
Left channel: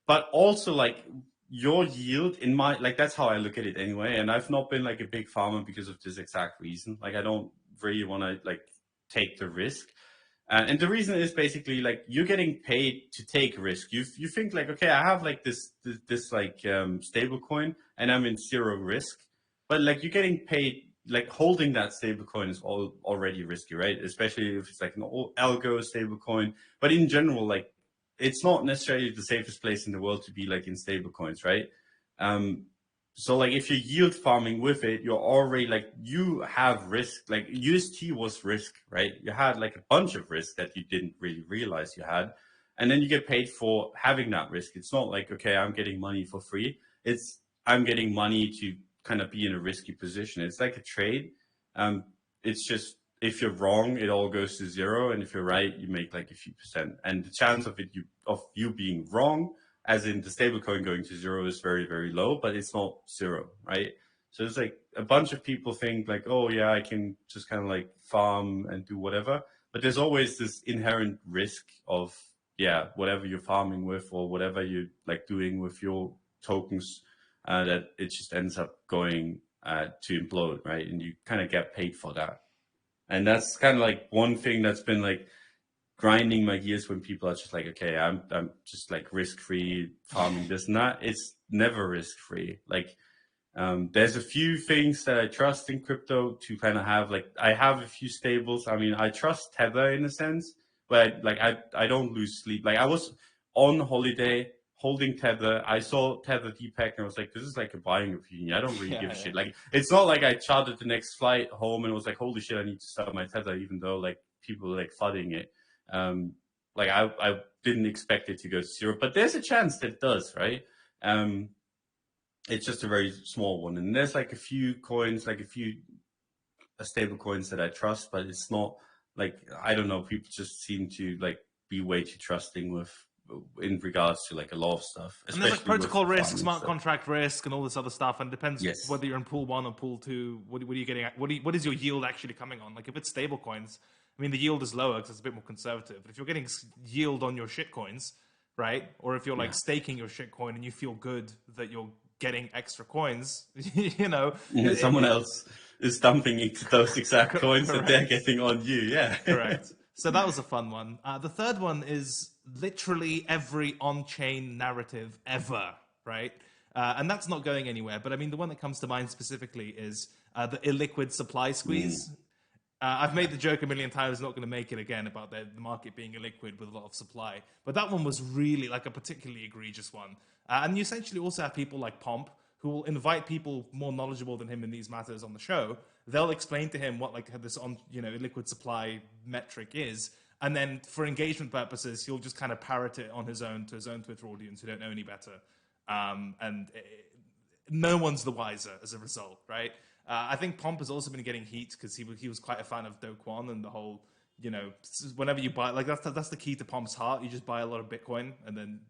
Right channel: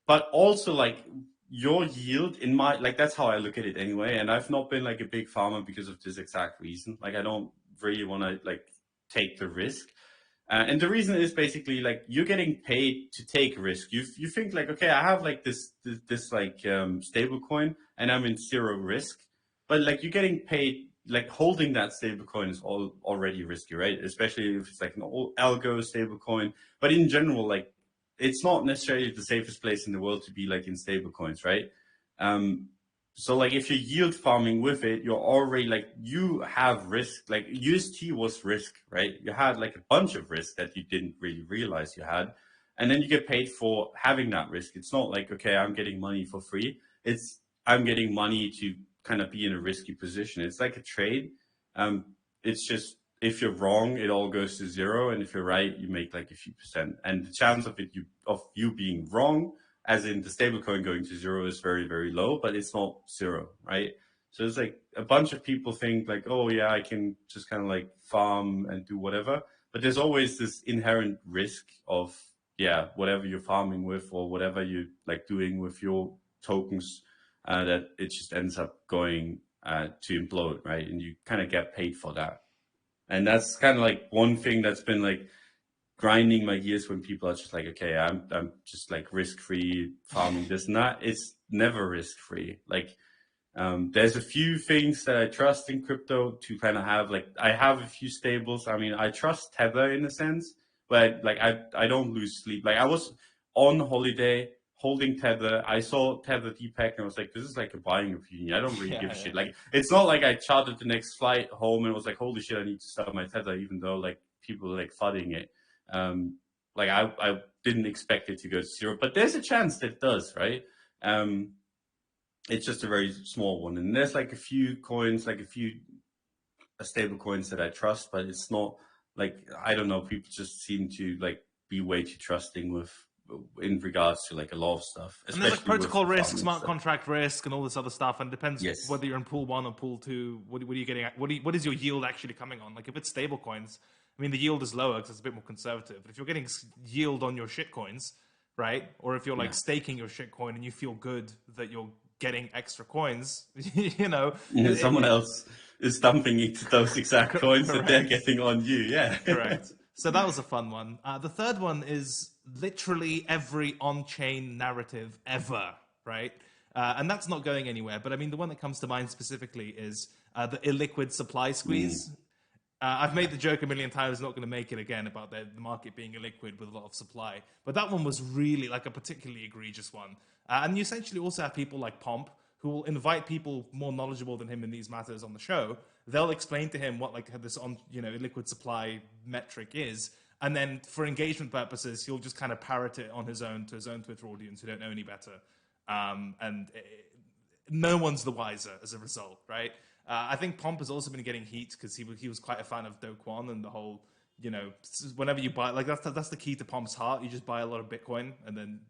But also like your yield in my, like that's how I look at it anyway. And I've not been like a big farmer because of this exact reason. Like I don't really want to like take the risk. And the reason is basically like you're getting paid to take risk. You think like, okay, I have like this like stable coin and I'm in zero risk, but like you're getting paid, like holding that stable coin is already risky, right? Especially if it's like an algo stable coin. But in general, like it's not necessarily the safest place in the world to be like in stable coins, right? So like if you're yield farming with it, you're already like, you have risk. Like UST was risk, right? You had like a bunch of risk that you didn't really realize you had. And then you get paid for having that risk. It's not like, okay, I'm getting money for free. It's I'm getting money to kind of be in a risky position. It's like a trade. It's just, if you're wrong, it all goes to zero. And if you're right, you make like a few percent. And the chance of you being wrong, as in the stablecoin going to zero, is very, very low, but it's not zero, right? So it's like a bunch of people think like, oh yeah, I can just kind of like farm and do whatever. But there's always this inherent risk of, yeah, whatever you're farming with or whatever you're like doing with your tokens, that it just ends up going to implode, right? And you kind of get paid for that. And that's kind of like one thing that's been like grinding my gears when people are just like, okay, I'm just like risk-free farming this and that. It's never risk-free. Like there's a few things that I trust in crypto to kind of have, like I have a few stables. I mean, I trust Tether in a sense, but like I don't lose sleep. Like I was on holiday holding Tether. I saw Tether Deepak and I was like, this is like a buying opinion. I don't really give a shit. Like it's not like I chartered the next flight home and was like, holy shit, I need to sell my Tether, even though like people are like flooding it. Like I didn't expect it to go to zero, but there's a chance that it does, right? It's just a very small one. And there's like a few coins, like a few stable coins that I trust, but it's not like, I don't know, people just seem to like be way too trusting with in regards to like a lot of stuff. And there's like protocol risk, smart contract risk, and all this other stuff. And it depends whether you're in pool 1 or pool 2. What are you getting at? What is your yield actually coming on? Like if it's stable coins, I mean, the yield is lower because it's a bit more conservative. But if you're getting yield on your shit coins, right? Or if you're like staking your shit coin and you feel good that you're getting extra coins, you know. Someone else is dumping into those exact coins that they're getting on you. Yeah. Correct. So that was a fun one. The third one is literally every on-chain narrative ever, right? And that's not going anywhere. But I mean, the one that comes to mind specifically is the illiquid supply squeeze. I've made the joke a million times, not going to make it again, about the market being illiquid with a lot of supply. But that one was really like a particularly egregious one. And you essentially also have people like Pomp, who will invite people more knowledgeable than him in these matters on the show. They'll explain to him what like this illiquid supply metric is. And then for engagement purposes, he'll just kind of parrot it on his own to his own Twitter audience who don't know any better. No one's the wiser as a result, right? I think Pomp has also been getting heat because he was quite a fan of Do Kwon and the whole, whenever you buy, like that's the key to Pomp's heart. You just buy a lot of Bitcoin and then,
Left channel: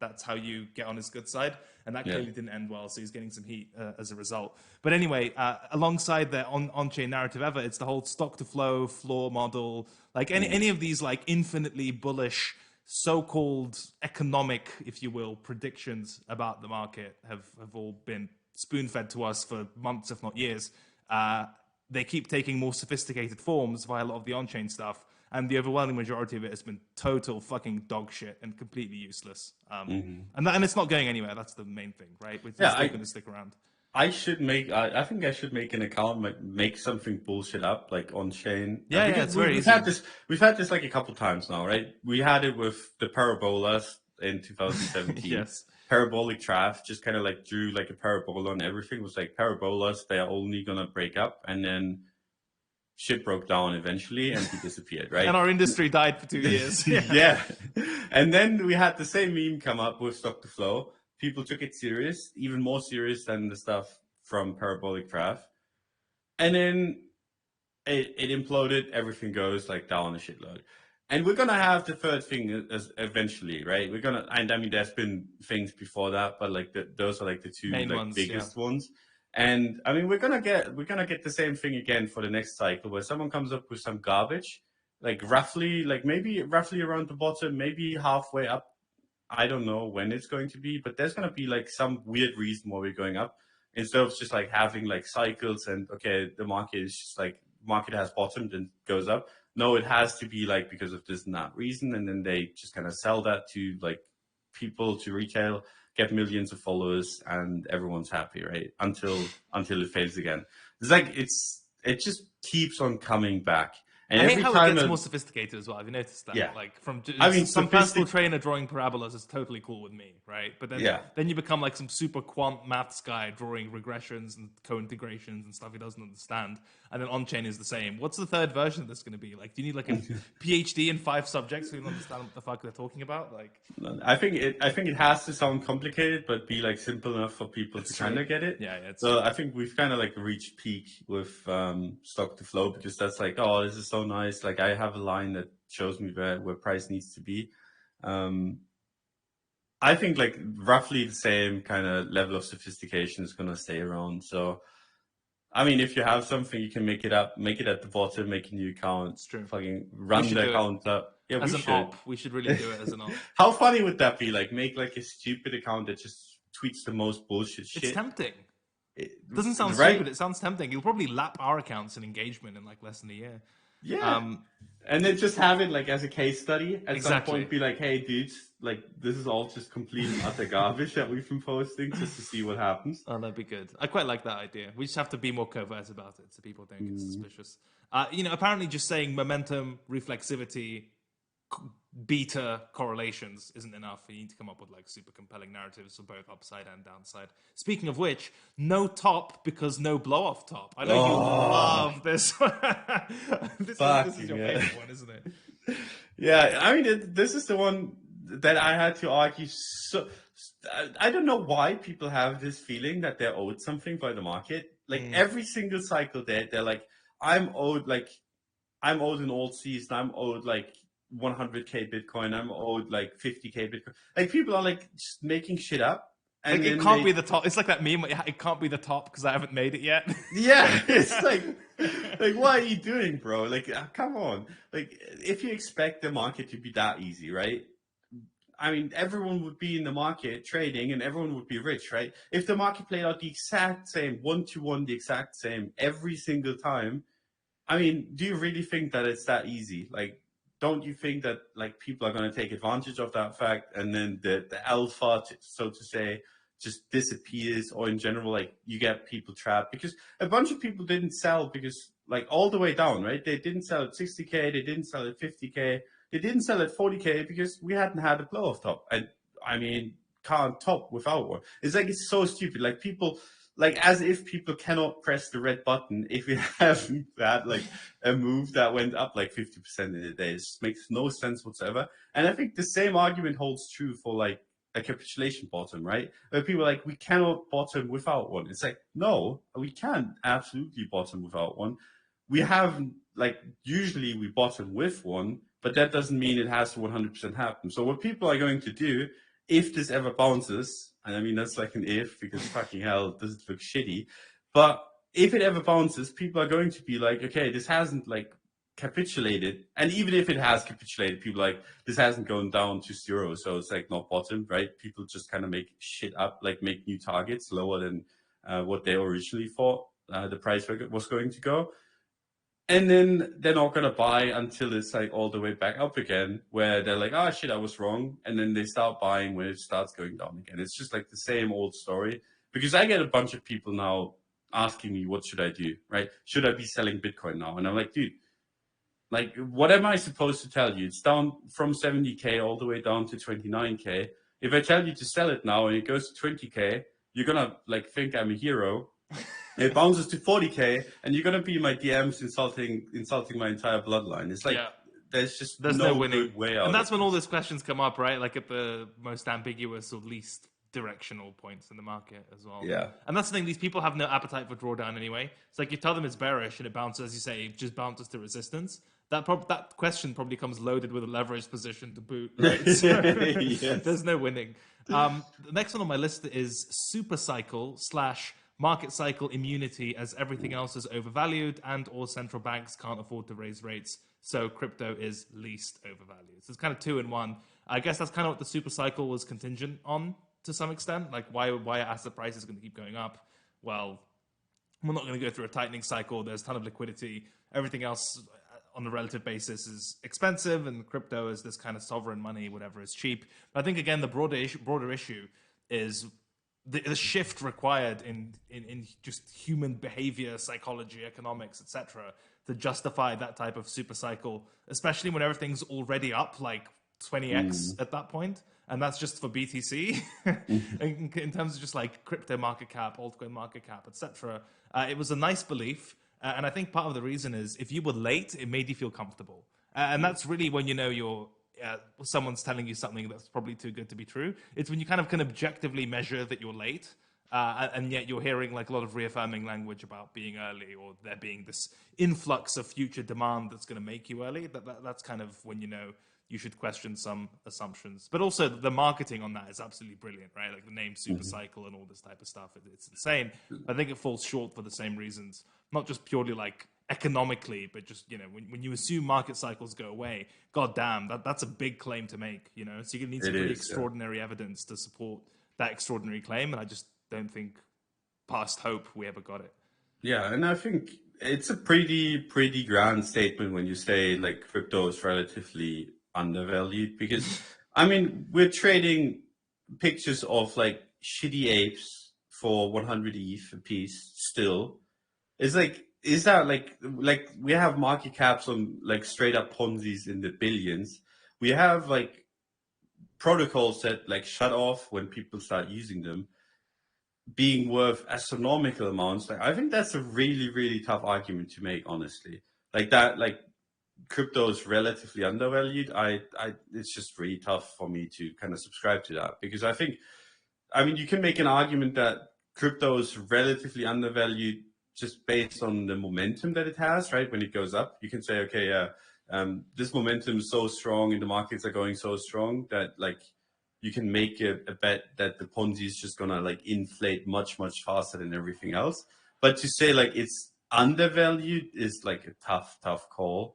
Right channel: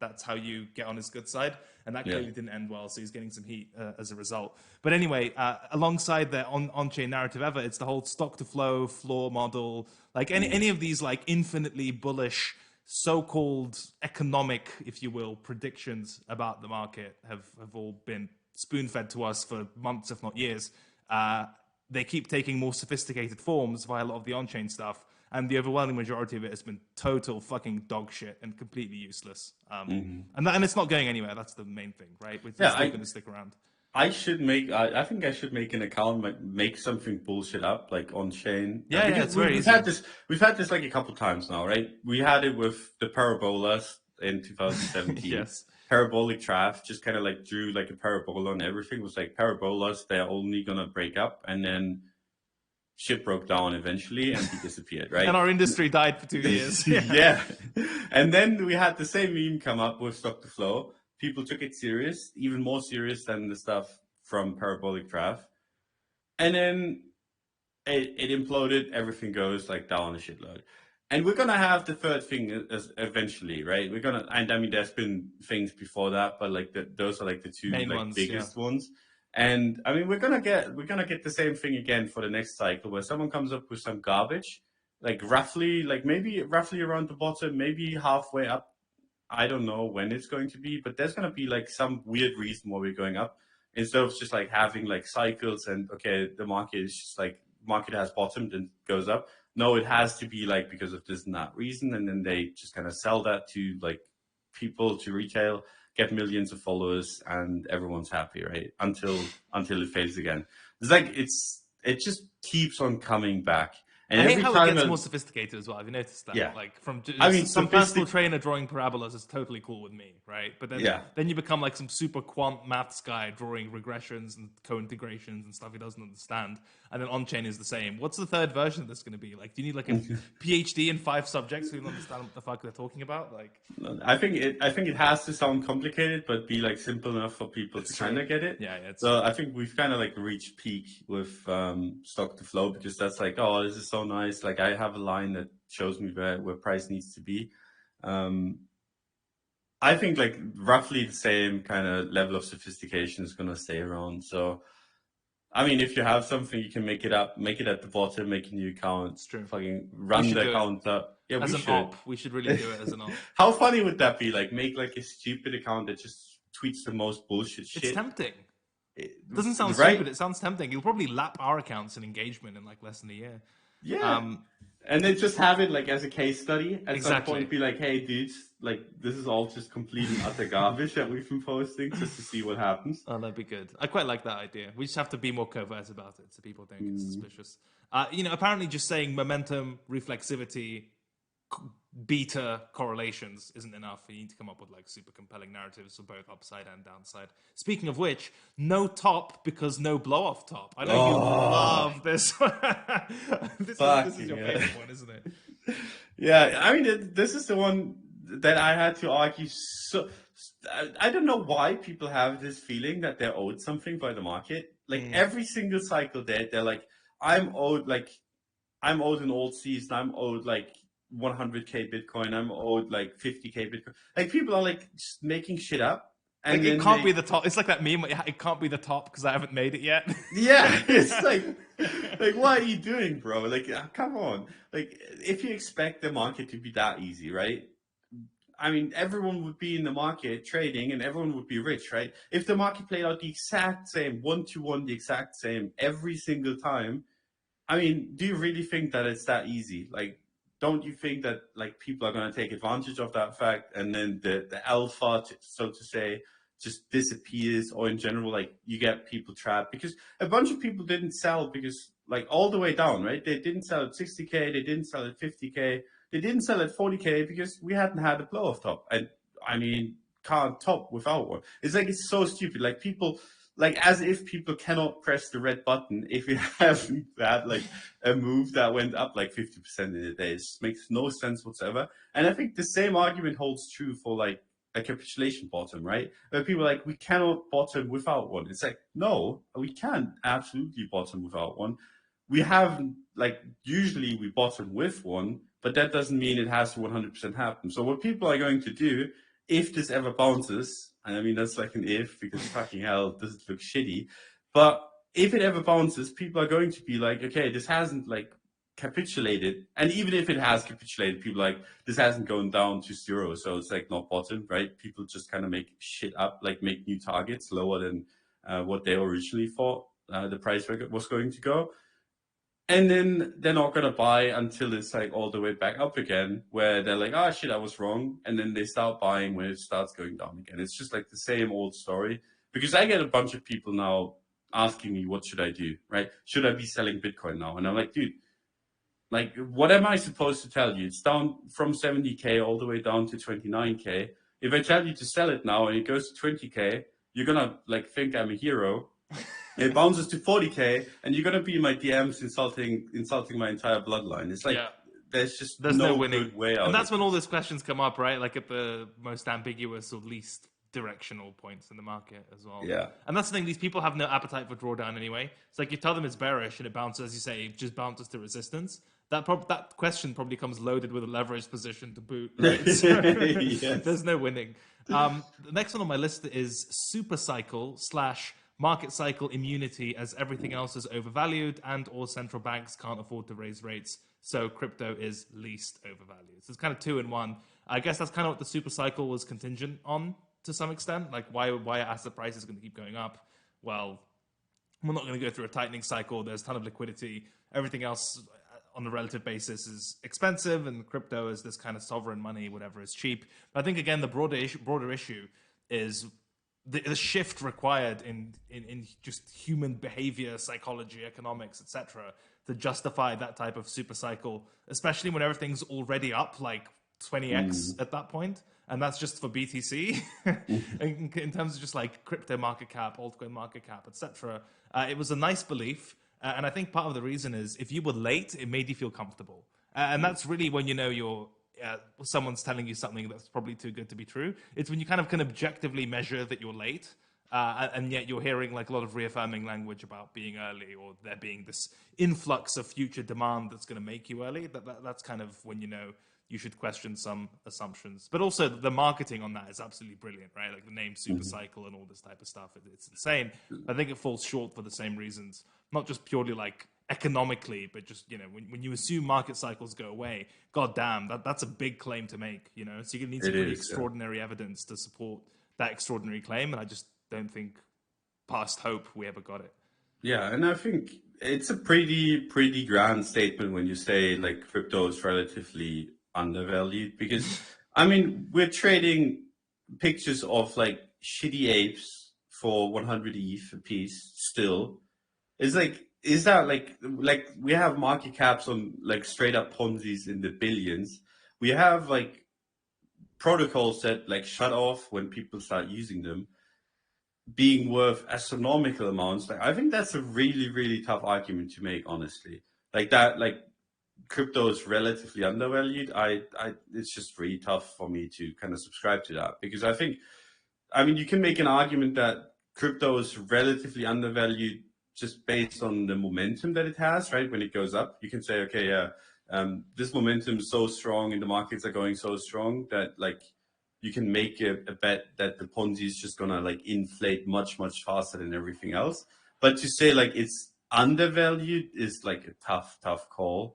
that's how you get on his good side. And that clearly didn't end well. So he's getting some heat as a result. But anyway, alongside the on-chain narrative ever, it's the whole stock to flow model, like any of these like infinitely bullish so-called economic, if you will, predictions about the market have all been spoon-fed to us for months, if not years. They keep taking more sophisticated forms via a lot of the on-chain stuff, and the overwhelming majority of it has been total fucking dog shit and completely useless. And it's not going anywhere. That's the main thing, right? It's still going to stick around. I think I should make an account, like make something bullshit up, like on chain. Yeah, it's very easy. We've had this like a couple times now, right? We had it with the parabolas in 2017. Yes. Parabolic Trav just kind of like drew like a parabola on everything. It was like parabolas, they're only gonna break up, and then shit broke down eventually and he disappeared, right? And our industry died for 2 years. Yeah. And then we had the same meme come up with stock to flow. People took it serious, even more serious than the stuff from Parabolic Trav. And then it imploded. Everything goes like down a shitload. And we're going to have the third thing eventually, right? And I mean, there's been things before that, but like those are like the two main like, ones, biggest ones. And I mean, we're gonna get the same thing again for the next cycle, where someone comes up with some garbage, like maybe roughly around the bottom, maybe halfway up. I don't know when it's going to be, but there's going to be like some weird reason why we're going up, instead of just like having like cycles and okay, the market is just like market has bottomed and goes up. No, it has to be like because of this and that reason, and then they just kind of sell that to like people, to retail, get millions of followers, and everyone's happy, right? Until it fades again. It's like it just keeps on coming back. And I hate how it gets more sophisticated as well. Have you noticed that? Yeah. Like some personal trainer drawing parabolas is totally cool with me, right? But then you become like some super quant maths guy drawing regressions and co-integrations and stuff he doesn't understand. And then on-chain is the same. What's the third version of this going to be? Like, do you need like a PhD in 5 subjects so you can understand what the fuck they're talking about? Like, I think it has to sound complicated, but be like simple enough for people to kind of get it. Yeah. So I think we've kind of like reached peak with stock to flow, because that's like, oh, this is so nice. Like I have a line that shows me where price needs to be. I think like roughly the same kind of level of sophistication is going to stay around. So, I mean, if you have something, you can make it at the bottom, make a new account. It's true. Fucking run the account up. Yeah, as an op, we should really do it as an op. How funny would that be? Like make like a stupid account that just tweets the most bullshit shit. It's tempting. It doesn't sound stupid. It sounds tempting. You'll probably lap our accounts in engagement in like less than a year. Yeah. And then just have it like as a case study. At some point, be like, hey, dudes, like this is all just complete and utter garbage that we've been posting, just to see what happens. Oh, that'd be good. I quite like that idea. We just have to be more covert about it so people don't get suspicious. Apparently just saying momentum, reflexivity, beta correlations isn't enough. You need to come up with like super compelling narratives for both upside and downside. Speaking of which, no top because no blow off top. I know you love this. This is your favorite one, isn't it? Yeah, I mean, this is the one that I had to argue. So I don't know why people have this feeling that they're owed something by the market. Like every single cycle, they're like, I'm owed an old season. I'm owed like 100k Bitcoin. I'm owed like 50k Bitcoin. Like people are like just making shit up. And like, it can't be the top. It's like that meme. It can't be the top because I haven't made it yet. Yeah, it's like what are you doing, bro? Like, come on. Like, if you expect the market to be that easy, right? I mean, everyone would be in the market trading and everyone would be rich, right? If the market played out the exact same, 1-to-1, the exact same every single time, I mean, do you really think that it's that easy? Like, don't you think that like people are going to take advantage of that fact, and then the alpha, so to say, just disappears, or in general, like you get people trapped because a bunch of people didn't sell because like all the way down, right? They didn't sell at 60K, they didn't sell at 50K, they didn't sell at 40K because we hadn't had a blow off top. And I mean, can't top without one. It's like, it's so stupid. Like people, like as if people cannot press the red button if we haven't had like a move that went up like 50% in a day. It just makes no sense whatsoever. And I think the same argument holds true for like a capitulation bottom, right? Where people are like, we cannot bottom without one. It's like, no, we can absolutely bottom without one. We have like, usually we bottom with one, but that doesn't mean it has to 100% happen. So what people are going to do, if this ever bounces, and I mean, that's like an if, because fucking hell, does it look shitty. But if it ever bounces, people are going to be like, okay, this hasn't like capitulated. And even if it has capitulated, people like, this hasn't gone down to zero. So it's like not bottom, right? People just kind of make shit up, like make new targets lower than what they originally thought the price was going to go. And then they're not going to buy until it's like all the way back up again, where they're like, oh shit, I was wrong. And then they start buying when it starts going down again. It's just like the same old story. Because I get a bunch of people now asking me, what should I do, right? Should I be selling Bitcoin now? And I'm like, dude, like, what am I supposed to tell you? It's down from 70K all the way down to 29K. If I tell you to sell it now and it goes to 20K, you're going to like think I'm a hero. It bounces to 40K, and you're gonna be in my DMs insulting my entire bloodline. It's like there's no winning good way out. And that's when all those questions come up, right? Like at the most ambiguous or least directional points in the market as well. Yeah. And that's the thing, these people have no appetite for drawdown anyway. It's like you tell them it's bearish and it bounces, as you say, it just bounces to resistance. That question probably comes loaded with a leveraged position to boot, right? So, Yes. There's no winning. The next one on my list is super cycle / market cycle immunity, as everything else is overvalued and all central banks can't afford to raise rates. So crypto is least overvalued. So it's kind of 2 in 1. I guess that's kind of what the super cycle was contingent on to some extent. Like why are asset prices going to keep going up? Well, we're not going to go through a tightening cycle. There's a ton of liquidity. Everything else on a relative basis is expensive, and crypto is this kind of sovereign money, whatever is cheap. But I think again, the broader issue is the shift required in just human behavior, psychology, economics, etc., to justify that type of super cycle, especially when everything's already up like 20x at that point. And that's just for BTC. in terms of just like crypto market cap, altcoin market cap, etc. It was a nice belief. And I think part of the reason is if you were late, it made you feel comfortable. And that's really when you know you're someone's telling you something that's probably too good to be true. It's when you kind of can objectively measure that you're late, and yet you're hearing like a lot of reaffirming language about being early, or there being this influx of future demand that's going to make you early. That's kind of when you know you should question some assumptions. But also the marketing on that is absolutely brilliant, right? Like the name super cycle and all this type of stuff. It's insane. I think it falls short for the same reasons, not just purely like economically, but just, when you assume market cycles go away, god damn, that's a big claim to make, so you're gonna need some pretty extraordinary evidence to support that extraordinary claim, and I just don't think past hope we ever got it. Yeah, and I think it's a pretty grand statement when you say like crypto is relatively undervalued, because I mean, we're trading pictures of like shitty apes for 100 ETH a piece still. It's like, is that like we have market caps on like straight up Ponzi's in the billions. We have like protocols that like shut off when people start using them, being worth astronomical amounts. Like, I think that's a really tough argument to make, honestly. Like that, like crypto is relatively undervalued. It's just really tough for me to kind of subscribe to that, because I mean, you can make an argument that crypto is relatively undervalued just based on the momentum that it has, right? When it goes up, you can say, okay, yeah, this momentum is so strong and the markets are going so strong that like you can make a bet that the Ponzi is just gonna like inflate much faster than everything else. But to say like it's undervalued is like a tough call.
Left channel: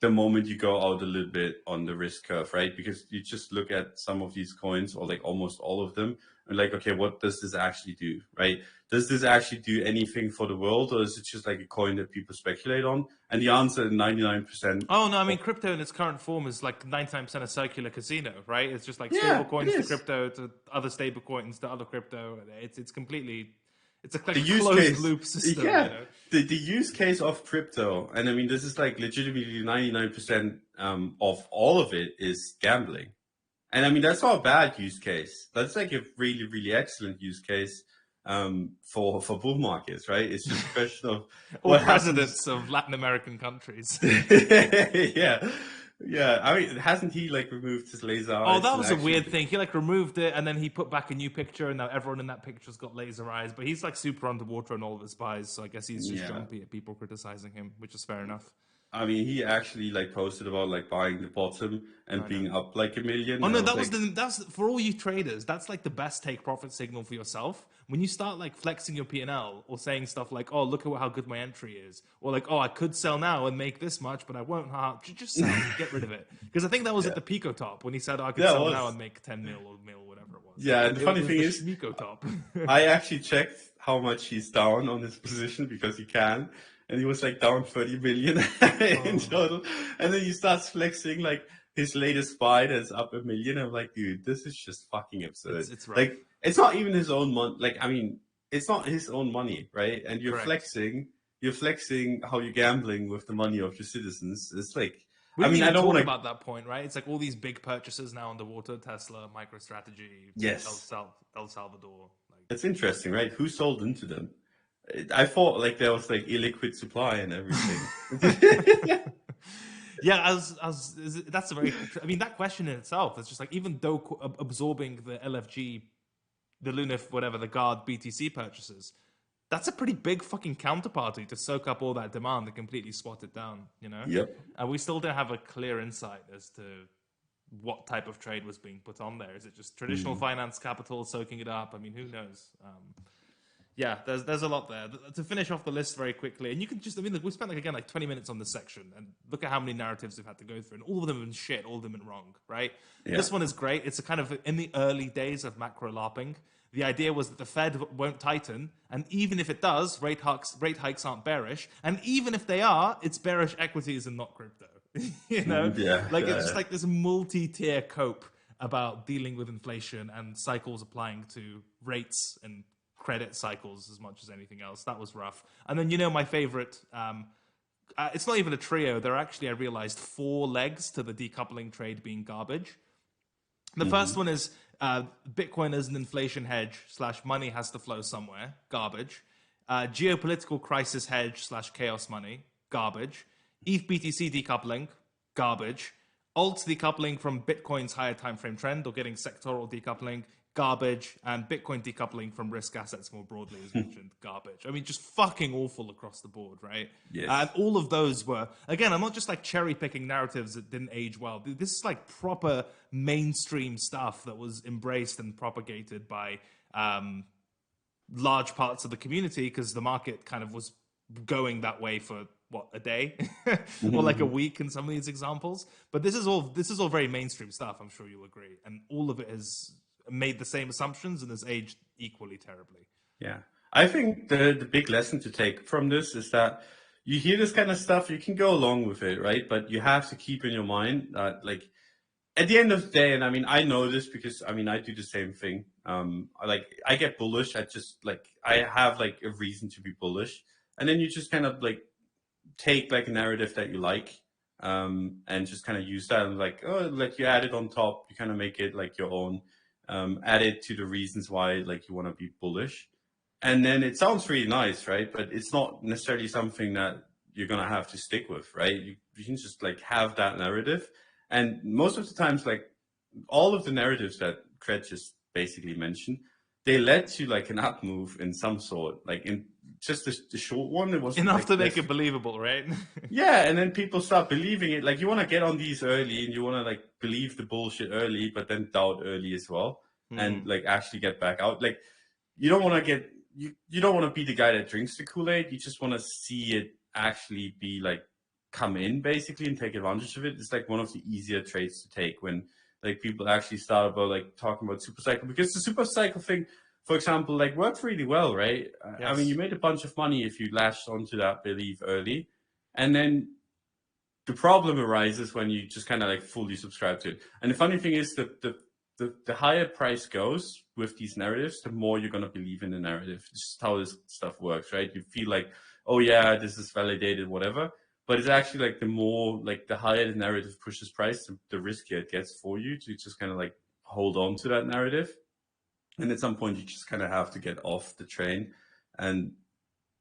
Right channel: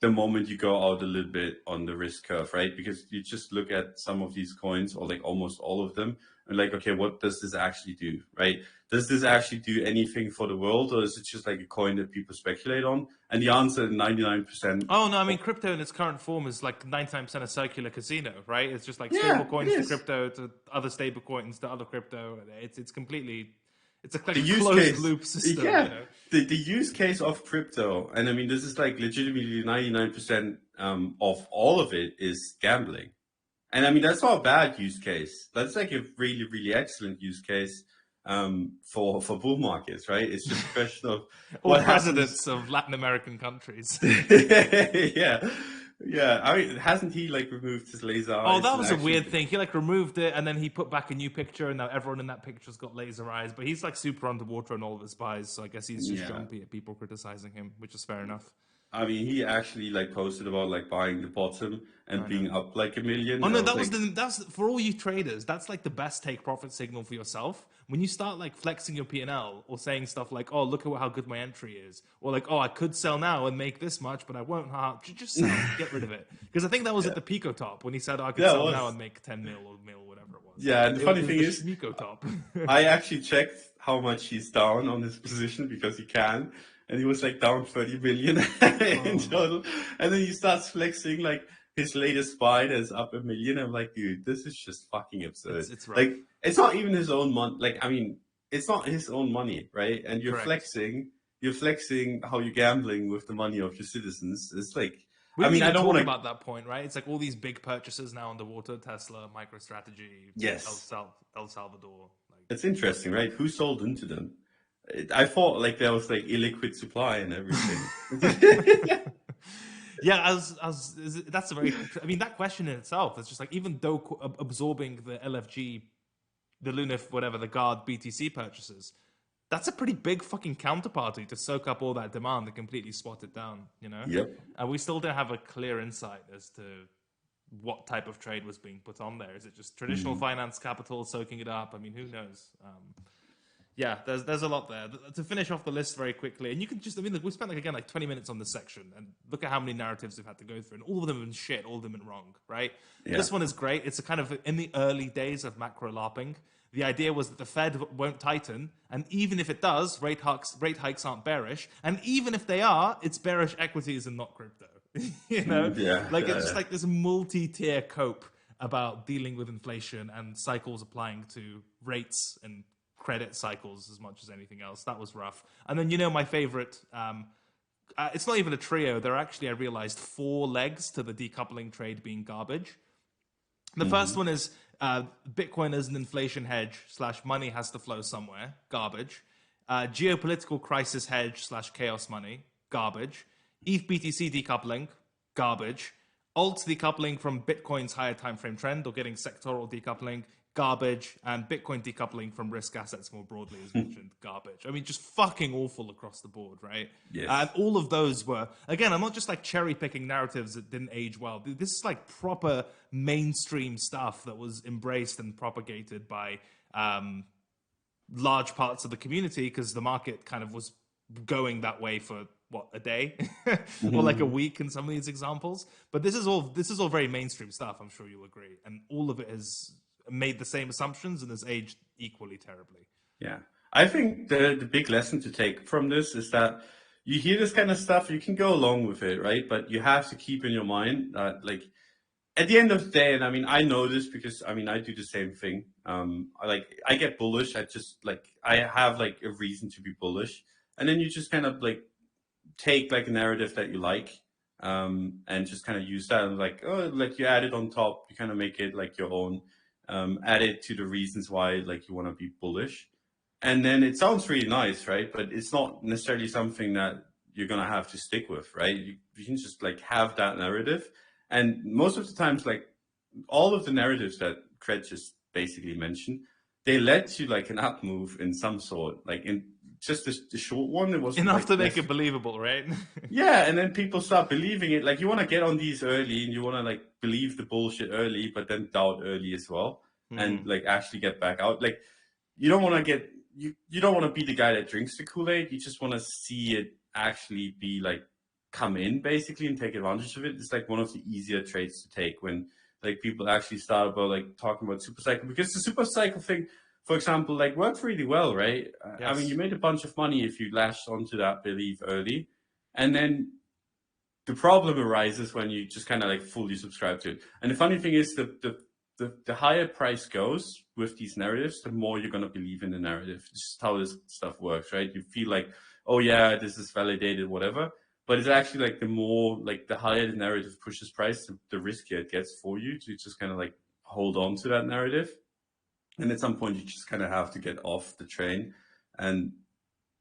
the moment you go out a little bit on the risk curve, right? Because you just look at some of these coins, or like almost all of them, and like, okay, what does this actually do, right? Does this actually do anything for the world, or is it just like a coin that people speculate on? And the answer, 99%. Oh no, I mean crypto in its current form is like 99% a circular casino, right? It's just like stable Yeah, it coins to is. crypto to other stable coins to other crypto. It's completely, it's like The a use closed case, loop system, yeah, the use case of crypto, and I mean, this is like legitimately 99% of all of it is gambling. And I mean, that's not a bad use case. That's like a really, really excellent use case for bull markets, right? It's just a question of All what happens. presidents of Latin American countries. Yeah, yeah. I mean, hasn't he like removed his laser Oh, eyes that and was a actually? weird thing. He like removed it and then he put back a new picture, and now everyone in that picture's got laser eyes. But he's like super underwater in all of his spies, so I guess he's just Yeah. jumpy at people criticizing him, which is fair enough. I mean, he actually like posted about like buying the bottom and I know. being up like a million. Oh And no, I was like, that's for all you traders. That's like the best take profit signal for yourself. When you start like flexing your P&L or saying stuff like, "Oh, look at how good my entry is," or like, "Oh, I could sell now and make this much, but I won't." Just sell, get rid of it. Because I think that was at yeah, the Pico top when he said, "Oh, I could that sell now was. and make 10 mil or mil, whatever it was." Yeah, and the funny It was thing the is, Schmiko top. I actually checked how much he's down on his position because he can, and he was like down 30 million in Oh, total. And then he starts flexing like his latest buy that's up a million. I'm like, dude, this is just fucking absurd. it's rough. Like, it's not even his own money. Like, I mean, it's not his own money, right? And Correct. you're flexing how you're gambling with the money of your citizens. It's like, We I didn't mean, I even don't talk want to. about that point, right? It's like all these big purchases now underwater: Tesla, MicroStrategy, Yes, El Salvador. Like, it's interesting, right? Who sold into them? I thought like there was like illiquid supply and everything. yeah, that's a very. I mean, that question in itself is just like, even though absorbing the LFG, the Lunif, whatever the Guard BTC purchases, that's a pretty big fucking counterparty to soak up all that demand and completely swat it down. Yep. And we still don't have a clear insight as to what type of trade was being put on there. Is it just traditional Mm. finance capital soaking it up? I mean, who knows? Yeah, there's a lot there. To finish off the list very quickly, and you can just, I mean, look, we spent like, again, like 20 minutes on this section, and look at how many narratives we've had to go through, and all of them have been shit, all of them have been wrong, right? Yeah. This one is great. It's a kind of in the early days of macro LARPing. The idea was that the Fed won't tighten, and even if it does, rate hikes aren't bearish, and even if they are, it's bearish equities and not crypto. Yeah. Like it's just like this multi-tier cope about dealing with inflation and cycles applying to rates and credit cycles as much as anything else. That was rough. And then, my favorite, it's not even a trio. There are actually, I realized, 4 legs to the decoupling trade being garbage. The first Mhm. one is Bitcoin as an inflation hedge / money has to flow somewhere. Garbage. Geopolitical crisis hedge / chaos money. Garbage. ETH BTC decoupling. Garbage. Alt decoupling from Bitcoin's higher time frame trend or getting sectoral decoupling. Garbage. And Bitcoin decoupling from risk assets more broadly, as mentioned. Garbage. I mean, just fucking awful across the board, right? And Yes. all of those were, again, I'm not just like cherry picking narratives that didn't age well. This is like proper mainstream stuff that was embraced and propagated by large parts of the community because the market kind of was going that way for what, a day or like a Mhm. week in some of these examples. But this is all very mainstream stuff. I'm sure you'll agree, and all of it has made the same assumptions and has aged equally terribly. Yeah. I think the big lesson to take from this is that you hear this kind of stuff, you can go along with it, right? But you have to keep in your mind that like at the end of the day, and I mean I know this because I mean I do the same thing. I get bullish. I just like I have like a reason to be bullish. And then you just kind of like take like a narrative that you like, and just kind of use that and like, oh, like you add it on top, you kind of make it like your own, add it to the reasons why like you want to be bullish. And then it sounds really nice, right? But it's not necessarily something that you're gonna have to stick with, right? You can just like have that narrative. And most of the times, like all of the narratives that Craig just basically mentioned, they led to like an up move in some sort. Like in just the short one, it was Enough like to make less. it believable, right? Yeah, and then people start believing it. Like you want to get on these early, and you want to like believe the bullshit early, but then doubt early as well, and Hmm. like actually get back out. Like you don't want to get you don't want to be the guy that drinks the Kool-Aid. You just want to see it actually be like come in basically and take advantage of it. It's like one of the easier trades to take when like people actually start about like talking about super cycle, because the super cycle thing, for example, like worked really well, right? I mean, Yes. you made a bunch of money if you latched onto that belief early, and then the problem arises when you just kind of like fully subscribe to it. And the funny thing is that the higher price goes with these narratives, the more you're going to believe in the narrative. This is how this stuff works, right? You feel like, oh yeah, this is validated, whatever. But it's actually like the more, like the higher the narrative pushes price, the riskier it gets for you to just kind of like hold on to that narrative. And at some point, you just kind of have to get off the train. And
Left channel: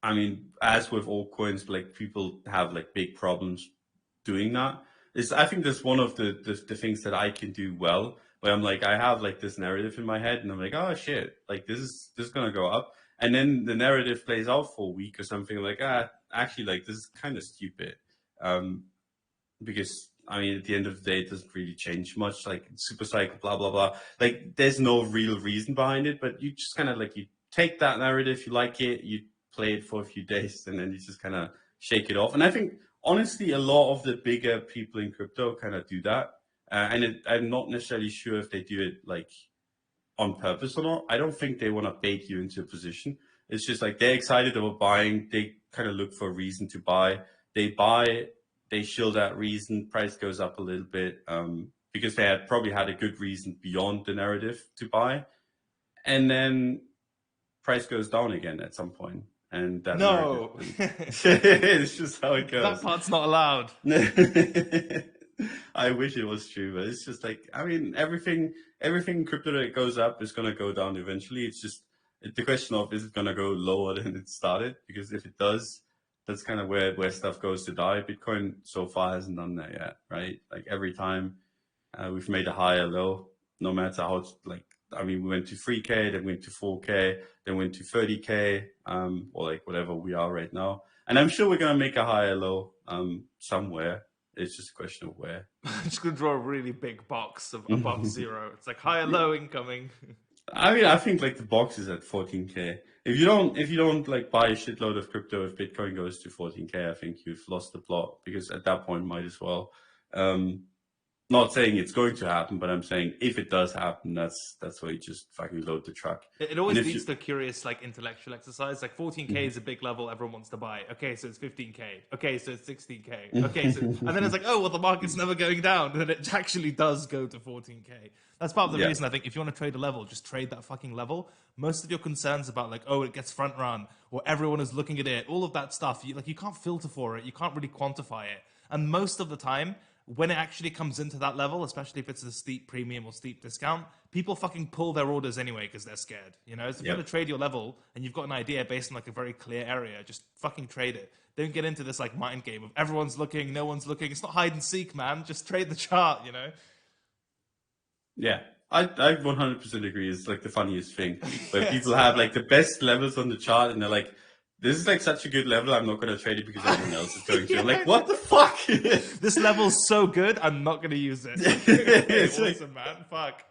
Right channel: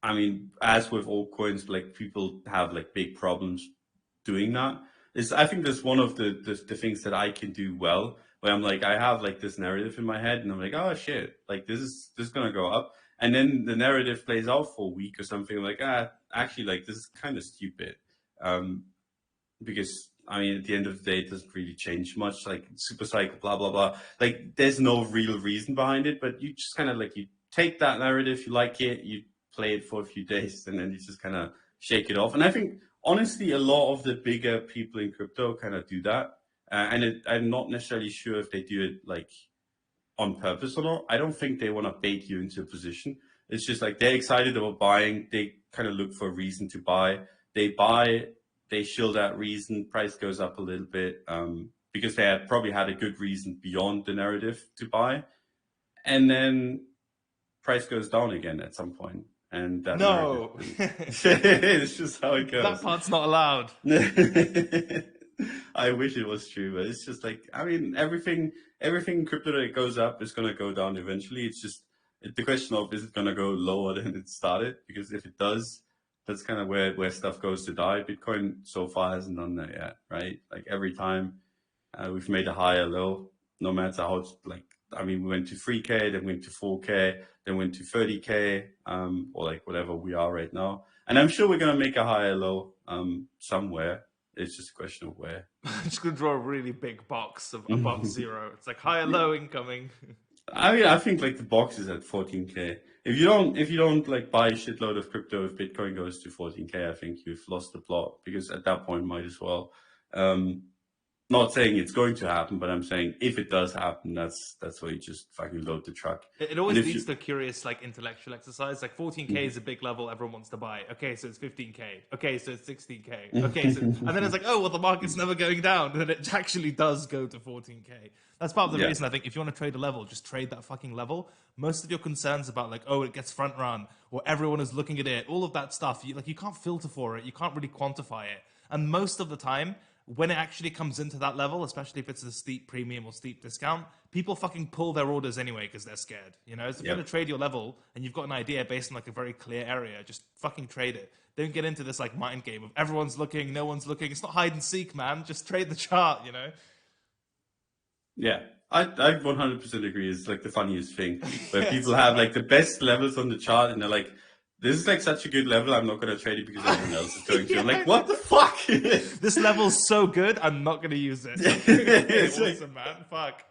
I mean, as with all coins, like people have like big problems doing that. Is I think that's one of the things that I can do well, where I'm like, I have like this narrative in my head and I'm like, oh shit, like this is gonna go up. And then the narrative plays out for a week or something. I'm like, actually, like this is kind of stupid. Because I mean, at the end of the day, it doesn't really change much. Like super cycle, blah blah blah. Like there's no real reason behind it, but you just kind of like you take that narrative, you like it, you play it for a few days, and then you just kind of shake it off. And I think honestly, a lot of the bigger people in crypto kind of do that, I'm not necessarily sure if they do it like on purpose or not. I don't think they want to bait you into a position. It's just like they're excited about buying. They kind of look for a reason to buy. They buy, they show that reason, price goes up a little bit because they had probably had a good reason beyond the narrative to buy. And then price goes down again at some point. And that No. it's just how it goes. That part's not allowed. I wish it was true, but it's just like, I mean, everything in crypto that goes up is going to go down eventually. It's just the question of, is it going to go lower than it started? Because if it does, that's kind of where stuff goes to die. Bitcoin so far hasn't done that yet, right? Like every time we've made a higher low, no matter how it's like, I mean, we went to 3K, then went to 4K, then went to 30K, or like whatever we are right now. And I'm sure we're going to make a higher low somewhere. It's just a question of where. I'm just going to draw a really big box of above zero. It's like high and low incoming. I mean, I think like the box is at 14K. If you don't like buy a shitload of crypto, if Bitcoin goes to 14K, I think you've lost the plot, because at that point might as well. Not saying it's going to happen, but I'm saying if it does happen, that's where you just fucking load the truck. It always leads to a curious, like, intellectual exercise. Like 14K is a big level everyone wants to buy. Okay, so it's 15K. Okay, so it's 16K. Okay, so and then it's like, oh well, the market's never going down, and then it actually does go to 14K. That's part of the reason I think if you want to trade a level, just trade that fucking level. Most of your concerns about like, oh, it gets front run or everyone is looking at it, all of that stuff, you can't filter for it, you can't really quantify it, and most of the time, when it actually comes into that level, especially if it's a steep premium or steep discount, people fucking pull their orders anyway because they're scared. You know, so if you're going to trade your level and you've got an idea based on like a very clear area, just fucking trade it. Don't get into this like mind game of everyone's looking, no one's looking. It's not hide and seek, man. Just trade the chart, you know? Yeah, I 100% agree. It's like the funniest thing where people have like the best levels on the chart and they're like, this is like such a good level, I'm not going to trade it because everyone else is going to. I'm like, what the fuck? This level's so good, I'm not going to use it. It's awesome, man. Fuck.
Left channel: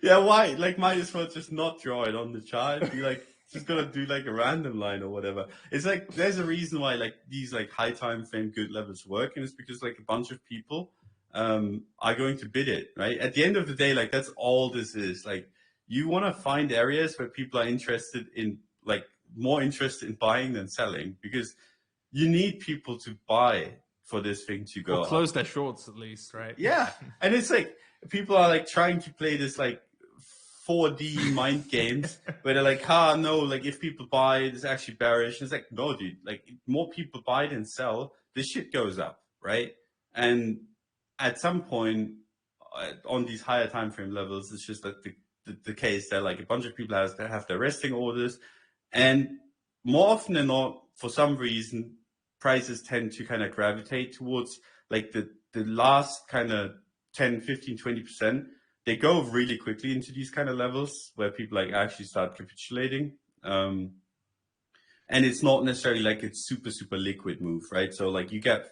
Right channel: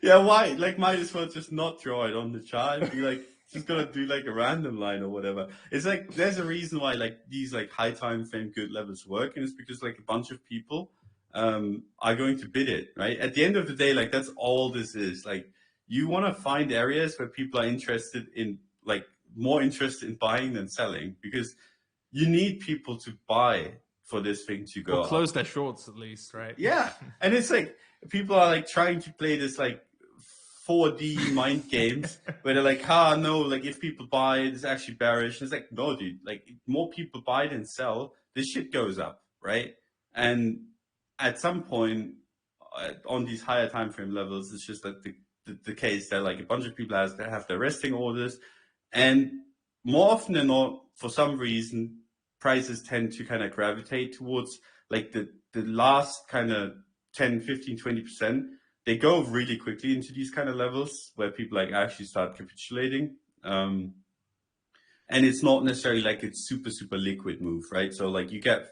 Yeah, why? Like, might as well just not draw it on the chart and be like, just gonna do like a random line or whatever. It's like, there's a reason why like these like high time frame good levels work, and it's because like a bunch of people are going to bid it, right? At the end of the day, like that's all this is. Like, you want to find areas where people are interested in, like, more interested in buying than selling, because you need people to buy for this thing to go or close up. their shorts at least, right? Yeah, and it's like people are like trying to play this like 4D mind games where they're like, no, like if people buy, it's actually bearish. It's like, no, dude, like more people buy than sell, this shit goes up, right? And at some point on these higher time frame levels, it's just like the case that like a bunch of people have their resting orders. And more often than not, for some reason, prices tend to kind of gravitate towards like the last kind of 10, 15, 20%. They go really quickly into these kind of levels where people like actually start capitulating. And it's not necessarily like it's super, super liquid move, right? So like you get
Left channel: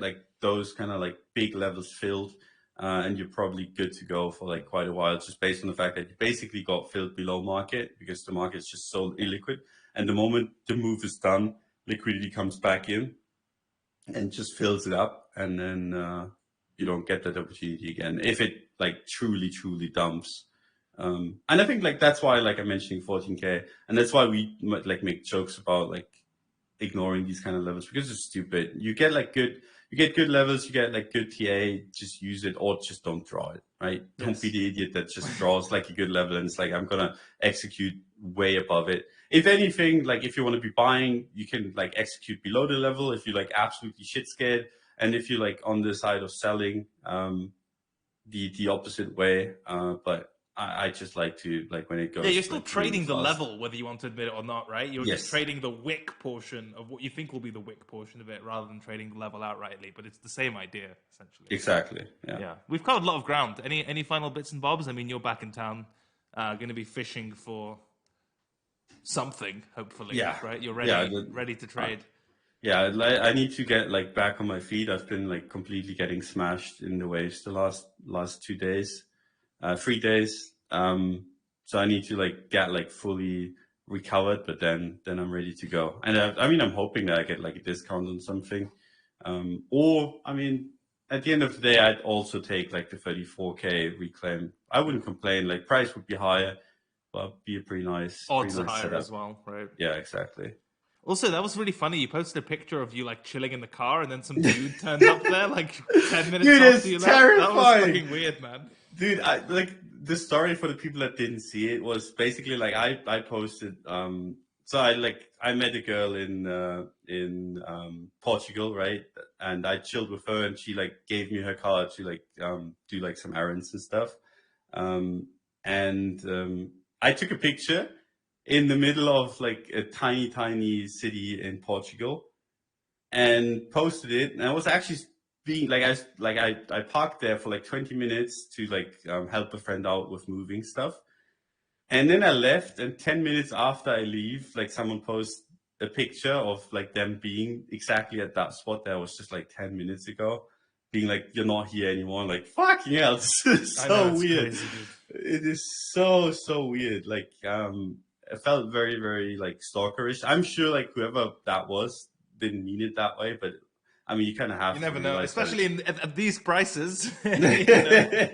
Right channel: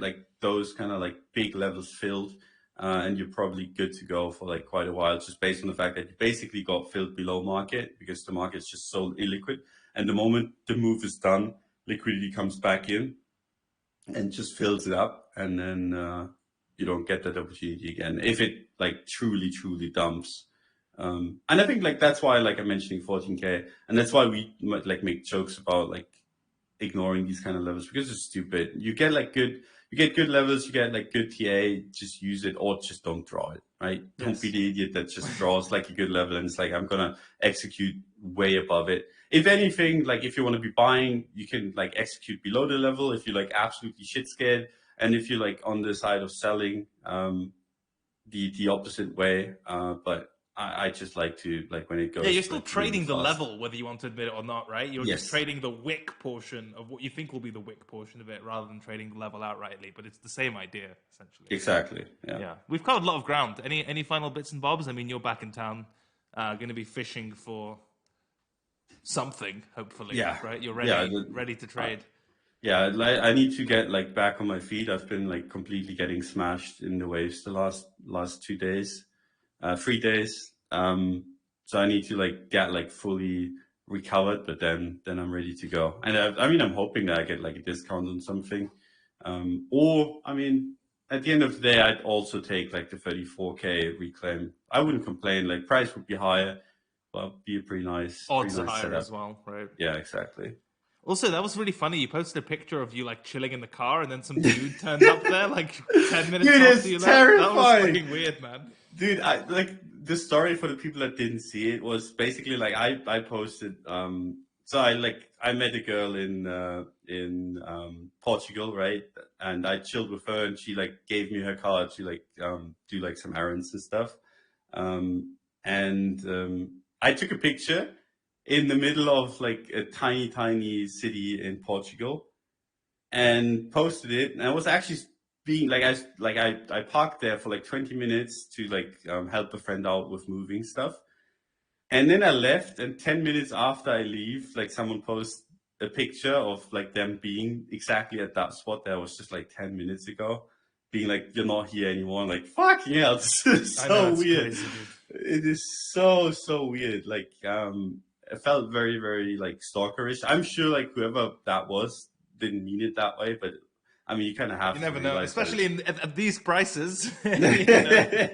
like those kind of like big levels filled. And you're probably good to go for like quite a while, just based on the fact that you basically got filled below market because the market's just so illiquid. And the moment the move is done, liquidity comes back in. and just fills it up, and then you don't get that opportunity again if it like truly dumps. And I think like that's why like I'm mentioning 14K, and that's why we like make jokes about like ignoring these kind of levels because it's stupid. You get good levels, you get like good TA, just use it or just don't draw it, right? Yes. Don't be the idiot that just draws like a good level and it's like, I'm gonna execute way above it. If anything, like if you want to be buying, you can like execute below the level if you're like absolutely shit scared. And if you're like on the side of selling, the opposite way. But I just like to like when it goes. Yeah, you're still like really trading the fast. level, whether you want to admit it or not, right? You're just Yes. trading the wick portion of what you think will be the wick portion of it, rather than trading the level outrightly. But it's the same idea, essentially. Exactly. Yeah. Yeah, we've covered a lot of ground. Any final bits and bobs? I mean, you're back in town, going to be fishing for something, hopefully. Yeah. Right. You're Yeah. ready to trade. Yeah, I need to get like back on my feet. I've been like completely getting smashed in the waves the last 2 days, 3 days. So I need to like get like fully recovered, but then I'm ready to go. And I mean, I'm hoping that I get like a discount on something. Or I mean, at the end of the day, I'd also take like the 34K reclaim. I wouldn't complain. Like price would be higher, but be a pretty nice Odds are nice higher setup. as well, right? Yeah, exactly. Also, that was really funny. You posted a picture of you like chilling in the car, and then some dude turned up there like 10 minutes Dude, after it's you left. That was terrifying. fucking weird, man. Dude, I like the story for the people that didn't see it was basically like I posted so I met a girl in Portugal, right? And I chilled with her and she like gave me her card to like do like some errands and stuff. And I took a picture in the middle of like a tiny city in Portugal and posted it. And I was actually being I parked there for like 20 minutes to like help a friend out with moving stuff. And then I left, and 10 minutes after I leave, like someone posts a picture of like them being exactly at that spot that was just like 10 minutes ago, being like, you're not here anymore. I'm like, fucking hell, this is I know, so it's weird. crazy, dude. It is so weird. Like, it felt very like stalkerish. I'm sure like whoever that was didn't mean it that way, but I mean, you kind of have You to never know, realize, especially at these prices. You like... know?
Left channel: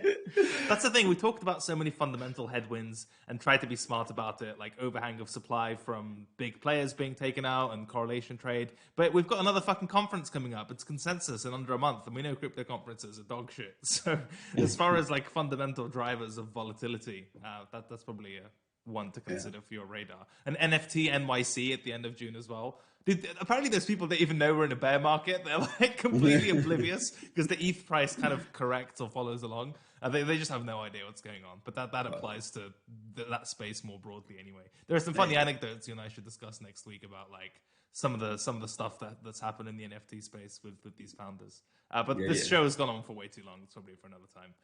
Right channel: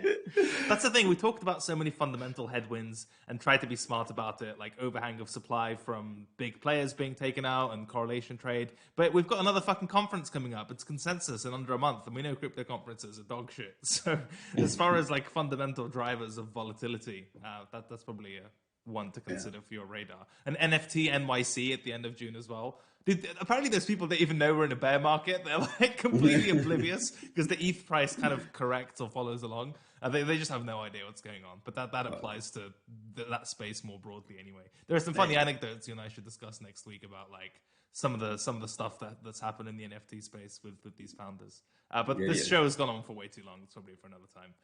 That's the thing. We talked about so many fundamental headwinds and tried to be smart about it, like overhang of supply from big players being taken out and correlation trade. But we've got another fucking conference coming up. It's Consensus in under a month, and we know crypto conferences are dog shit. So as far as like fundamental drivers of volatility, that's probably one to consider for your radar. And NFT NYC at the end of June as well. Dude, apparently there's people that even know we're in a bear market. They're like completely oblivious because the ETH price kind of corrects or follows along. They just have no idea what's going on. But that applies to that space more broadly anyway. There are some funny anecdotes you and I should discuss next week about like some of the stuff that's happened in the NFT space with these founders. But this show has gone on for way too long. It's probably for another time.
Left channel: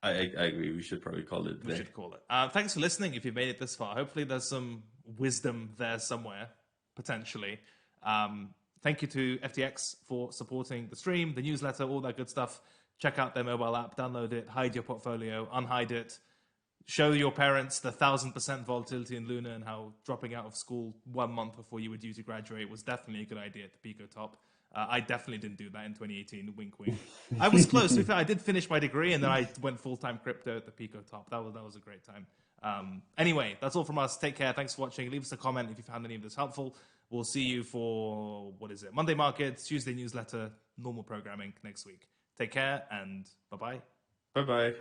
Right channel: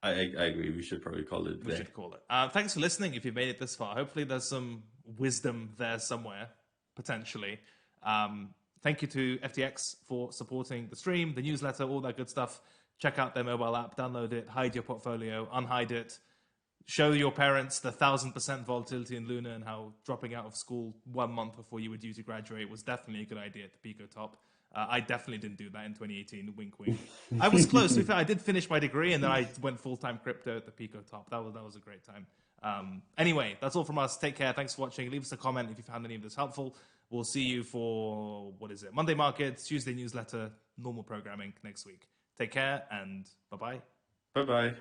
I agree. We should probably call it. We should call it. Thanks for listening. If you've made it this far, hopefully there's some wisdom there somewhere, potentially. Thank you to FTX for supporting the stream, the newsletter, all that good stuff. Check out their mobile app, download it, hide your portfolio, unhide it. Show your parents the 1,000% volatility in Luna and how dropping out of school 1 month before you were due to graduate was definitely a good idea at the Pico top. I definitely didn't do that in 2018. Wink, wink. I was close. To be fair, I did finish my degree, and then I went full-time crypto at the Pico top. That was a great time. Anyway, that's all from us. Take care. Thanks for watching. Leave us a comment if you found any of this helpful. We'll see you for, Monday markets, Tuesday newsletter, normal programming next week. Take care, and bye-bye. Bye-bye.